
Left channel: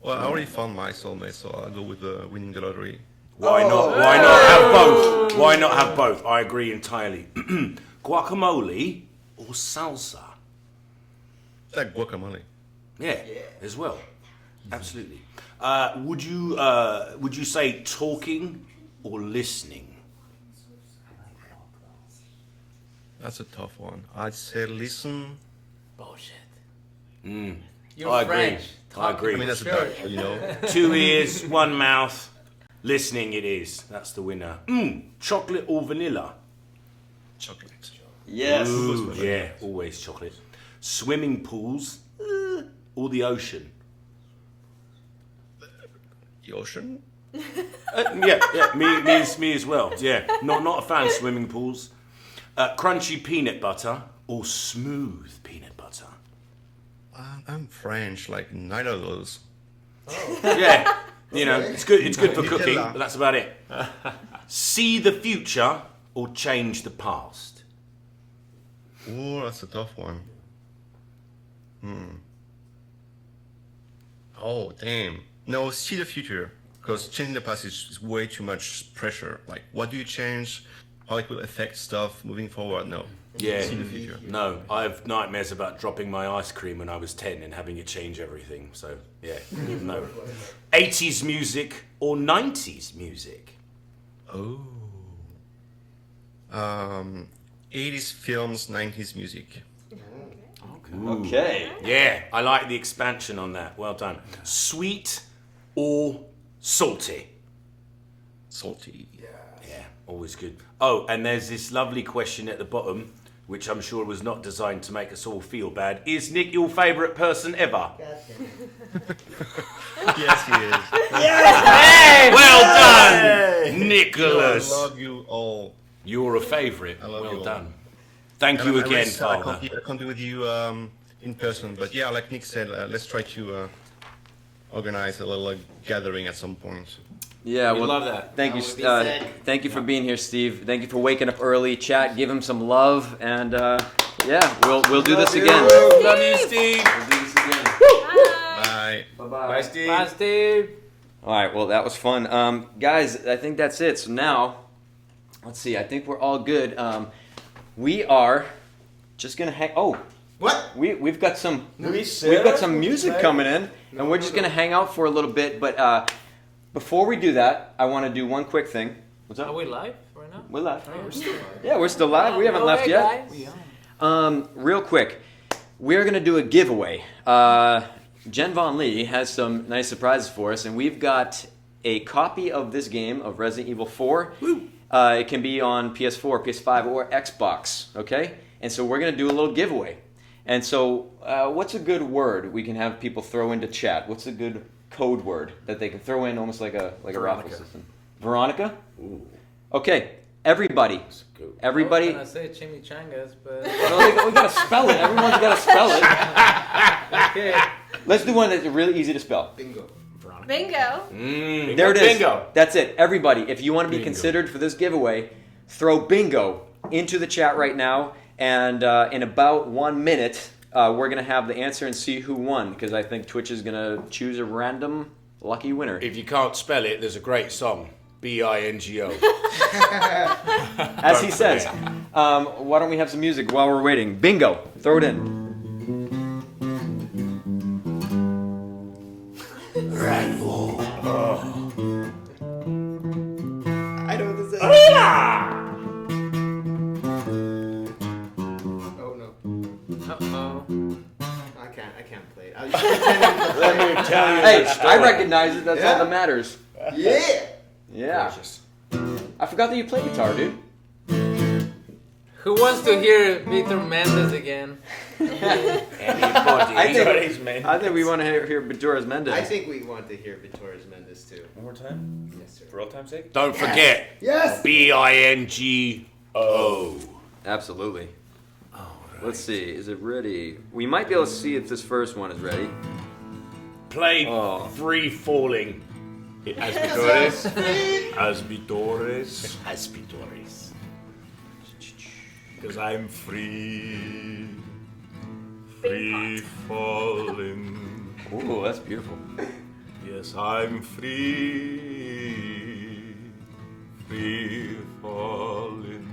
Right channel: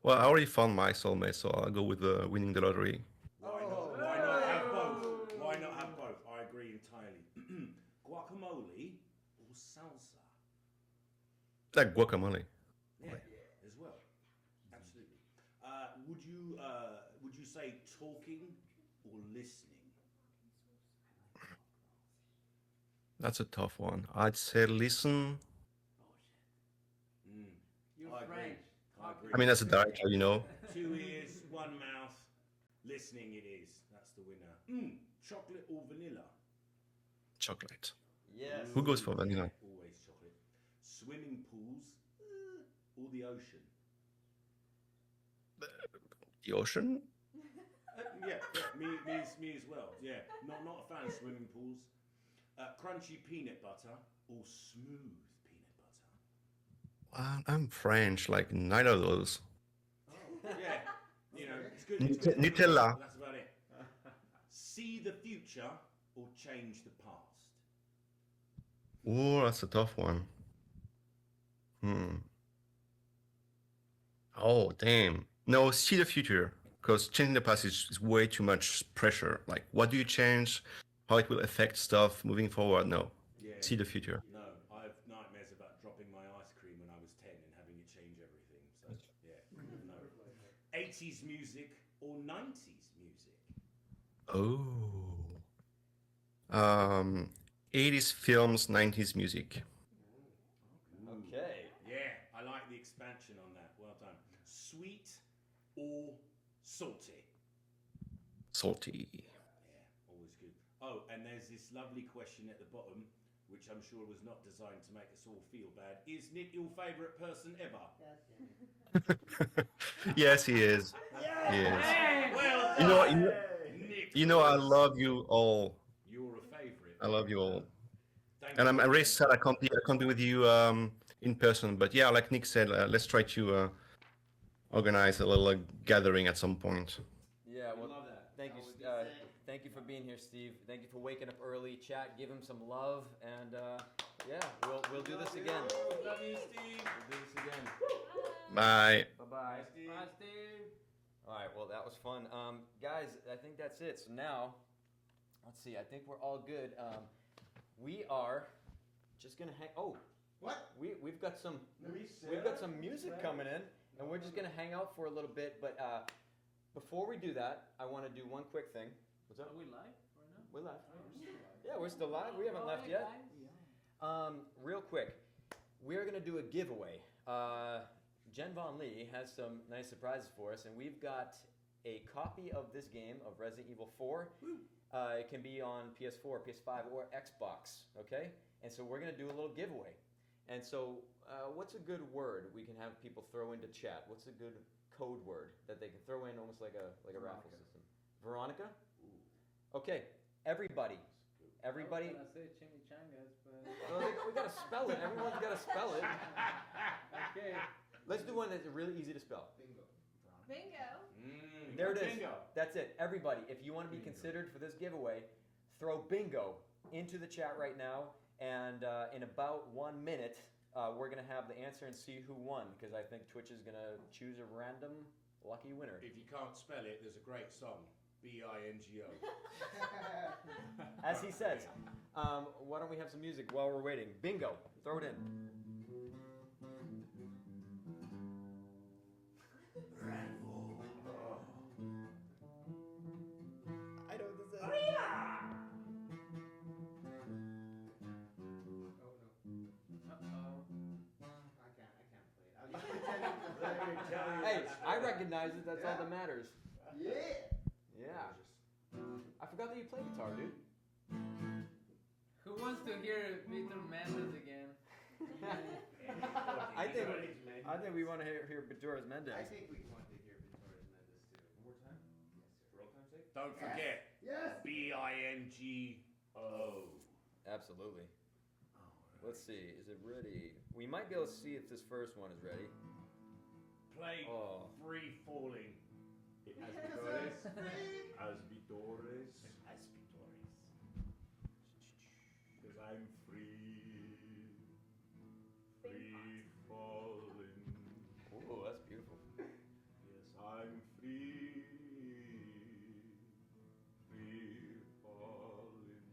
Well, I already found my soulmate, so I'll go with winning the lottery. Why not? Why not have both? Why not have both? I agree entirely. Guacamole or salsa? Like guacamole. Yeah, as well. Absolutely. Would you say talking or listening? That's a tough one. I'd say listen. Mm. You're I agree. French. I agree. I mean, that's a doctor, you know. 2 ears, 1 mouth. Listening it is. That's the winner. Chocolate or vanilla? Chocolate. Yes. Who goes for vanilla? Yeah, always chocolate. Swimming pools or the ocean? The ocean? Yeah, me as well. Yeah, not a fan of swimming pools. Crunchy peanut butter or smooth peanut butter? I'm French, like neither of those. Yeah, you know, it's good for cooking, Nutella. but that's about it. See the future or change the past? Oh, that's a tough one. Oh, damn. No, see the future. Because changing the past is way too much pressure. Like, what do you change? How it will affect stuff moving forward? No. Yeah. See the future. No, I have nightmares about dropping my ice cream when I was 10 and having it change everything. So, yeah, no. 80s music or 90s music? Oh. 80s films, 90s music. Ooh. Okay. Yeah, I like the expansion on that. Well done. Sweet or salty? Salty. Yeah, always good. Oh, and there's this lovely question at the bottom, which I'm sure was not designed to make us all feel bad. Is Nick your favourite person ever? Yes, he is. Yes! Well done, You know, Nicholas. I love you all. You're a favourite. I love well you all. done. Thank And you I'm really again, sad I Father. can't be with you in person. But yeah, like Nick said, let's try to organize a little gathering at some point. Yeah, We well, love that. Thank you, That would be sick. thank you for being here, Steve. Thank you for waking up early. Chat, give him some love, and yeah, we'll do this again. Love you, Steve. We'll do this again. Bye. Bye-bye. Steve. Bye, Steve. All right, well, that was fun. Guys, I think that's it. So now, let's see. I think we're all good. We are just gonna hang. Oh, what? We've got some Luis, we've got some Sarah? music coming in, and we're just gonna hang out for a little bit. But before we do that, I want to do one quick thing. What's up? Are we live right now? We're live. We're still live. Yeah, we're still live. We haven't left Okay, yet. guys. Real quick, we're gonna do a giveaway. Jen Von Lee has some nice surprises for us, and we've got a copy of this game of Resident Evil 4. It can be on PS4, PS5, or Xbox. Okay, and so we're gonna do a little giveaway. And so, what's a good word we can have people throw into chat? What's a good code word that they can throw in, almost like a raffle system? Veronica. Ooh. Okay, everybody. I was Everybody. gonna say chimichangas, but Well, we gotta spell it. Everyone's gotta spell it. okay. Let's do one that's really easy to spell. Bingo. Bingo. There it is. Bingo. That's it. Everybody, if you want to be Bingo. considered for this giveaway, throw bingo into the chat right now. And in about 1 minute, we're going to have the answer and see who won. Because I think Twitch is going to choose a random lucky winner. If you can't spell it, there's a great song. B-I-N-G-O. As he says. Why don't we have some music while we're waiting? Bingo. Throw it in. Rifle. I know what this is. Oh no. Uh-oh. I can't play it. I was just pretending to play Let me it. tell you Hey, the story. I recognize it. That's Yeah. all that matters. Yeah. Yeah. I forgot that you play guitar, dude. Who wants to hear Victor Mendez again? I think we want to hear Victoria's Mendez. I think we want to hear Victoria's Mendez too. One more time? Yes, sir. For all time's sake? Don't forget. Yes. B-I-N-G-O. Absolutely. Let's see. Is it ready? We might be able to see if this first one is ready. Play Free Falling. Aspitores. Aspitores. Aspitores. Because I'm free. Free falling. Ooh, that's beautiful. Yes, I'm free. Free falling.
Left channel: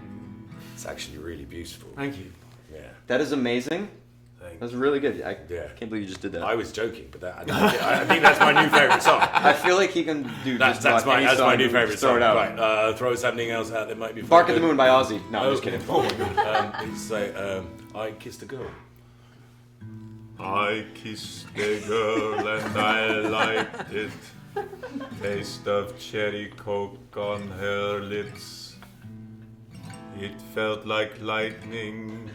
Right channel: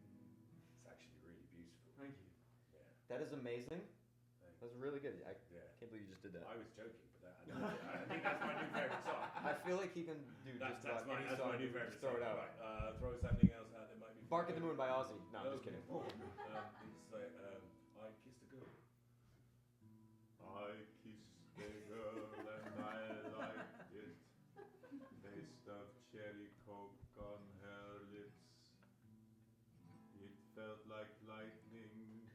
It's actually really beautiful. Thank you. Yeah. That is amazing. Thanks. That's really good. I can't believe you just did that. I was joking, but I think that's my new favourite song. I feel like he can do That's just about any my song new and favourite throw song. it out. Right, throw something else out that might be. Bark at good. the Moon by Ozzy. No, I'm just kidding. It's like I Kissed a Girl. I kissed a girl and I liked it. Taste of cherry coke on her lips. It felt like lightning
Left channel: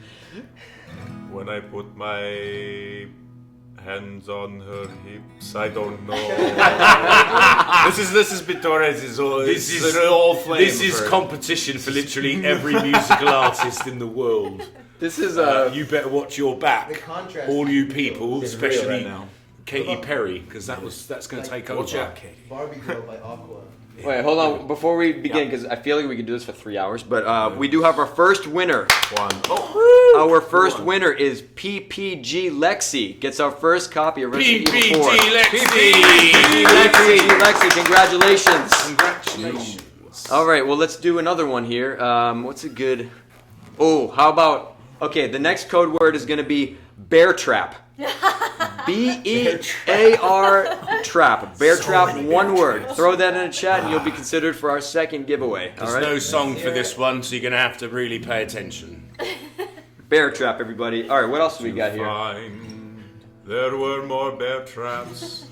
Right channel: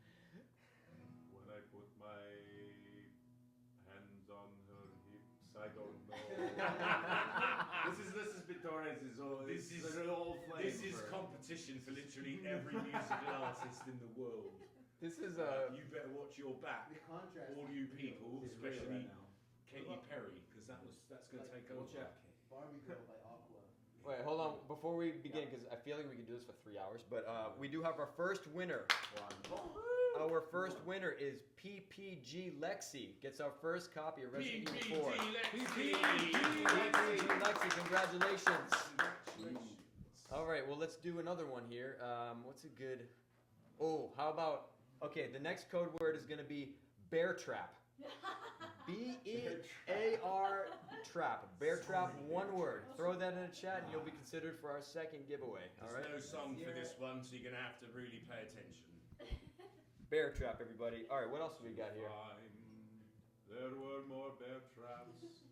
when I put my hands on her hips. I don't know. This is Bitores. This is competition for literally every musical artist in the world. This is you better watch your back, contrast all you people, It's real especially right now. Katy Perry, because that's going to take over. Watch out, Katy. Barbie Girl by Aqua. Wait, hold on. Before we begin, because I feel like we could do this for 3 hours, but we do have our first winner. Our first winner is PPG Lexi. Gets our first copy of Resident Evil 4. PPG Lexi, congratulations. Congratulations. All right, well, let's do another one here. What's a good... Oh, how about... Okay, the next code word is going to be bear trap. B-E-A-R trap. Bear trap, one word. Throw that in the chat and you'll be considered for our second giveaway. There's All right? no song for this one, so you're going to have to really pay attention. Bear trap, everybody. All right, what else do we got here? There were more bear traps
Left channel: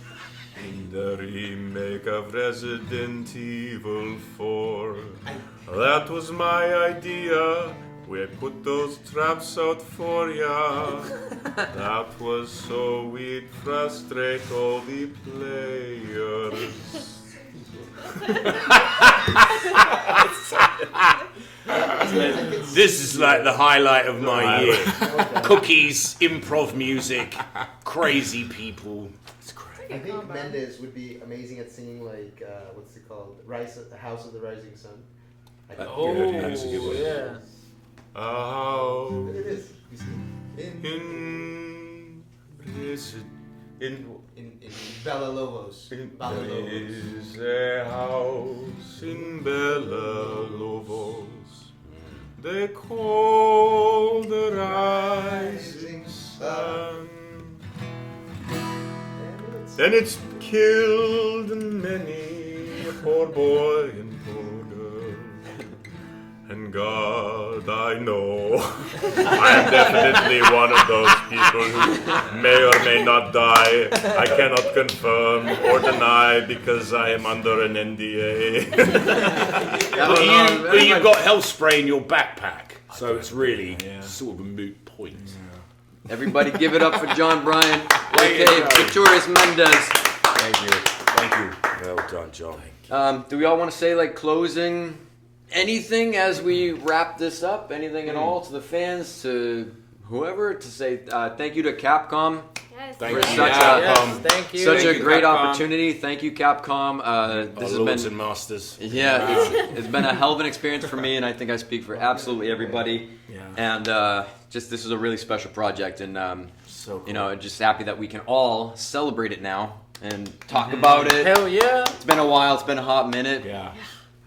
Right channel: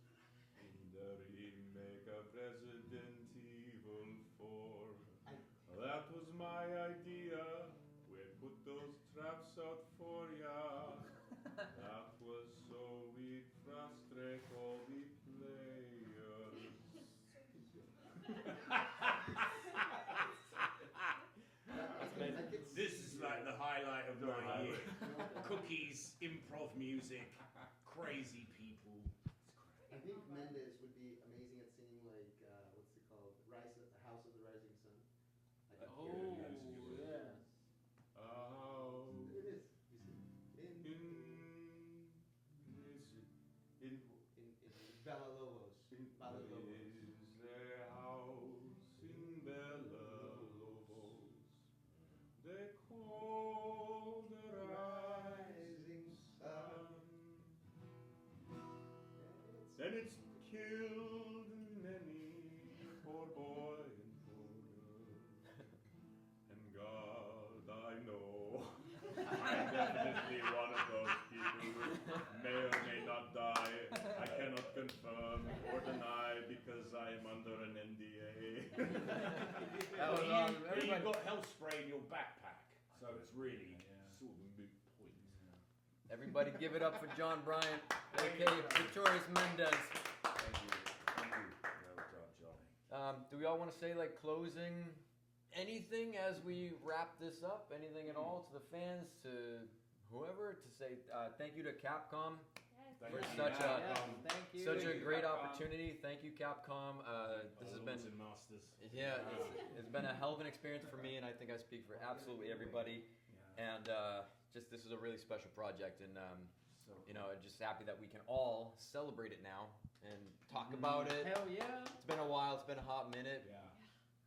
in the remake of Resident Evil 4. That was my idea. We put those traps out for ya. That was so we'd frustrate all the players. This is like the highlight of my year. Cookies, improv music, crazy people. It's great. I think Mendez would be amazing at singing like what's it called? House of the Rising Sun. That's a good one. Yeah. It is. In Bella Lobos. Bella Lobos. is a house in Bella Lobos. They call the rising sun. And it's killed many a poor boy and poor girl. And God, I know, I am definitely one of those people who may or may not die. I cannot confirm or deny because I am under an NDA. But you've got health spray in your backpack, so it's really sort of a moot point. Everybody give it up for John Bryan, a.k.a. Victorious Mendez. Thank you. Thank you. Well done, John. Do we all want to say, like, closing anything as we wrap this up? Anything at all to the fans, to whoever, to say thank you to Capcom for such a great opportunity. Thank you, Capcom. This has Lords been and Masters. Yeah, it's been a hell of an experience for me, and I think I speak for absolutely everybody. And just this is a really special project, and you know, just happy that we can all celebrate it now and talk about it. Hell yeah! It's been a while. It's been a hot minute. Yeah.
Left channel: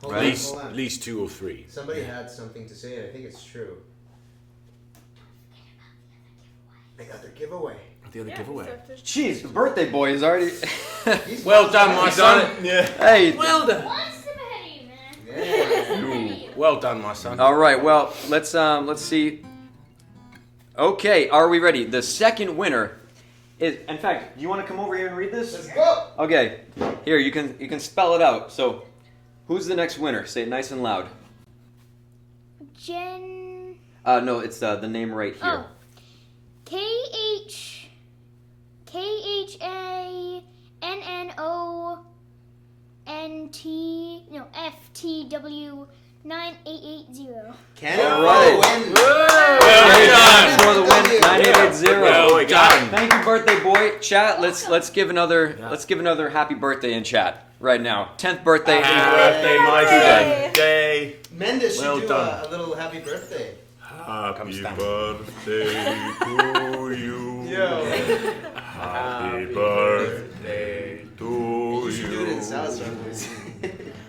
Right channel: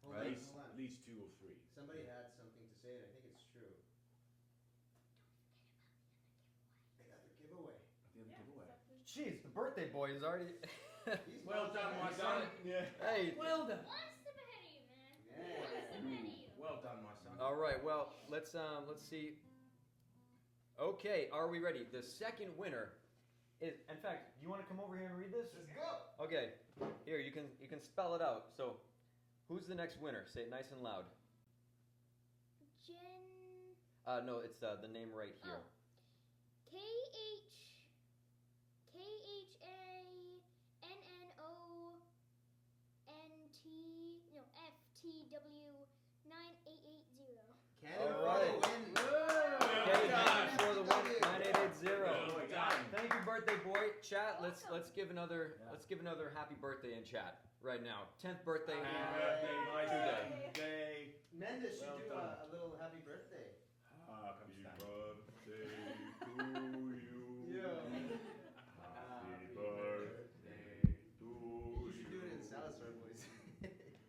Hold At on, least, hold on. at least 2 or 3. Somebody had something to say, and I think it's true. They got their giveaway. The other giveaway. Jeez, the birthday boy is already. Well done, my son. Yeah. Hey. Well done. Well done, my son. All right. Well, let's see. Okay, are we ready? The second winner is. In fact, do you want to come over here and read this? Let's go. Okay. Here, you can spell it out. So, who's the next winner? Say it nice and loud. Jen. No, it's the name right here. Oh. FTW 9880. Canada All right. win. Well for the win, 9880. Well done. Thank you, birthday boy. Chat, let's give another happy birthday in chat right now. 10th birthday. Happy birthday, my birthday. Mendez should Well do done. a little happy birthday. Happy birthday to you. Yo. Happy birthday to You should do it in you. Salazar voice.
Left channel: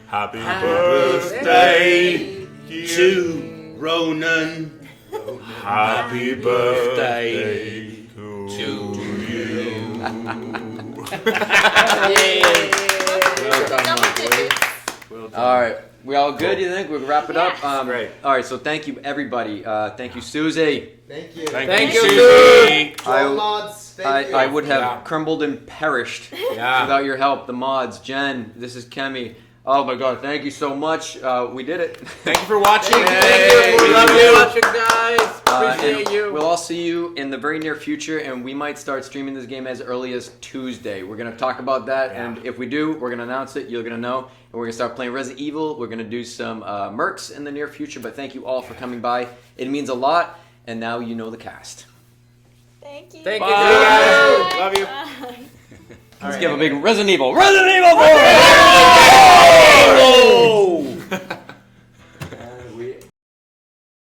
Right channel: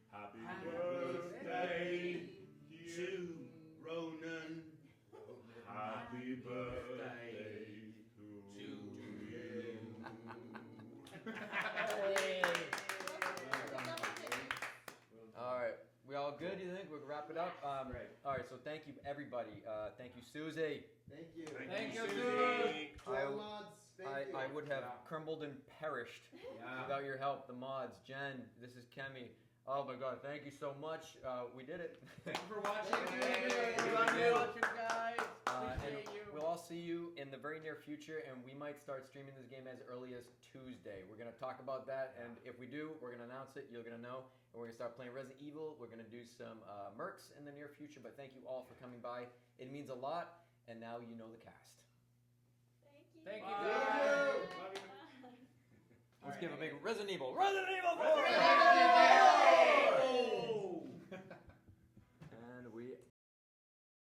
Happy Birthday to Ronan. Happy birthday to you. Well done, my boy. All right. We all good, you think? We'll wrap it up? Great. All right, so thank you, everybody. Thank you, Susie. Thank you. Thank you, Susie. Mods, thank you. I would have crumbled and perished Yeah. without your help. The mods, Jen, this is Kemi. Oh my God, thank you so much. We did it. Thank you for watching. Thank you. We love you watching, guys. And Appreciate you. We'll all see you in the very near future, and we might start streaming this game as early as Tuesday. We're going to talk about that, and if we do, we're going to announce it. You're going to know, and we're going to start playing Resident Evil. We're going to do some mercs in the near future, but thank you all for coming by. It means a lot, and now you know the cast. Thank you. Thank you, guys. Love you. Let's give a big Resident Evil. Resident Evil 4!